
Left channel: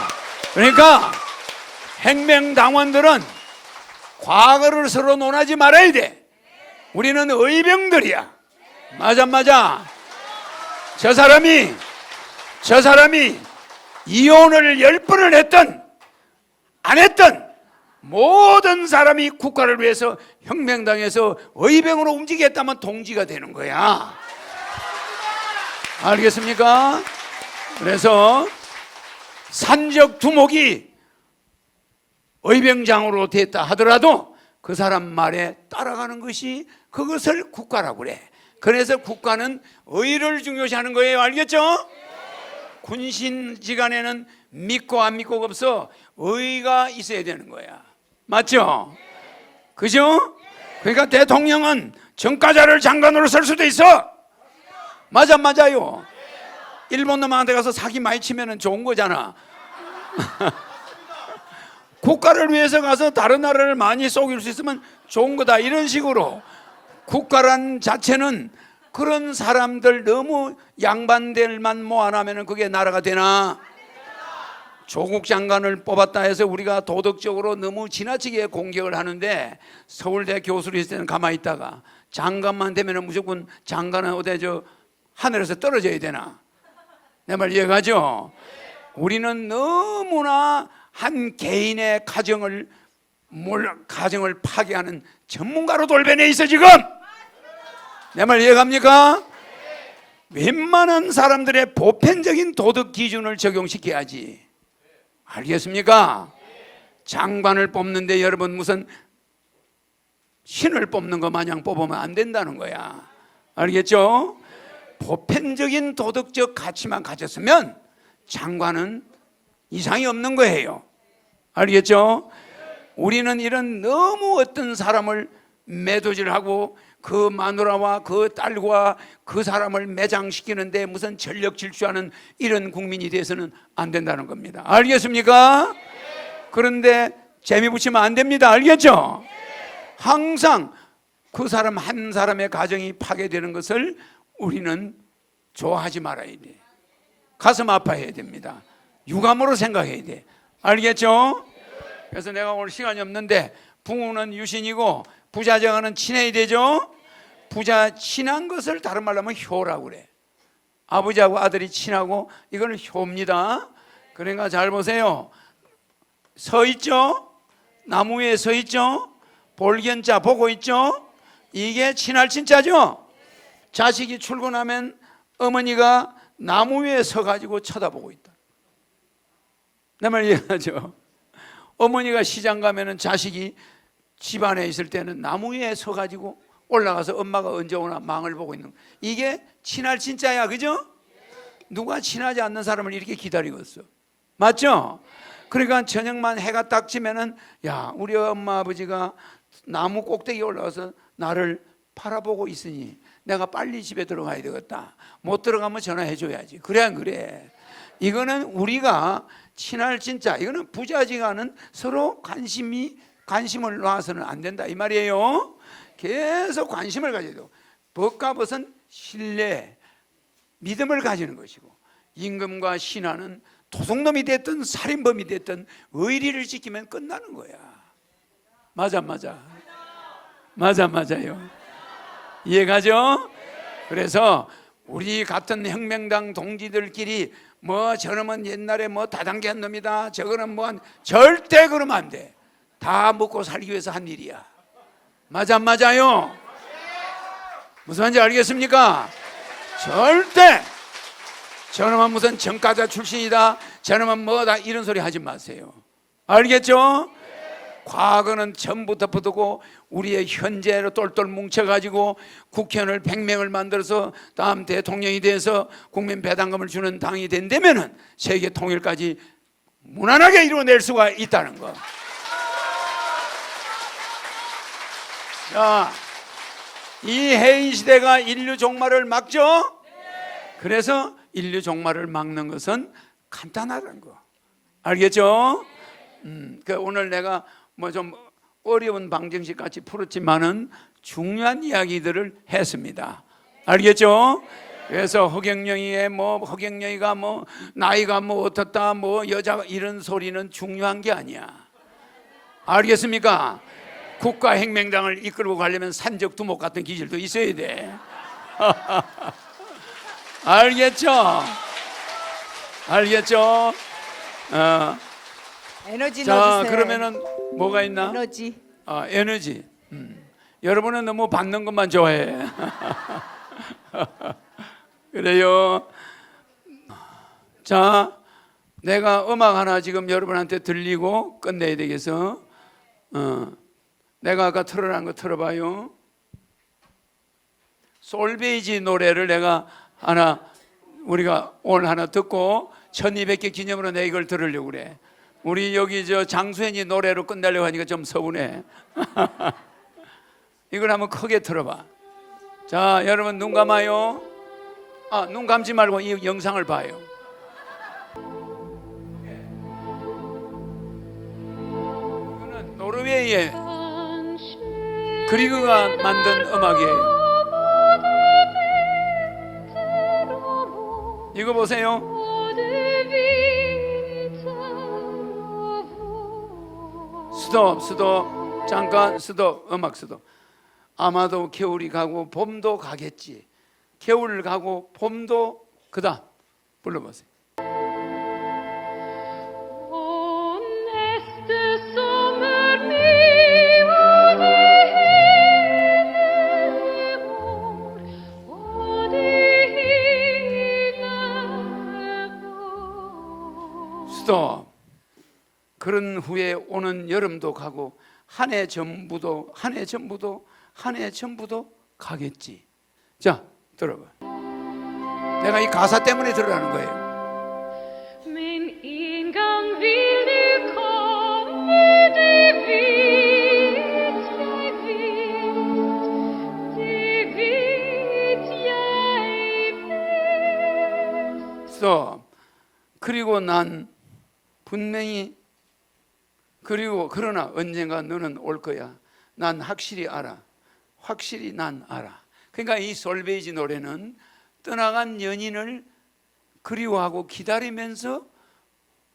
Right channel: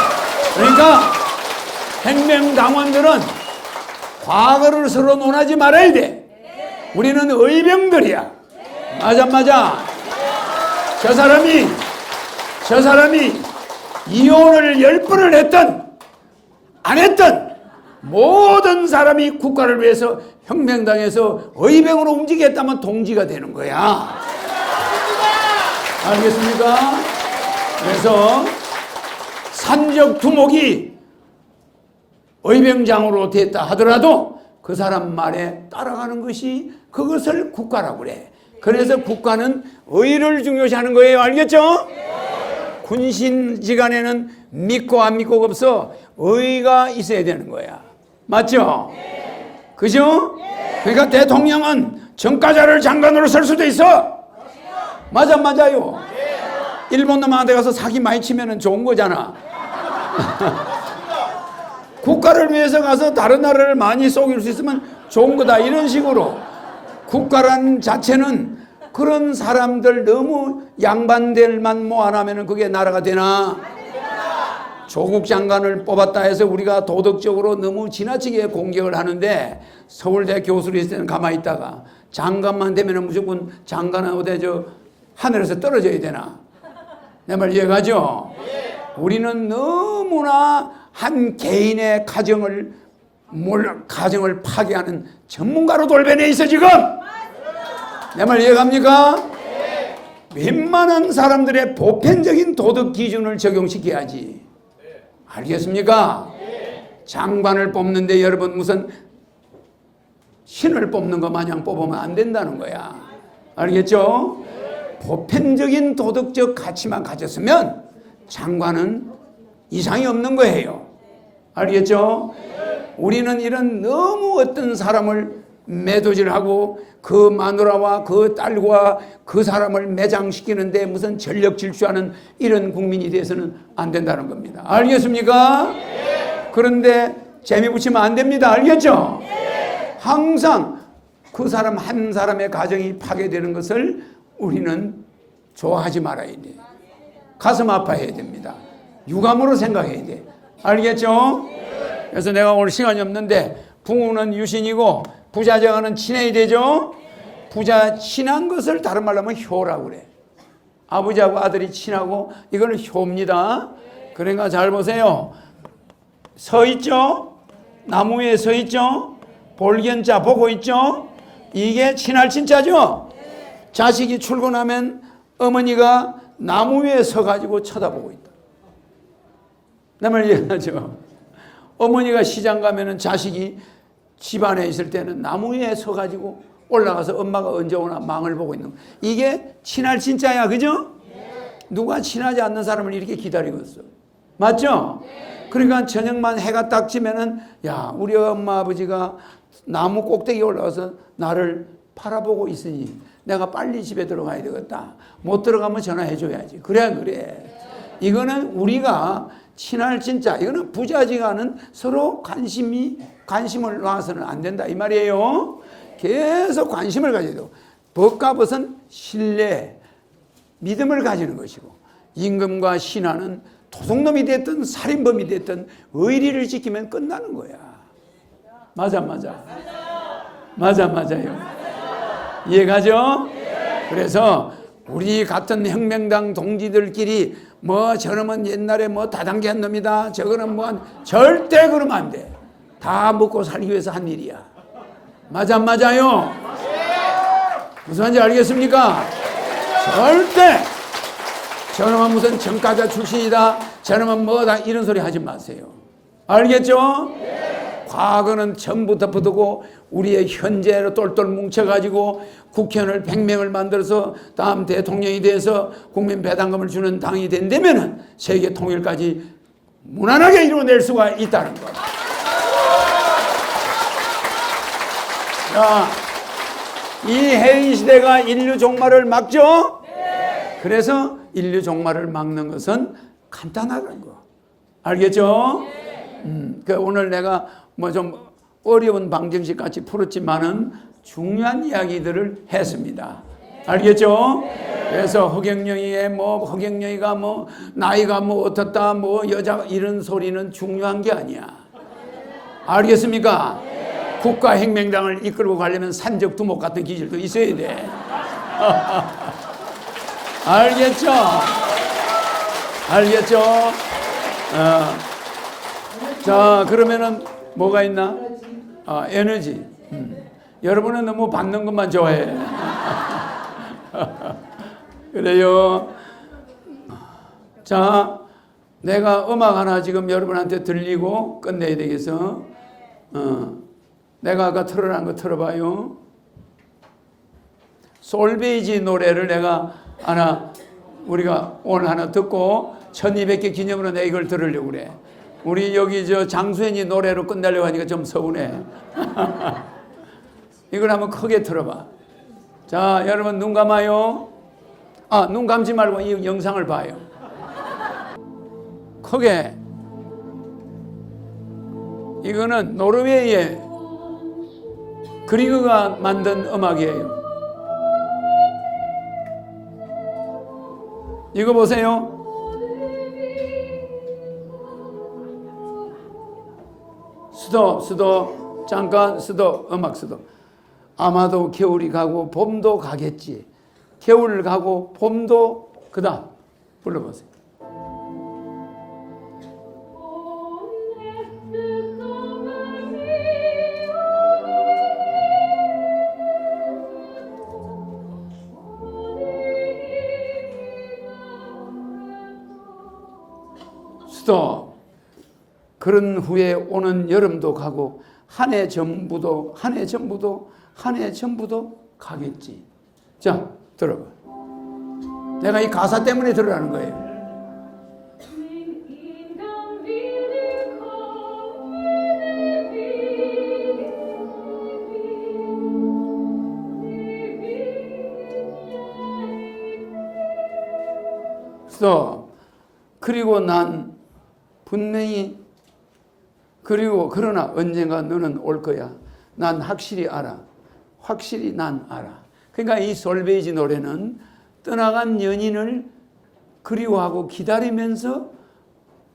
그러니까 혁명당원들은 과거를 서로 논하지 말아야 돼. 우리는 의병들이야. 맞아. 저 사람이 이혼을 10번을 했던 안 했던 모든 사람이 국가를 위해서 혁명당에서 의병으로 움직였다면 동지가 되는 거야. 알겠습니까? 그래서 산적 두목이 의병장으로 됐다 하더라도 그 사람 말에 따라가는 것이 그것을 국가라고 그래. 그래서 국가는 의를 중요시하는 거예요. 알겠죠? 군신지간에는 믿고 안 믿고가 없어. 의가 있어야 되는 거야. 맞죠? 그죠? 그러니까 대통령은 정가자를 장관으로 설 수도 있어. 맞아요. 일본 놈한테 가서 사기 많이 치면 좋은 거잖아. 국가를 위해서 가서 다른 나라를 많이 속일 수 있으면 좋은 거다. 이런 식으로 국가란 자체는 그런 사람들 너무 양반들만 모아나면 그게 나라가 되나? 조국 장관을 뽑았다 해서 우리가 도덕적으로 너무 지나치게 공격을 하는데 서울대 교수로 있을 때는 가만히 있다가 장관만 되면 무조건 장관하고 저 하늘에서 떨어져야 되나? 내 말 이해가죠? 우리는 너무나 한 개인의 가정을 파괴하는 전문가로 돌변해 있어 지금. 내 말 이해갑니까? 웬만한 사람들의 보편적인 도덕 기준을 적용시켜야지. 알겠습니까? 장관을 뽑는데 여러분 무슨 신을 뽑는 것 마냥 뽑으면 안 된다는 거야. 알겠죠? 보편적인 도덕적 가치만 가졌으면 장관은 이상이 없는 거예요. 알겠죠? 우리는 이런 너무 어떤 사람을 매도질하고 그 마누라와 그 딸과 그 사람을 매장시키는데 무슨 전력 질주하는 이런 국민이 돼서는 안 된다는 겁니다. 알겠습니까? 그런데 재미 붙이면 안 됩니다. 알겠죠? 항상 그 사람 한 사람의 가정이 파괴되는 것을 우리는 좋아하지 말아야 돼. 가슴 아파해야 됩니다. 유감으로 생각해야 돼. 알겠죠? 그래서 내가 오늘 시간이 없는데 부모는 유신이고 부자정은 친해야 되죠? 부자 친한 것을 다른 말로 하면 효라고 그래. 아버지하고 아들이 친하고 이거는 효입니다. 그러니까 잘 보세요. 서 있죠? 나무 위에 서 있죠? 볼견자 보고 있죠? 이게 친할 친자죠? 자식이 출근하면 어머니가 나무 위에 서가지고 쳐다보고 있다. 내 말 이해하죠? 어머니가 시장 가면은 자식이 집안에 있을 때는 나무 위에 서가지고 올라가서 엄마가 언제 오나 망을 보고 있는 거. 이게 친할 친자야. 그죠? 누가 친하지 않는 사람을 이렇게 기다리고 있어. 맞죠? 그러니까 저녁만 해가 딱 지면은 야 우리 엄마 아버지가 나무 꼭대기에 올라가서 나를 바라보고 있으니 내가 빨리 집에 들어가야 되겠다. 못 들어가면 전화해줘야지. 그래. 이거는 우리가 친할 친자, 이거는 부자지간은 서로 관심을 놔서는 안 된다 이 말이에요. 계속 관심을 가져도 법과 벗은 신뢰, 믿음을 가지는 것이고 임금과 신하는 도둑놈이 됐든 살인범이 됐든 의리를 지키면 끝나는 거야. 맞아요. 이해가죠? 그래서 우리 같은 혁명당 동지들끼리 뭐 저놈은 옛날에 뭐 다단계한 놈이다. 저거는 뭐 절대 그러면 안 돼. 다 먹고 살기 위해서 한 일이야. 맞아요? 무슨 말인지 알겠습니까? 절대 저놈은 무슨 정가자 출신이다. 저놈은 뭐다 이런 소리 하지 마세요. 알겠죠? 과거는 전부 덮어두고 우리의 현재로 똘똘 뭉쳐가지고 국회의원을 100명을 만들어서 다음 대통령이 돼서 국민 배당금을 주는 당이 된다면 세계 통일까지 무난하게 이루어낼 수가 있다는 것. 자, 이 해인 시대가 인류 종말을 막죠? 그래서 인류 종말을 막는 것은 간단하다는 거. 알겠죠? 오늘 내가 뭐 좀 어려운 방정식 같이 풀었지만은 중요한 이야기들을 했습니다. 알겠죠? 그래서 허경영이가 뭐 나이가 뭐 어떻다 뭐 여자 이런 소리는 중요한 게 아니야. 알겠습니까? 국가혁명당을 이끌고 가려면 산적 두목 같은 기질도 있어야 돼. 알겠죠? 알겠죠? 에너지 자, 넣으세요. 그러면은 뭐가 있나? 에너지. 에너지. 여러분은 너무 받는 것만 좋아해. 그래요. 자, 내가 음악 하나 지금 여러분한테 들리고 끝내야 되겠어. 내가 아까 틀어놓은 거 틀어봐요. 솔베이지 노래를 내가 우리가 오늘 하나 듣고 1200개 기념으로 내가 이걸 들으려고 그래. 우리 여기 장수현이 노래로 끝내려고 하니까 좀 서운해. 이걸 한번 크게 틀어봐. 자, 여러분 눈 감아요. 눈 감지 말고 이 영상을 봐요. 크게. 이거는 노르웨이의 그리그가 만든 음악이에요. 이거 보세요. 스톱. 잠깐 스톱. 음악 스톱. 아마도 겨울이 가고 봄도 가겠지. 겨울 가고 봄도 그다음 불러보세요. 스톱. 그런 후에 오는 여름도 가고 한 해 전부도 가겠지. 자, 들어봐. 내가 이 가사 때문에 들으라는 거예요. Min ingang vill nu komma, det vet jag vet. 스톱. 그리고 난 분명히 그러나 언젠가 너는 올 거야. 난 확실히 알아. 확실히 난 알아. 그러니까 이 솔베이지 노래는 떠나간 연인을 그리워하고 기다리면서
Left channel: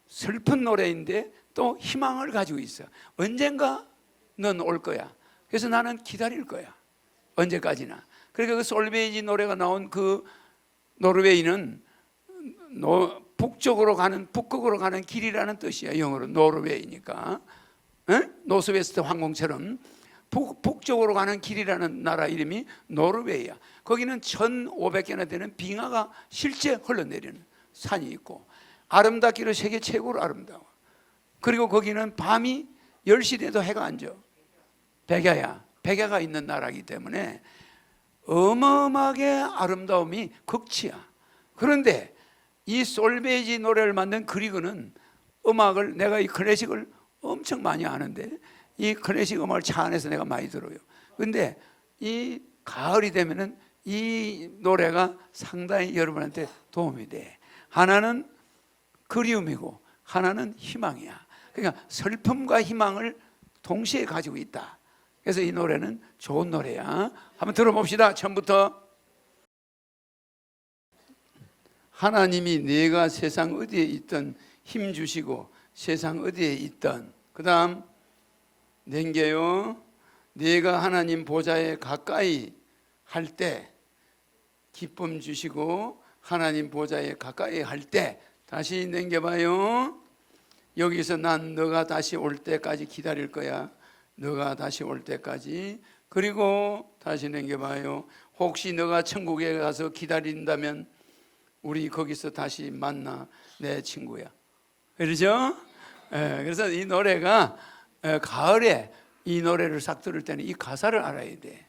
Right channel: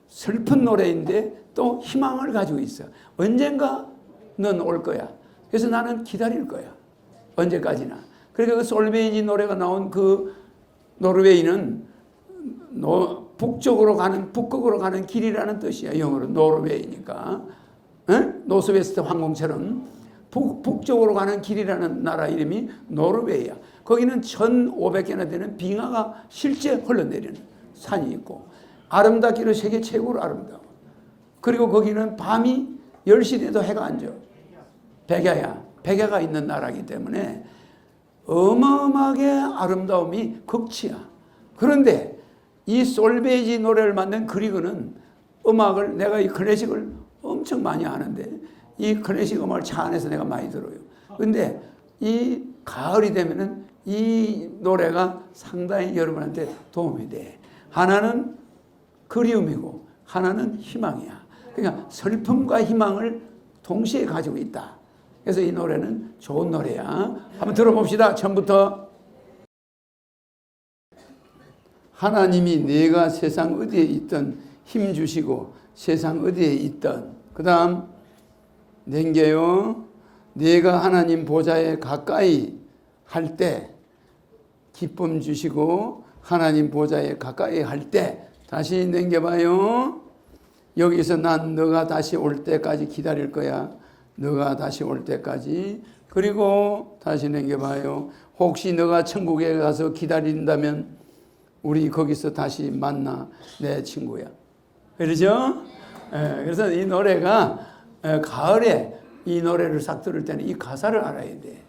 슬픈 노래인데 또 희망을 가지고 있어. 언젠가 넌 올 거야. 그래서 나는 기다릴 거야. 언제까지나. 그러니까 그 솔베이지 노래가 나온 그 노르웨이는 북극으로 가는 길이라는 뜻이야. 영어로 노르웨이니까. 노스웨스트 항공처럼 북쪽으로 가는 길이라는 나라 이름이 노르웨이야. 거기는 1500개나 되는 빙하가 실제 흘러내리는 산이 있고 아름답기로 세계 최고로 아름다워. 그리고 거기는 밤이 10시 돼도 해가 안 져. 백야가 있는 나라이기 때문에 어마어마하게 아름다움이 극치야. 그런데 이 솔베이지 노래를 만든 그리그는 음악을 내가 이 클래식을 엄청 많이 하는데 이 클래식 음악을 차 안에서 내가 많이 들어요. 근데 이 가을이 되면은 이 노래가 상당히 여러분한테 도움이 돼. 하나는 그리움이고 하나는 희망이야. 그러니까 슬픔과 희망을 동시에 가지고 있다. 그래서 이 노래는 좋은 노래야. 한번 들어봅시다. 처음부터. 하나님이 내가 세상 어디에 있든 힘 주시고 세상 어디에 있든 그 다음 넘겨요. 내가 하나님 보좌에 가까이 할 때 기쁨 주시고 하나님 보좌에 가까이 할 때 다시 넘겨봐요. 여기서 난 너가 다시 올 때까지 기다릴 거야. 너가 다시 올 때까지. 그리고 다시 넘겨봐요. 혹시 너가 천국에 가서 기다린다면 우리 거기서 다시 만나 내 친구야. 그러죠? 그래서 이 노래가 가을에 이 노래를 싹 들을 때는 이 가사를 알아야 돼.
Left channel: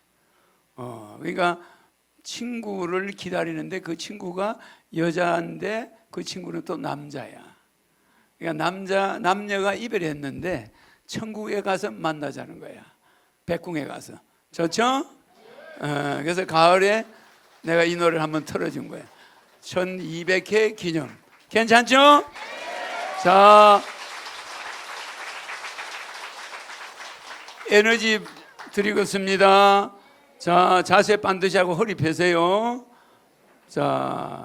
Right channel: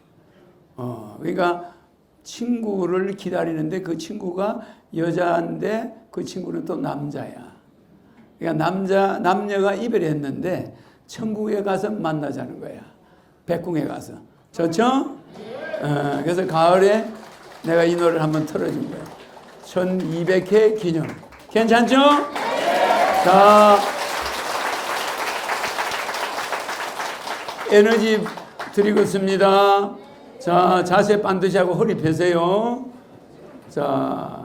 그러니까 친구를 기다리는데 그 친구가 여자인데 그 친구는 또 남자야. 그러니까 남녀가 이별했는데 천국에 가서 만나자는 거야. 백궁에 가서. 좋죠? 그래서 가을에 내가 이 노래를 한번 틀어준 거예요. 1200회 기념. 괜찮죠? 자, 에너지 드리고 있습니다. 자, 자세 반드시 하고 허리 펴세요. 자,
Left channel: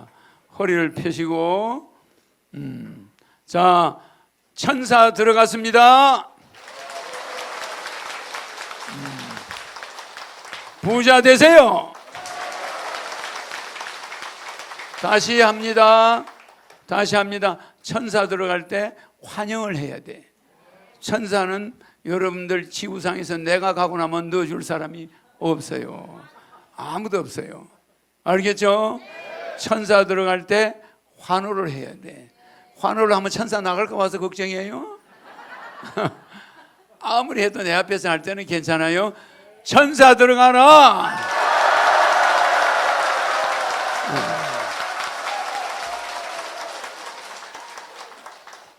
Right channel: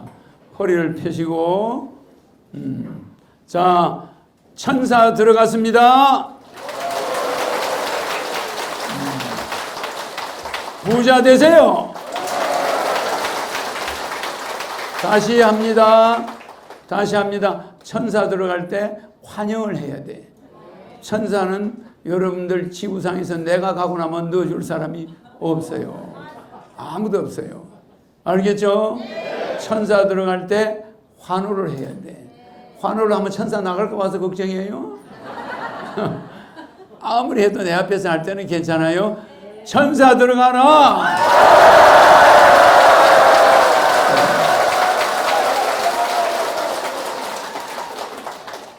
허리를 펴시고. 자, 천사 들어갔습니다. 부자 되세요. 다시 합니다. 다시 합니다. 천사 들어갈 때 환영을 해야 돼. 천사는 여러분들 지구상에서 내가 가고 나면 넣어줄 사람이 없어요. 아무도 없어요. 알겠죠? 천사 들어갈 때 환호를 해야 돼. 환호를 하면 천사 나갈까 봐서 걱정이에요? 아무리 해도 내 앞에서 할 때는 괜찮아요. 천사 들어가라!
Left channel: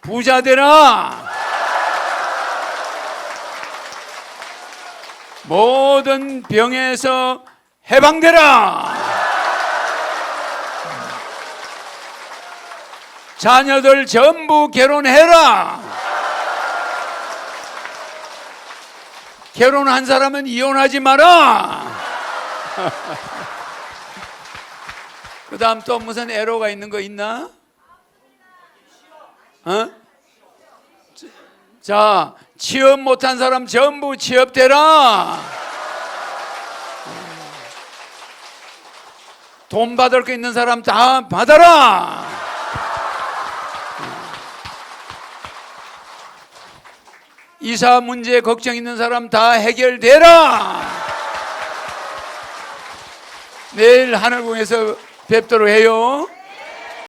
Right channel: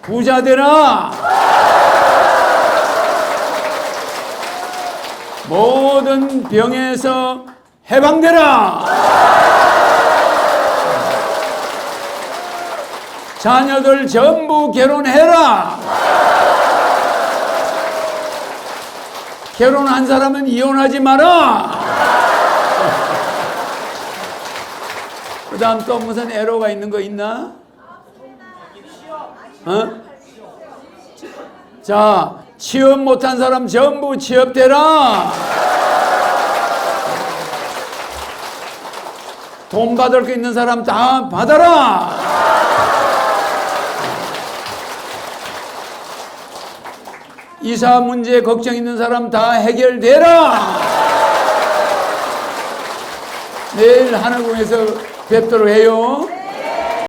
부자 되라! 모든 병에서 해방되라! 자녀들 전부 결혼해라! 결혼한 사람은 이혼하지 마라! 그 다음 또 무슨 애로가 있는 거 있나? 자, 취업 못한 사람 전부 취업되라! 돈 받을 거 있는 사람 다 받아라! 이사 문제 걱정 있는 사람 다 해결되라! 내일 하늘궁에서 뵙도록 해요.